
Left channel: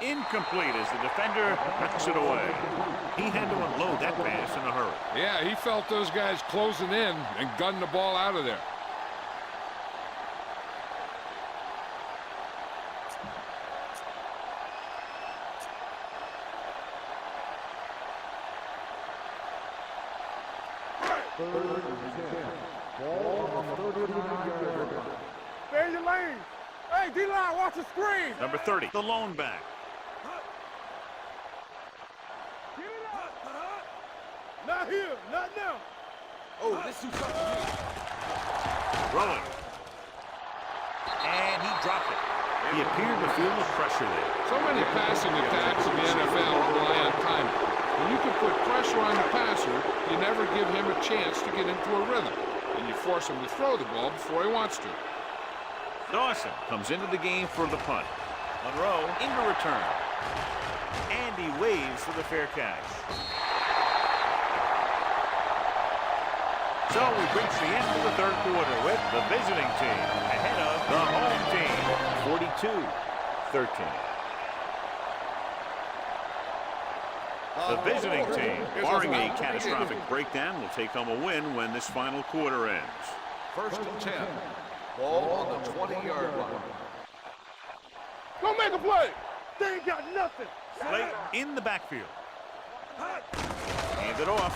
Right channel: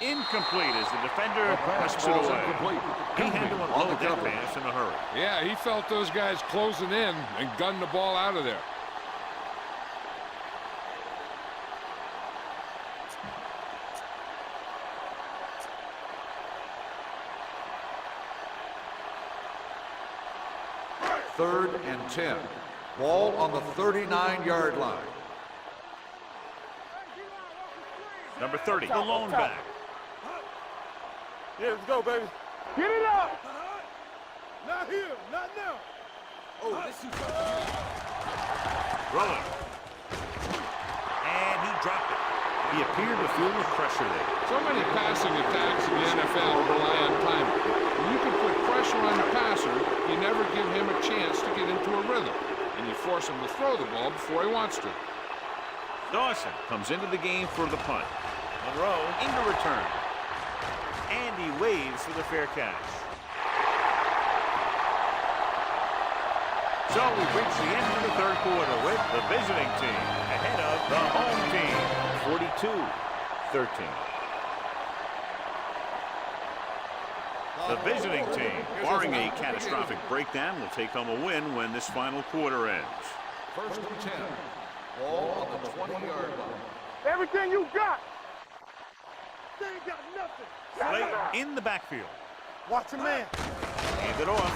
Incomplete as the defender pushes it away. He had to unload that pass in a hurry. Yeah, he felt those guys closing in and gunned the ball out of there. Third and 10. Ball on the 39-yard line. Stay in your lane. Hey, D-line, watch the screen. Number 30, the lone back. Yeah, let's go, baby. Get it up. Not here. Not now. Oh, this is Throwing. And he dropped it. He appeared to feel the pressure there. So many passing attacks in the NFL rely on timing. When you can put pressure on the passer, you never give him a chance to get into a rhythm, and you force him to throw the ball before he wants to. Dawson comes into the game for the punt. Monroe into return. And he waves for the fair catch. So we've reached the end of the third quarter with the visiting team ahead of the home team, 42-13. The visiting team, barring a catastrophic breakdown, will take home a win when this final quarter ends. First and 10. Ball on the 20-yard line. everything you got. Go make a play. They ain't got nothing. Play in the backfield. Watch your man. Hand it off.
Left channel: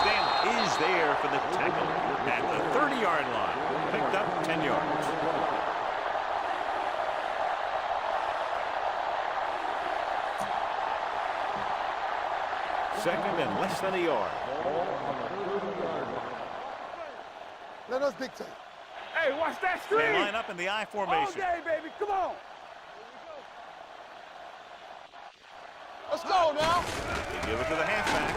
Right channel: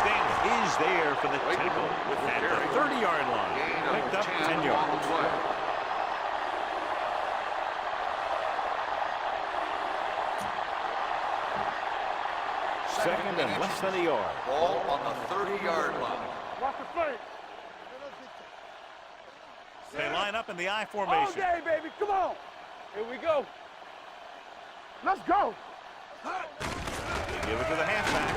Stanley is there for the tackle at the 30-yard line. Picked up 10 yards. Second and less than a yard. Ball on the 30-yard line. Watch the play. Let us dictate. Hey, watch that screen. They line up in the I All formation. day, baby. Come on. Here we go. Let's go. Let's go now. They give it to the halfback.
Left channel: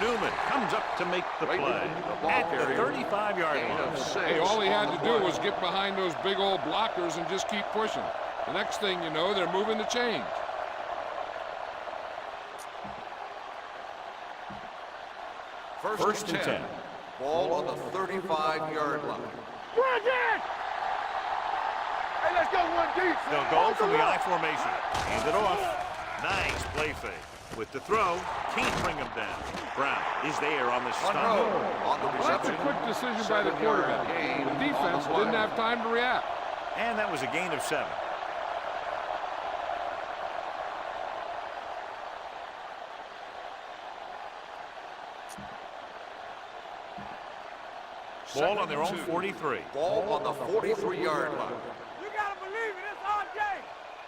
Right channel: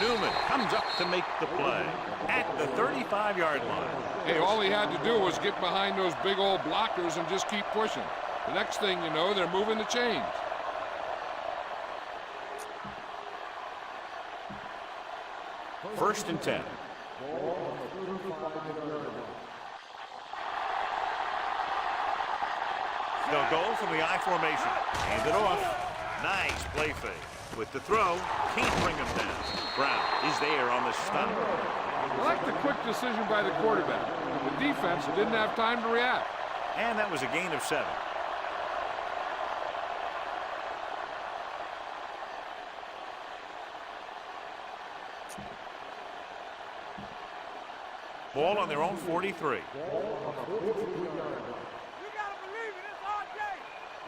Newman comes up to make the play at the 35-yard line. Hey, all he had to do was get behind those big old blockers and just keep pushing. The next thing you know, they're moving the chains. First and 10. Ball on the 35-yard line. Hey, let's go one deep. They'll go from the I formation. Hand it off. Nice play fake. With the throw, can't bring him down. Brown is there on the stop. I like the quick decision by the quarterback. The defense didn't have time to react. And that was a gain of 7. Ball on their own 43. Ball on the 43-yard line. You gotta believe it. It's our day.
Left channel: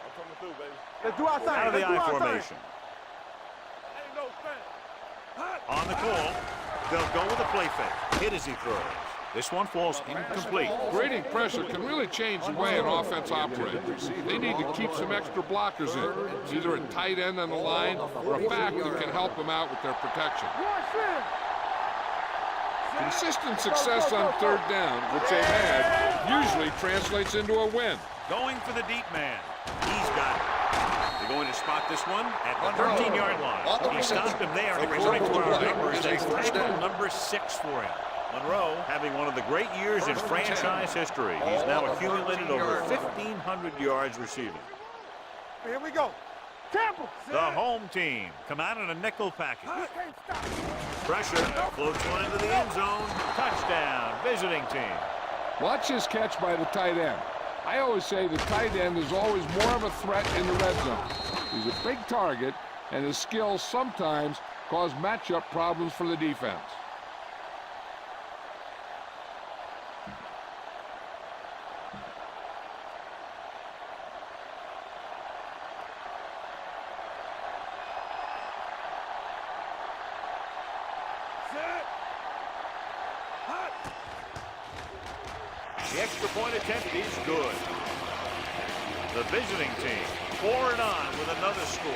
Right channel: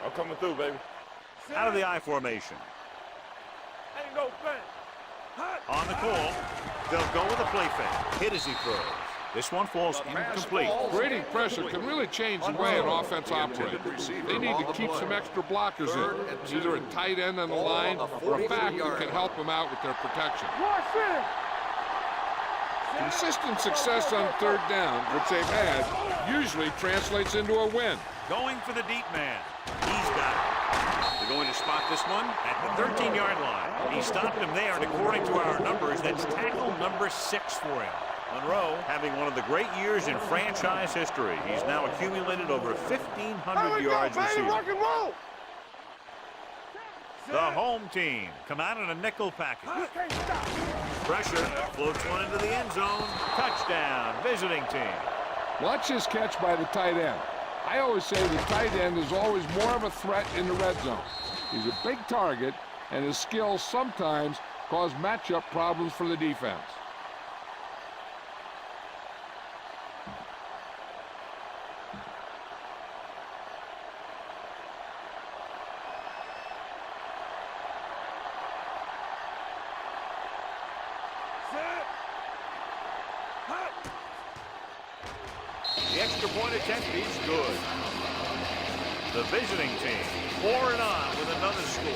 I'm coming through, baby. Let's do our thing. Out of the Let's I do our thing. formation. Ain't no thing. On the call, they'll go with a play fake. Hit as he throws. This one falls incomplete. Creating pressure can really change the way an offense operates. They need to keep some extra blockers in, either a tight end on the line or a back that can help them out with their protection. Watch this. Consistent success on third down, which they've had, usually translates into a win. Going for the deep man. He's got it. They're going to spot this one at the 13-yard line. He stopped him there, and according to our numbers, that's tackle number 6 for him. Monroe having one of the great years in franchise history. He's now accumulated over 1,500 yards receiving. Here we go. Campbell. The home team come out in a nickel package. Pressure floats one into the end zone. Touchdown, visiting team. Watch his catch by the tight end. I always say the tight end is always more of a threat in the red zone. He's a big target, and his skills sometimes cause matchup problems for the defense. The extra point attempt is good. The visiting team pouring on with another score.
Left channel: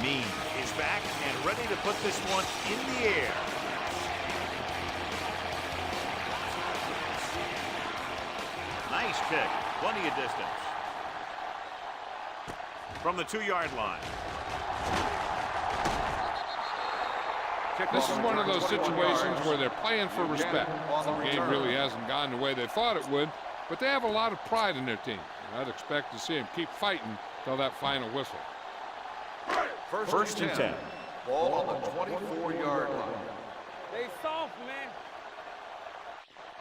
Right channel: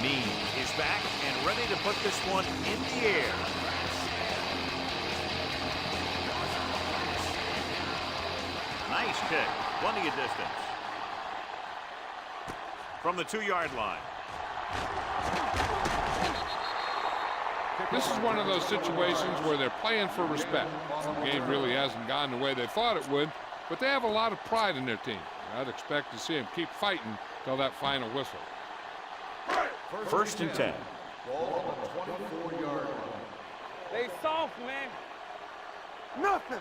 Means is back and ready to put this one in the air. Nice kick. Plenty of distance. From the 2-yard line. This is one of those situations where they're playing for respect. The game really hasn't gone the way they thought it would, but they have a lot of pride in their team. And I'd expect to see them keep fighting till that final whistle. First and 10. Ball on the 24-yard line. They soft, man. Nothing.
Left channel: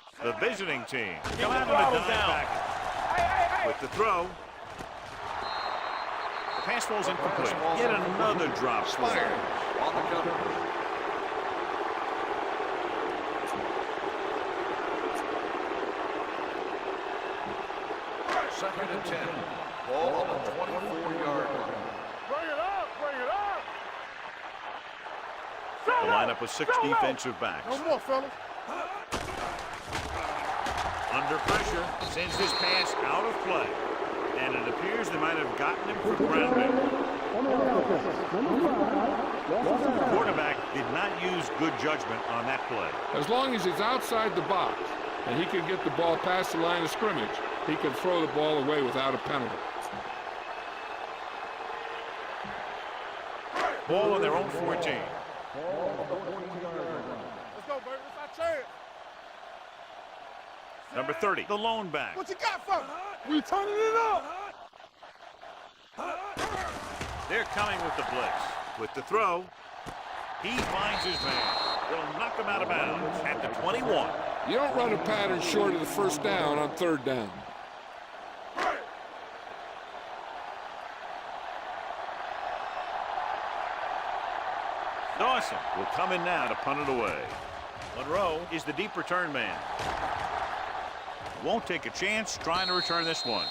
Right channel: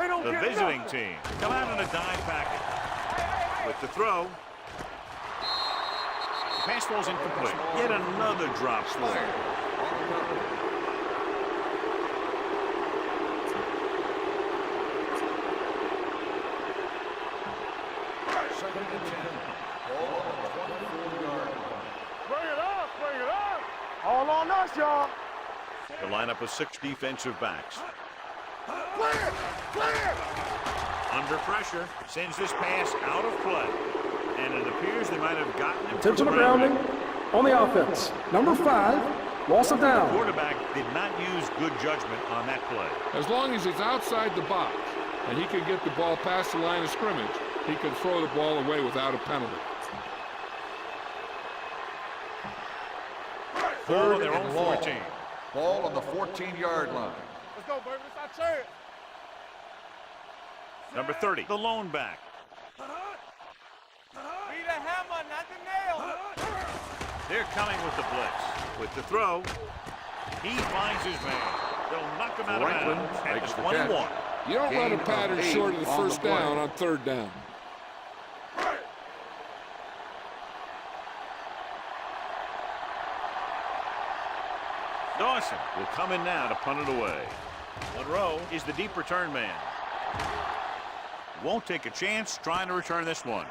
They don't The get it visiting up. team come out in a dime package. With the throw. The pass falls incomplete. Yet another drop for him. On the cover. Second and 10. Ball on the 24-yard line. Bring it up. Bring it up. All on us, y'all. The lineup with 6 defensive backs. No more, fellas. Clear. Clear. Under pressure, sends this pass out of play. And it appears they might have gotten him for Intentional grounding. grounding on the offense. Number 5, loss of The down. quarterback did not use good judgment on that play. As long as he's outside the box and he can get the ball past the line of scrimmage, he can throw the ball away without a penalty. Ball on their own 14. Ball on the 14-yard line. Let's go, baby. It's our chance. Number 30, the lone back. What you got for us? We turning it up. Be the hammer, not the nail. They're coming with the blitz. With the throw, he finds his man. They'll knock him out of bounds at the 21. You don't run a pattern short of the first down on 3rd down. Dawson will come in now to punt it away. Monroe is the deep return man. Won't take a chance trying to return this one.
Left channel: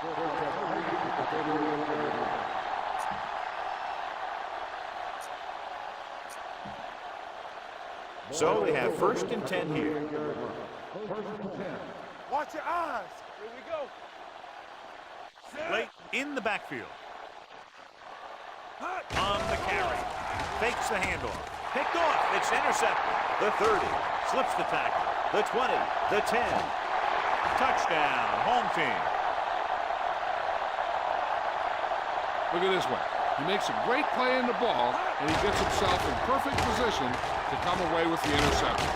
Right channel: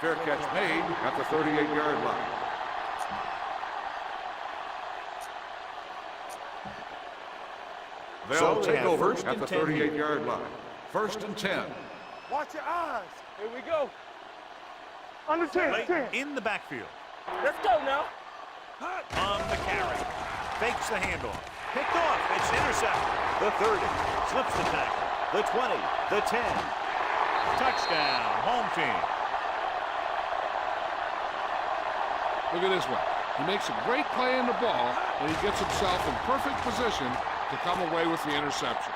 Fair catch made at the 38-yard line. So they have Over first at and the 10 here. 38-yard line. First and 10. Watch your eyes. Here we go. Under 10. Late in the backfield. Let's go now. On the carry. Fakes the handoff. Picked off. It's intercepted. The 30. Slips the tackle. The 20. The 10. Touchdown. Home team. Look at this one. He makes a great play in the ball, and he gets himself in perfect position to come away with the interception.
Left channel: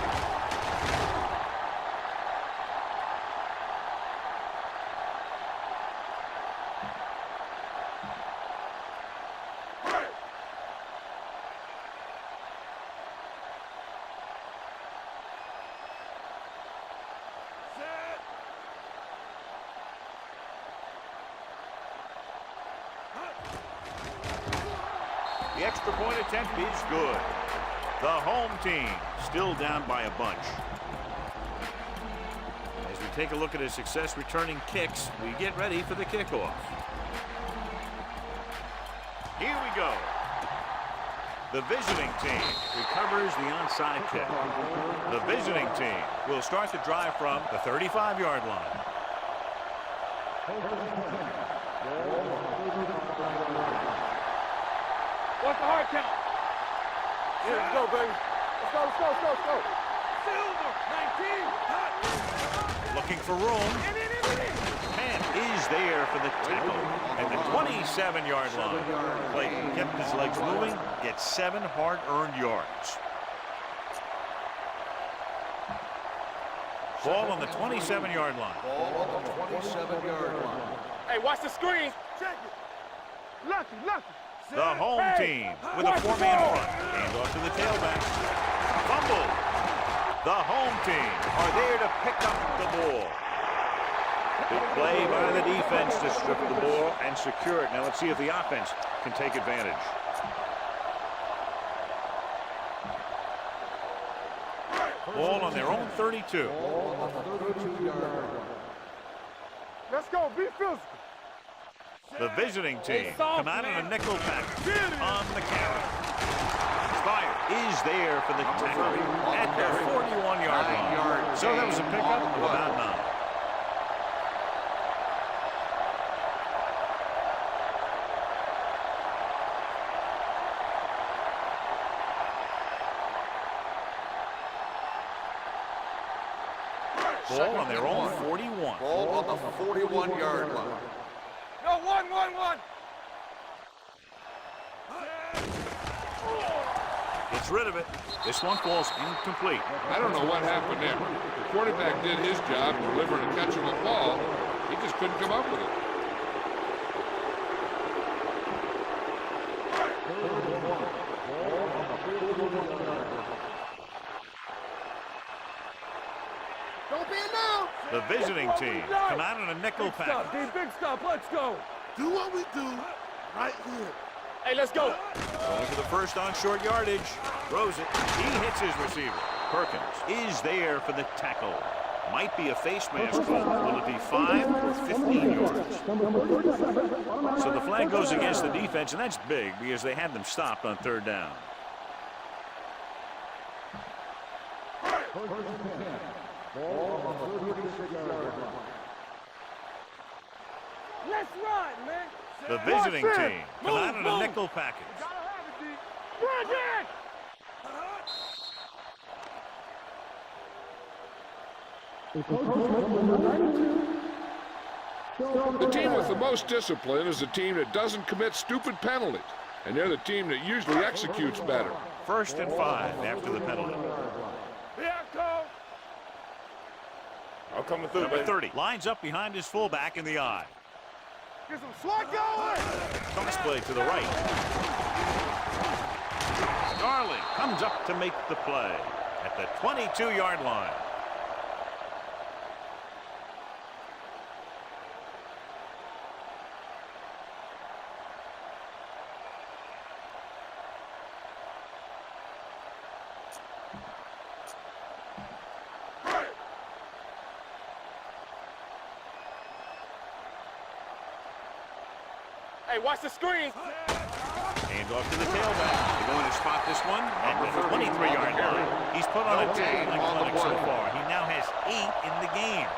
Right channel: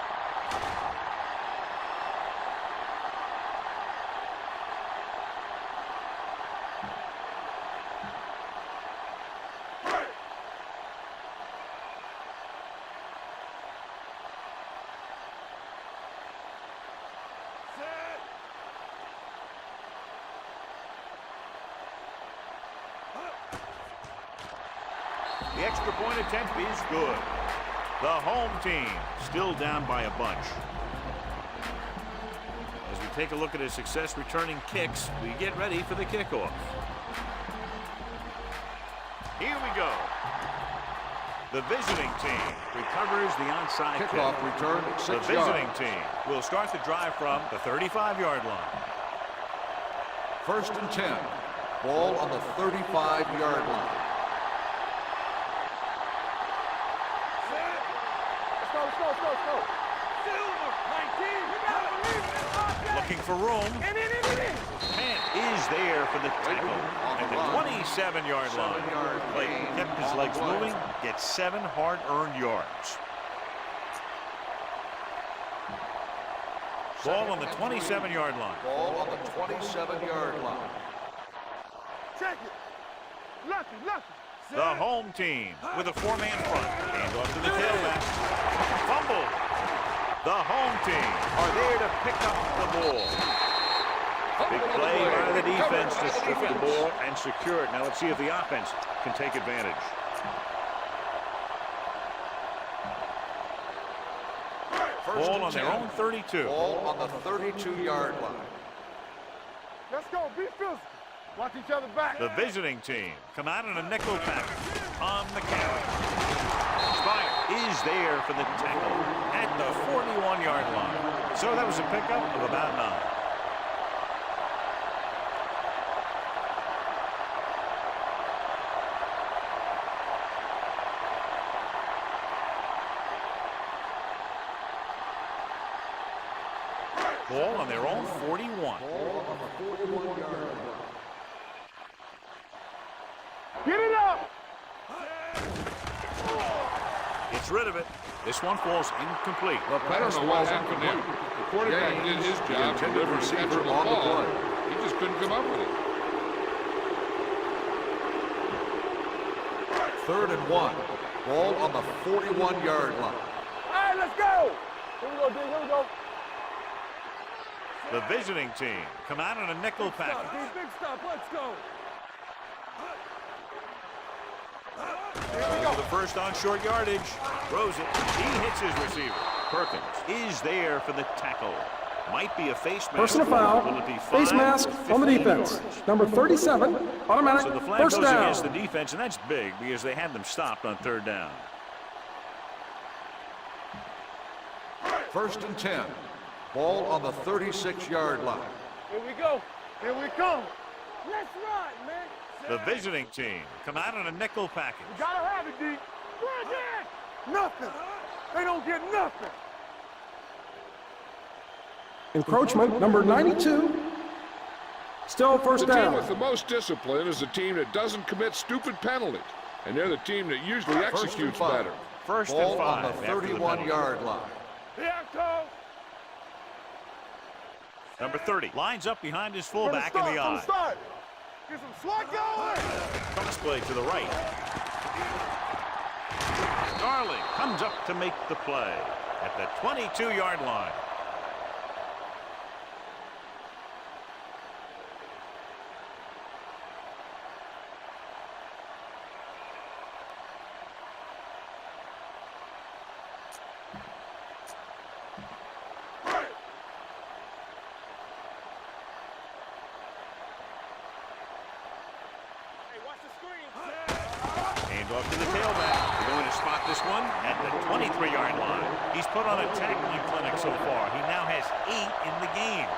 The extra point attempt is good. The home team still down by a bunch. As we take a look at his success returning kicks, we get ready for the kickoff. Here we go. The visiting team recovers the onside kick. Kickoff return, The 6 visiting yards. team will start the drive from the 35-yard line. First and 10. Ball on the 35-yard line. What's the hard count? Let's go, baby. Let's go, let's go, let's go, let's go. Looking for room. And is there for the tackle at the 27-yard line. Clayton kept his legs moving, gets 7 hard-earned yards. Ball on the 27-yard line. Ball on the 27-yard line. Hey, watch the screen. Check it. Lucky. The home team with a 4-man front. Hands off to the tailback. Fumble. The home team are there to pick up the ball. Big play by the defense to strip the ball and secure it. Now let's see if the offense can take advantage. Ball on their own 32. Ball on the 32-yard line. Let's go. Be physical. Watch each other back. The visiting team come out in a nickel package on the carry. Spire is there for the tackle at the 41-yard line. So that was a pickup of about 9. Ball on their own 41. Ball on the 41-yard line. No, one. Get it up. Gets rid of it. This one falls incomplete. I don't know what happened there. The quarterback did his job delivering a catchable ball. He just couldn't come up with it. 3rd and 1. Ball on the 41-yard line. All right, let's go. Here we go. Don't be announced. The visiting team come out in a nickel package. Big stop. Let's go. Do what we do right here. Hey, let's go. Going for the first on short yardage. Throws it. He hits his receiver. Perkins is there for the tackle. Might be a face mask. Personal foul. Will it be 5 Face mask or on the 15 defense. yards? Number 37, automatic. So the flag first goes down. against the defense, and that's big because they had them stopped on 3rd down. 1st and 10. Ball on the 36-yard line. Here we go. Here we come. Let's run, man. The visiting team come out in a nickel package. We gotta have it, D. Bring it. Nothing. They don't get nothing. Encroachment, number 92. Still first The down. team with the most discipline is the team that doesn't commit stupid penalties. And they're the team that usually executes better. 1st and Ball 5 on the after the penalty. 31-yard line. Here I come. I'm coming through. Number 30 lines up behind his fullback in the eye. Get some swat going. Toss play to the right. Darling comes up to make the play at the 22-yard line. Hey, watch the screen. Hand off to the tailback. They're going to spot this one at the 23-yard line. He's put on a tackling clinic so far. He now has 8 in the game.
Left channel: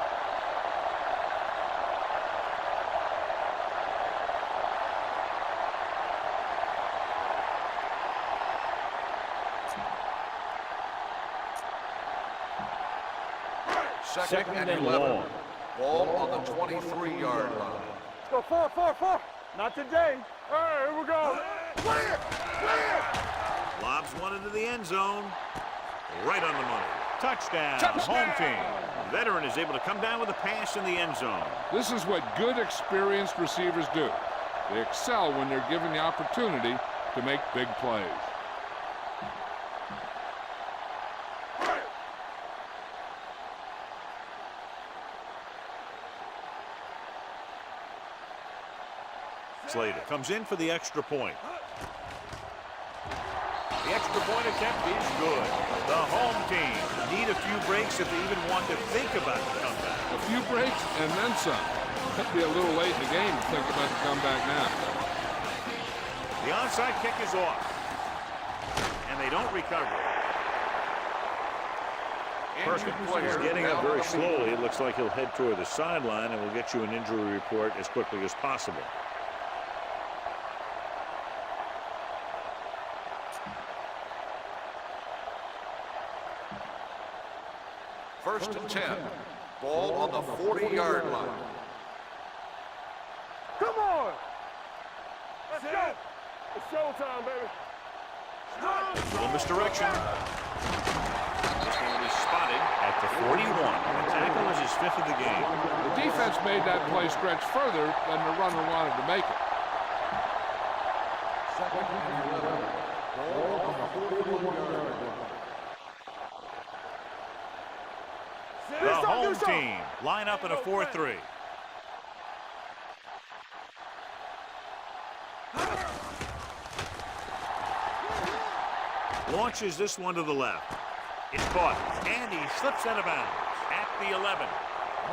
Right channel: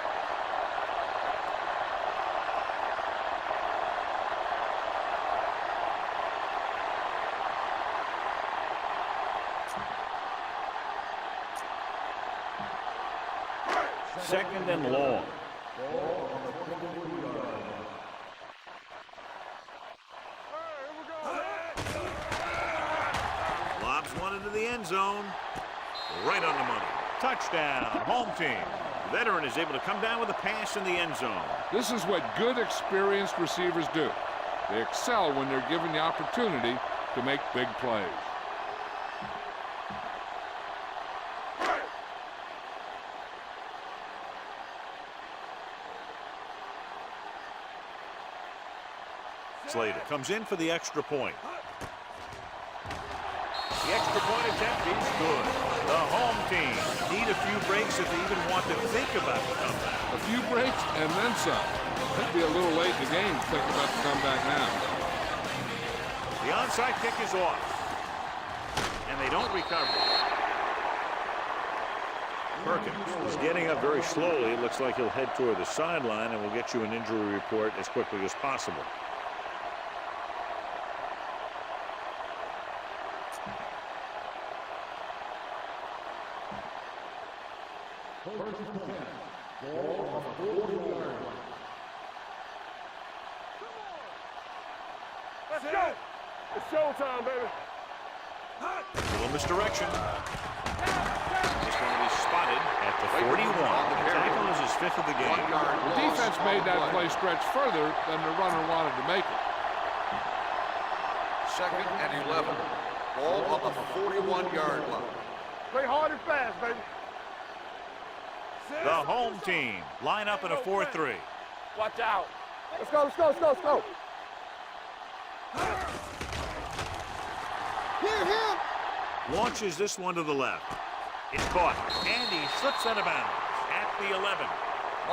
Second and long. Ball on the 23-yard line. Let's go 4. Not today. All right, here we go. Lobs one into the end zone. Right on the money. Touchdown, home team. The veteran is able to come down with a pass in the end zone. This is what good, experienced receivers do. They excel when they're given the opportunity to make big plays. Slater comes in for the extra point. The extra point attempt is good. The home team need a few breaks if they even want to think about the comeback. A few breaks and then some. That'd be a little late in the game to think about the comeback now. The onside kick is off. And they don't recover. Perkins is getting up very slowly. It looks like he'll head toward the sideline, and we'll get you an injury report as quickly as possible. First and 10. Ball on the 40-yard line. Come on. Let's go. It's showtime, baby. Little misdirection. This one will be spotted at the 41. The tackle is his 5th of the game. The defense made that play stretch further than the runner wanted to make it. Second and 11. Ball on the 41-yard line. Play hard and fast, baby. The home team line up in a 4-3. Watch out. Let's go, let's go, let's go, let's go. Launches this one to the left. It's caught, and he slips out of bounds at the 11.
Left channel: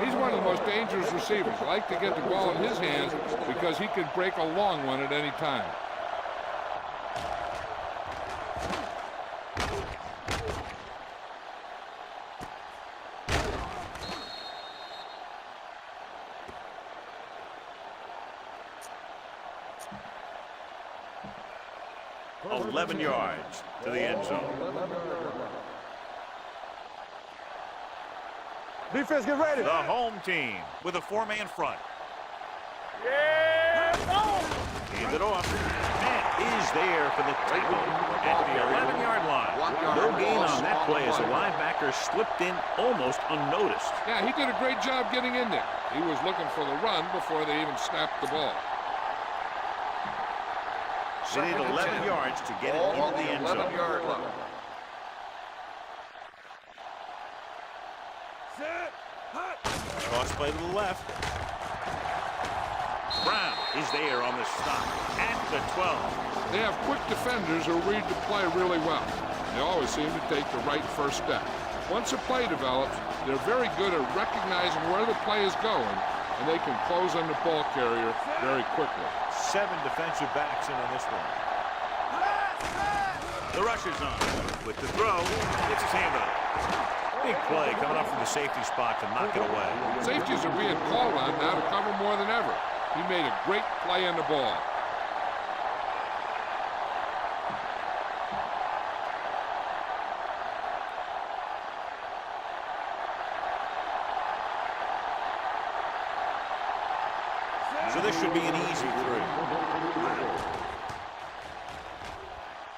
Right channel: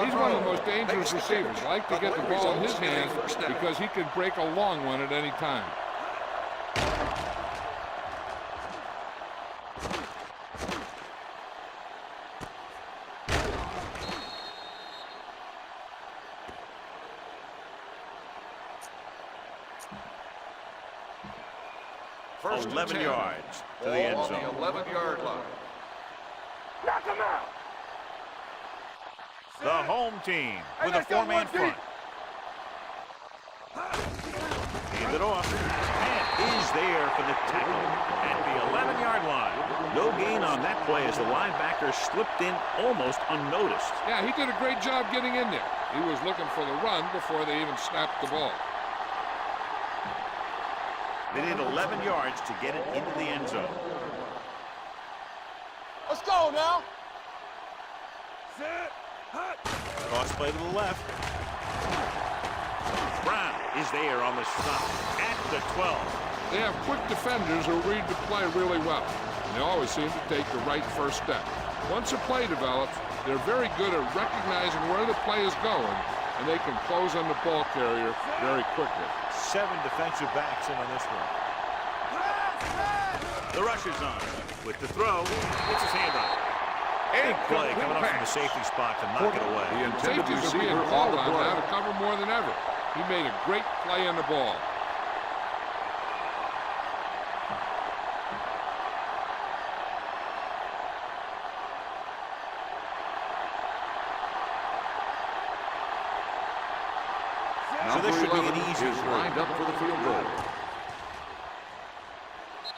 He's one of the most dangerous receivers. I like to get the ball in his hands because he can break a long one at any time. First 11 yards to the end zone. 11-yard line. Knock him out. Defense, get ready. The home team with a 4-man front. Yeah. Hand it off. And is there for the tackle at the 11-yard line. No gain on that play as the linebacker slipped in almost unnoticed. Yeah, he did a great job getting in there. He was looking for the run before they even snapped the ball. They need 11 yards to get it into the end zone. Let's go now. Set. Hut. Cross play to the left. Brown is there on the stop at the 12. They have quick defenders who read the play really well. They always seem to take the right first step. Once a play develops, they're very good at recognizing where the play is going, and they can close on the ball carrier very quickly. 7 defensive backs in on this one. The rush is on. With the throw, gets his hand on it. Big play coming up from the safety spot to knock it away. Safeties are being called on now to cover more than ever. He made a great play on the ball. So this should be an easy throw.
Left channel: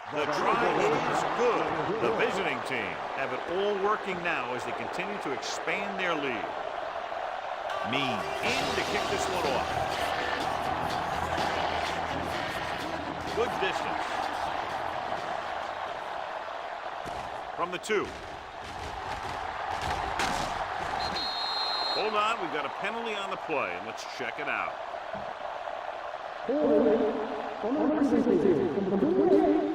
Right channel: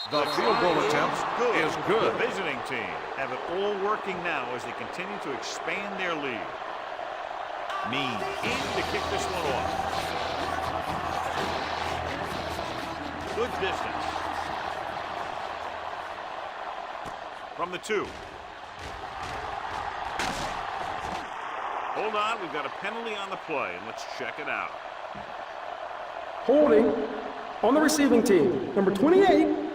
The try is good. The visiting team have it all working now as they continue to expand their lead. Mean in to kick this one off. Good distance. From the 2. Hold on, we've got a penalty on the play, and let's check it out. Holding on the receiving team, number 28.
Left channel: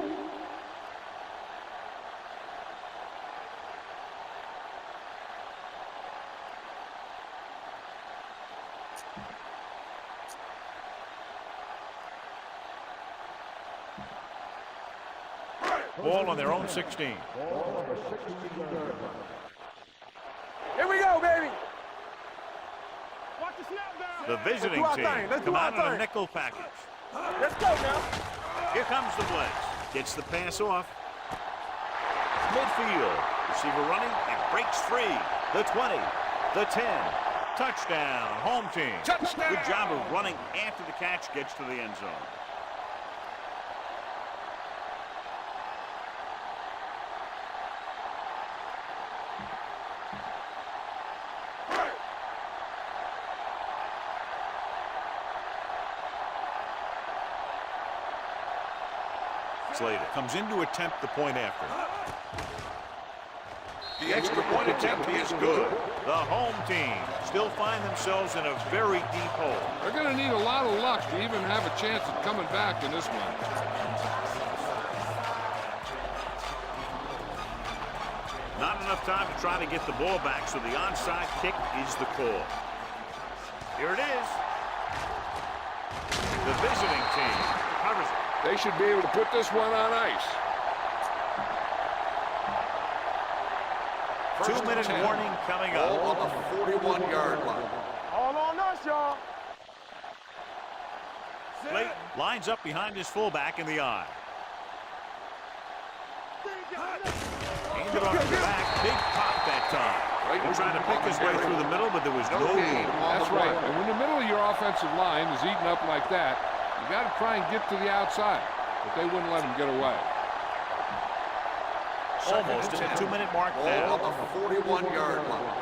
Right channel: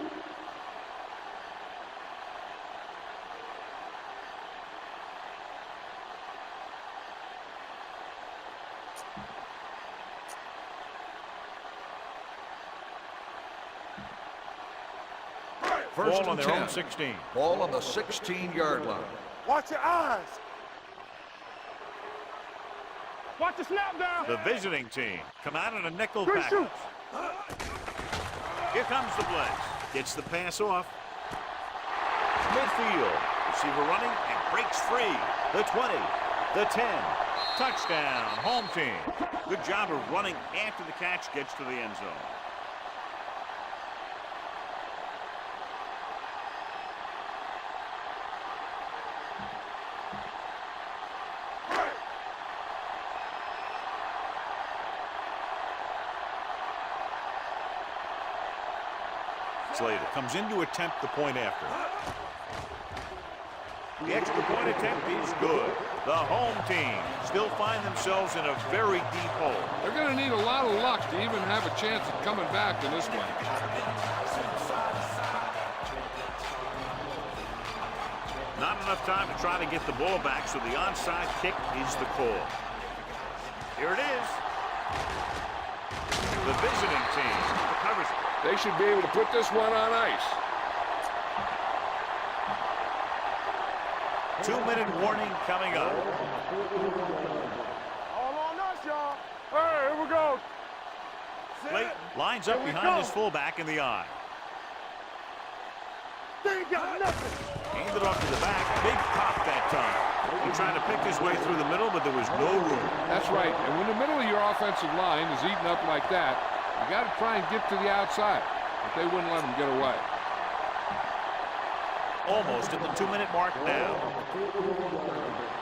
Ball on their own 16. Ball on the 16-yard line. Watch your eyes. Here we go, baby. Watch the snap down. The visiting team come out in a nickel package. Let's go now. Here comes the blitz. Gets the pass off. Midfield. Receiver running and breaks free. The 20. The 10. Touchdown. Home team. Touchdown. Good job of running after the catch gets to the end zone. Slater comes in to attempt the point after. The extra point attempt is good. The home team still find themselves in a very deep hole. They're going to need a lot of luck to even have a chance at coming back in this one. Not enough time to try to get the ball back, so the onside kick is the call. Here it is. The visiting team recovers it. They should be able to put this one on ice. 2-minute warning coming up. Ball on the 41-yard line. All on us, y'all. Here we go. Clayton lines up behind his fullback in the eye. They ain't got nothing. Hand hand it off to the back. Big pop that time. He tried to pick his way through the middle, but there was no room. That's right. And when the middle of your offensive line is eaten up like that, you got to try and get to the outside. But they wouldn't let him get away. Almost at the 2-minute mark now. Ball on the 41-yard line.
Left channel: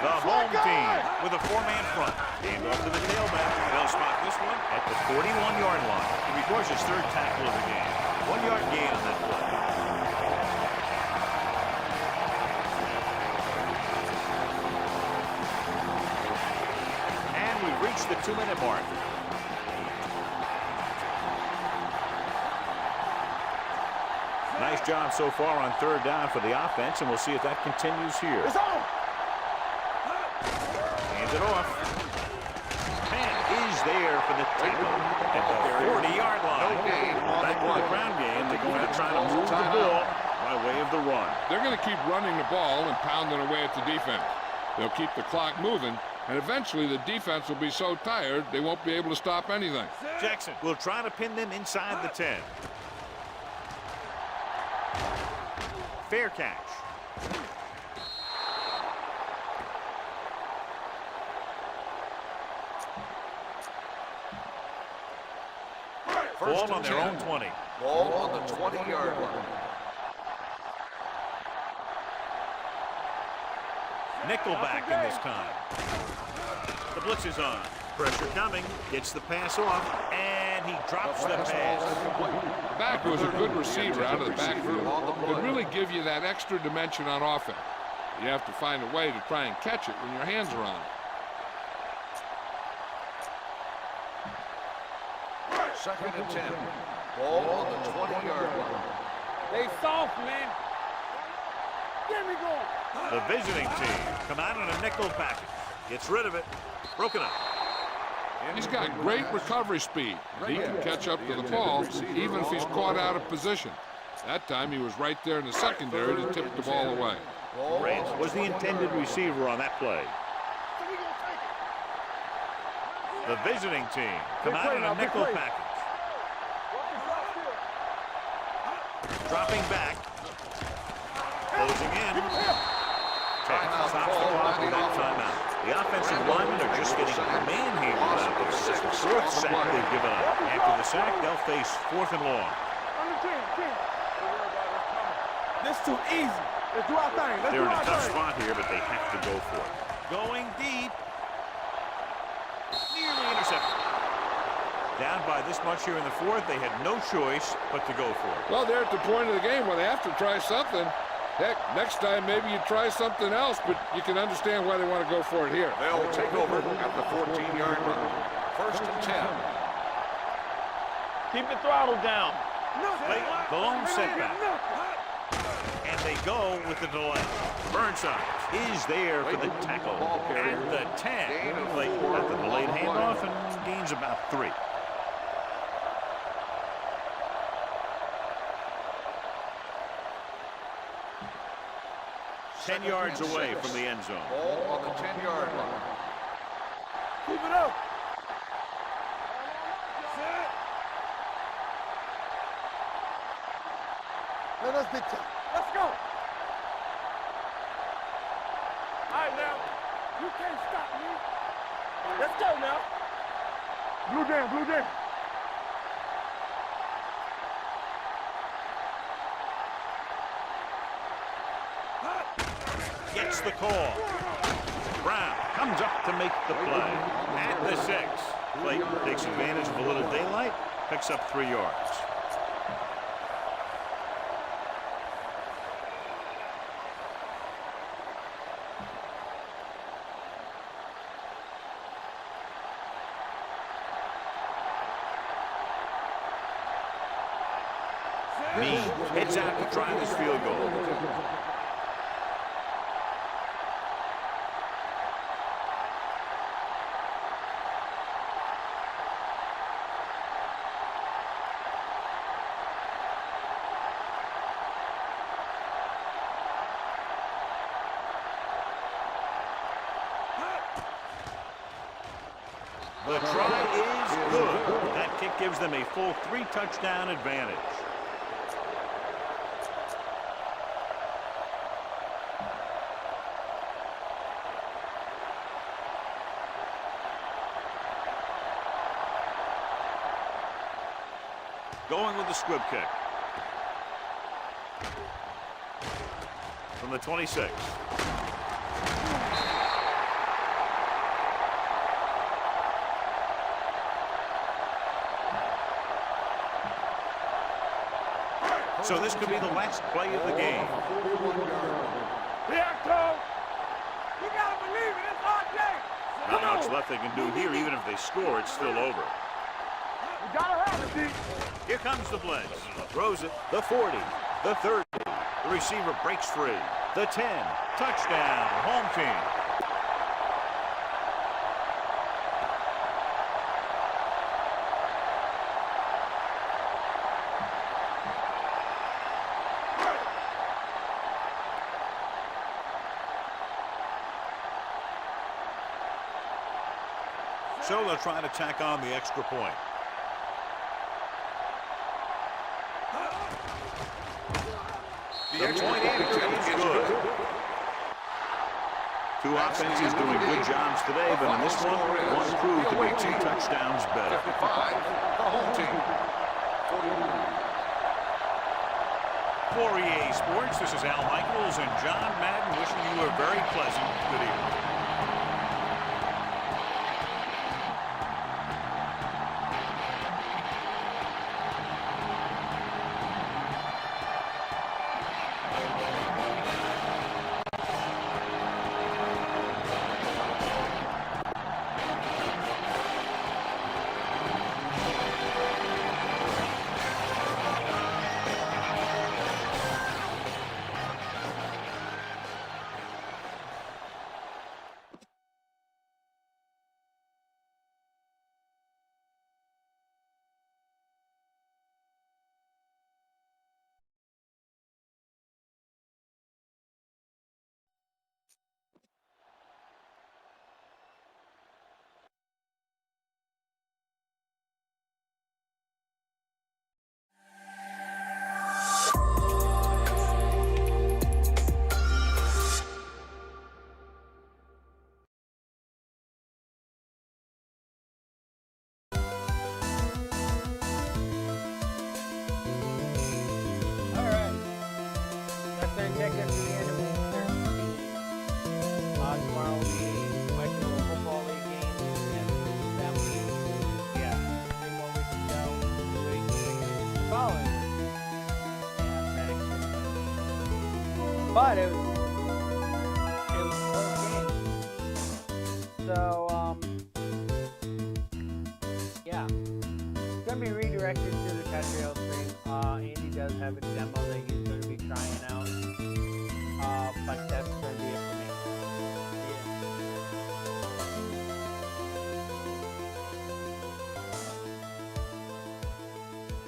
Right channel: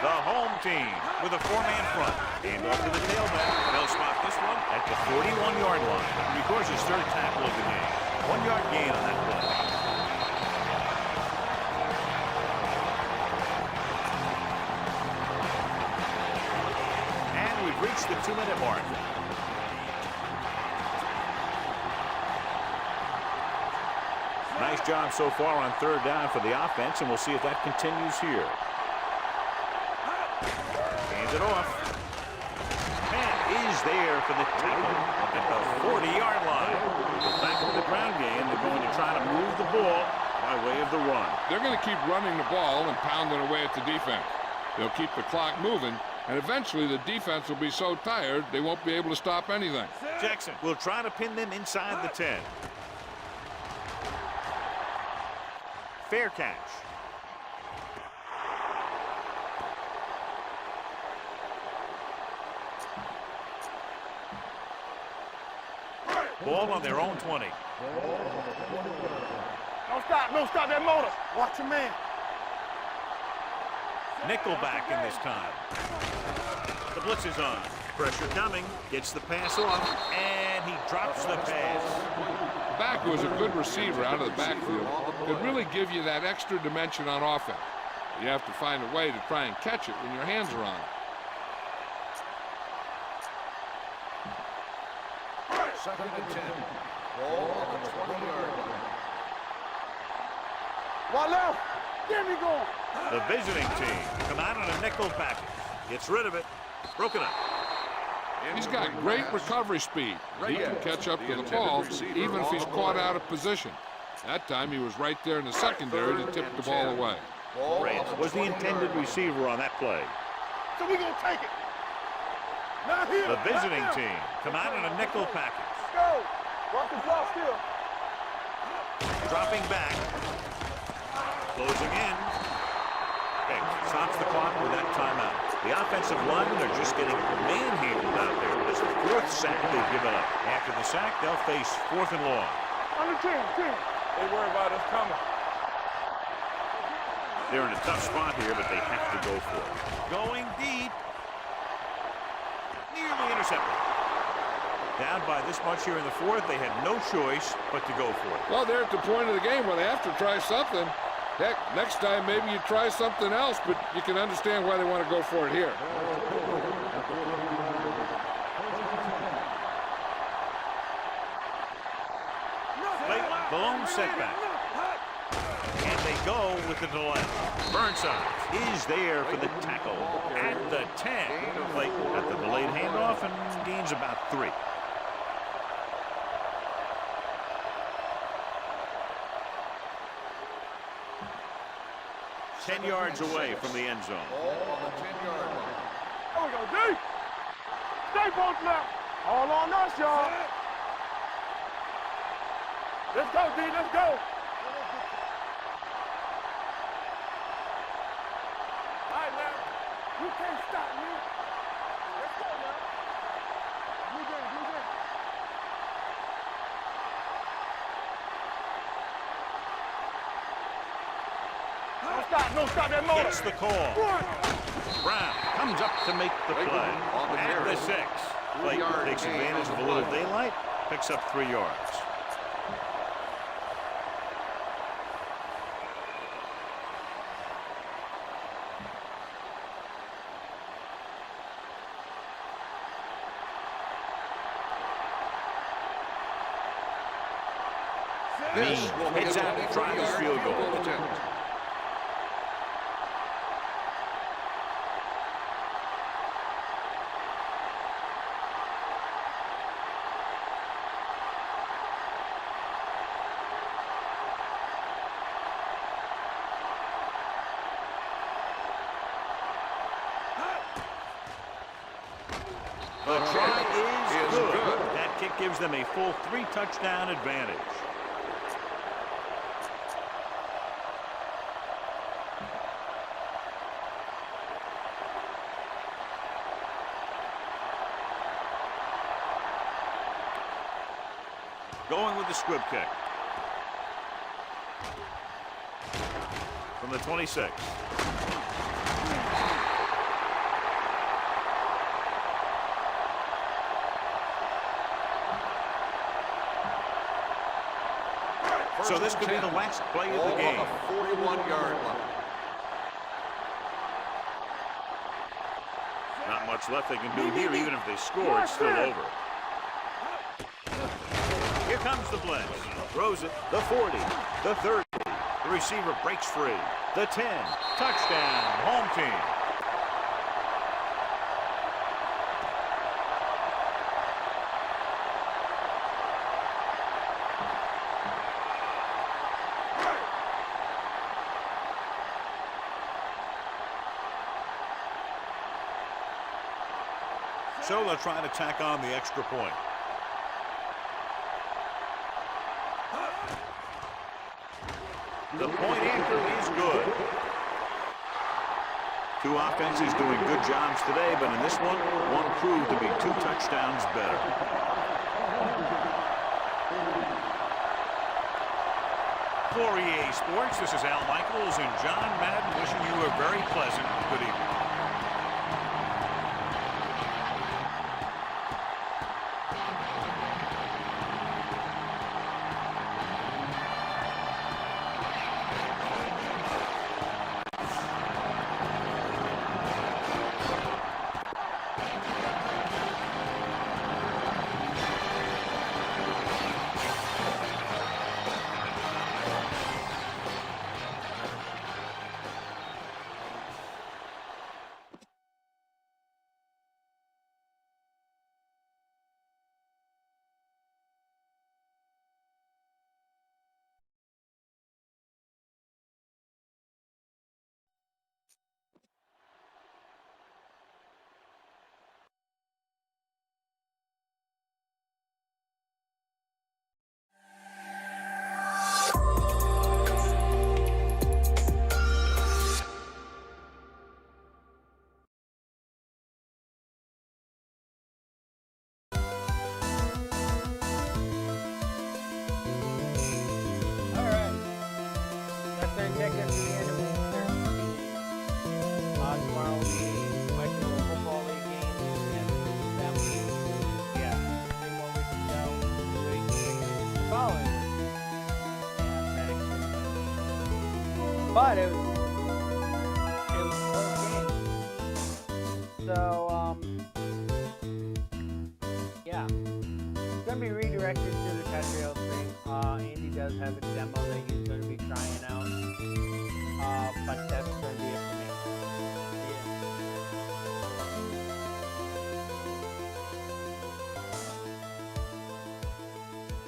The home team with a 4-man front. Hand off to the tailback. They'll spot this one at the 41-yard line. He records his 3rd tackle of the game. 1-yard gain on that play. And we've reached the 2-minute mark. Nice job so far on 3rd down for the offense, and we'll see if that continues here. Hands it off. Man is there for the tackle at the 40-yard line. Back to the ground game. They're going to try to move the ball by way of the run. They're going to keep running the ball and pounding away at the defense. They'll keep the clock moving, and eventually the defense will be so tired they won't be able to stop anything. Jackson will try to pin them inside the 10. Fair catch. Ball on their own 20. Ball on the 20-yard line. Don't stop that motor. Watch your man. Nickelback in this time. The blitz is on. Pressure coming. Gets the pass off, and he drops the pass. The back was a good receiver out of the backfield. Could really give you that extra dimension on offense. You have to find a way to try and catch it when your hands are on it. 2nd and 10. Ball on the 20-yard line. They soft, man. One left. Get me going. The visiting team come out in a nickel package. Gets rid of it. Broken up. He's got great recovery speed. He can catch up to the ball even if he's caught out of position. That time he was right there in the secondary to tip the ball away. Rance was the intended receiver on that play. So we gonna take it. The visiting team come out in a nickel package. Go. Walk the drop still. Dropping back. Closing in. Pick. Stops the clock with that timeout. The offensive linemen are just getting manhandled out there. That's the 4th sack they've given up. After the sack, they'll face 4th and long. Under 10. They worry about us coming. This too easy. Let's do our thing. They're in a tough spot here, but they have to go for it. Going deep. Nearly intercepted. Down by this much here in the 4th, they had no choice but to go for it. Well, they're at the point of the game where they have to try something. Heck, next time maybe you try something else, but you can understand why they want to go for it here. They'll take over at the 14-yard line. 1st and 10. Keep the throttle down. Late, the lone setback. And they go with the delay. Burnside is there for the tackle at the 10. Late at the delayed handoff and gains about 3. Ten yards away from the end zone. Ball on the 10-yard line. There we go, D. Keep it up. Stay both left. All on us, y'all. Let's go, D. Let's go. No, that's big time. Let's go. All right, now. You can't stop me. Let's go now. Blue jam. Gets the call. Brown comes up to make the play. At the 6. Clayton takes advantage of a little daylight, picks up 3 yards. Mean heads out to try this field goal. The try is good. That kick gives them a full 3-touchdown advantage. going with the squib kick. From the 26. So this could be the last play of the game. 41-yard line. Here it comes. You gotta believe it. It's our day. Not much left they can do here. Even if they score, it's still over. You gotta have it. Here comes the blitz. Throws it. The 40. The 30. The receiver breaks free. The 10. Touchdown. Home team. So they'll try to tack on the extra point. The point after is good. Two offenses doing good jobs today, but in this one proved to be 2 touchdowns better. For EA Sports, this is Al Michaels and John Madden wishing you a very pleasant good evening. Take us to the end of week 13. Tomorrow will be Western Football League games. Yeah, 3 more weeks to go. The following week. Yeah, but it was close games. So, yeah. It's going to be redirected to the Patriot stream. Andy does have a demo that he's going to be trying out. But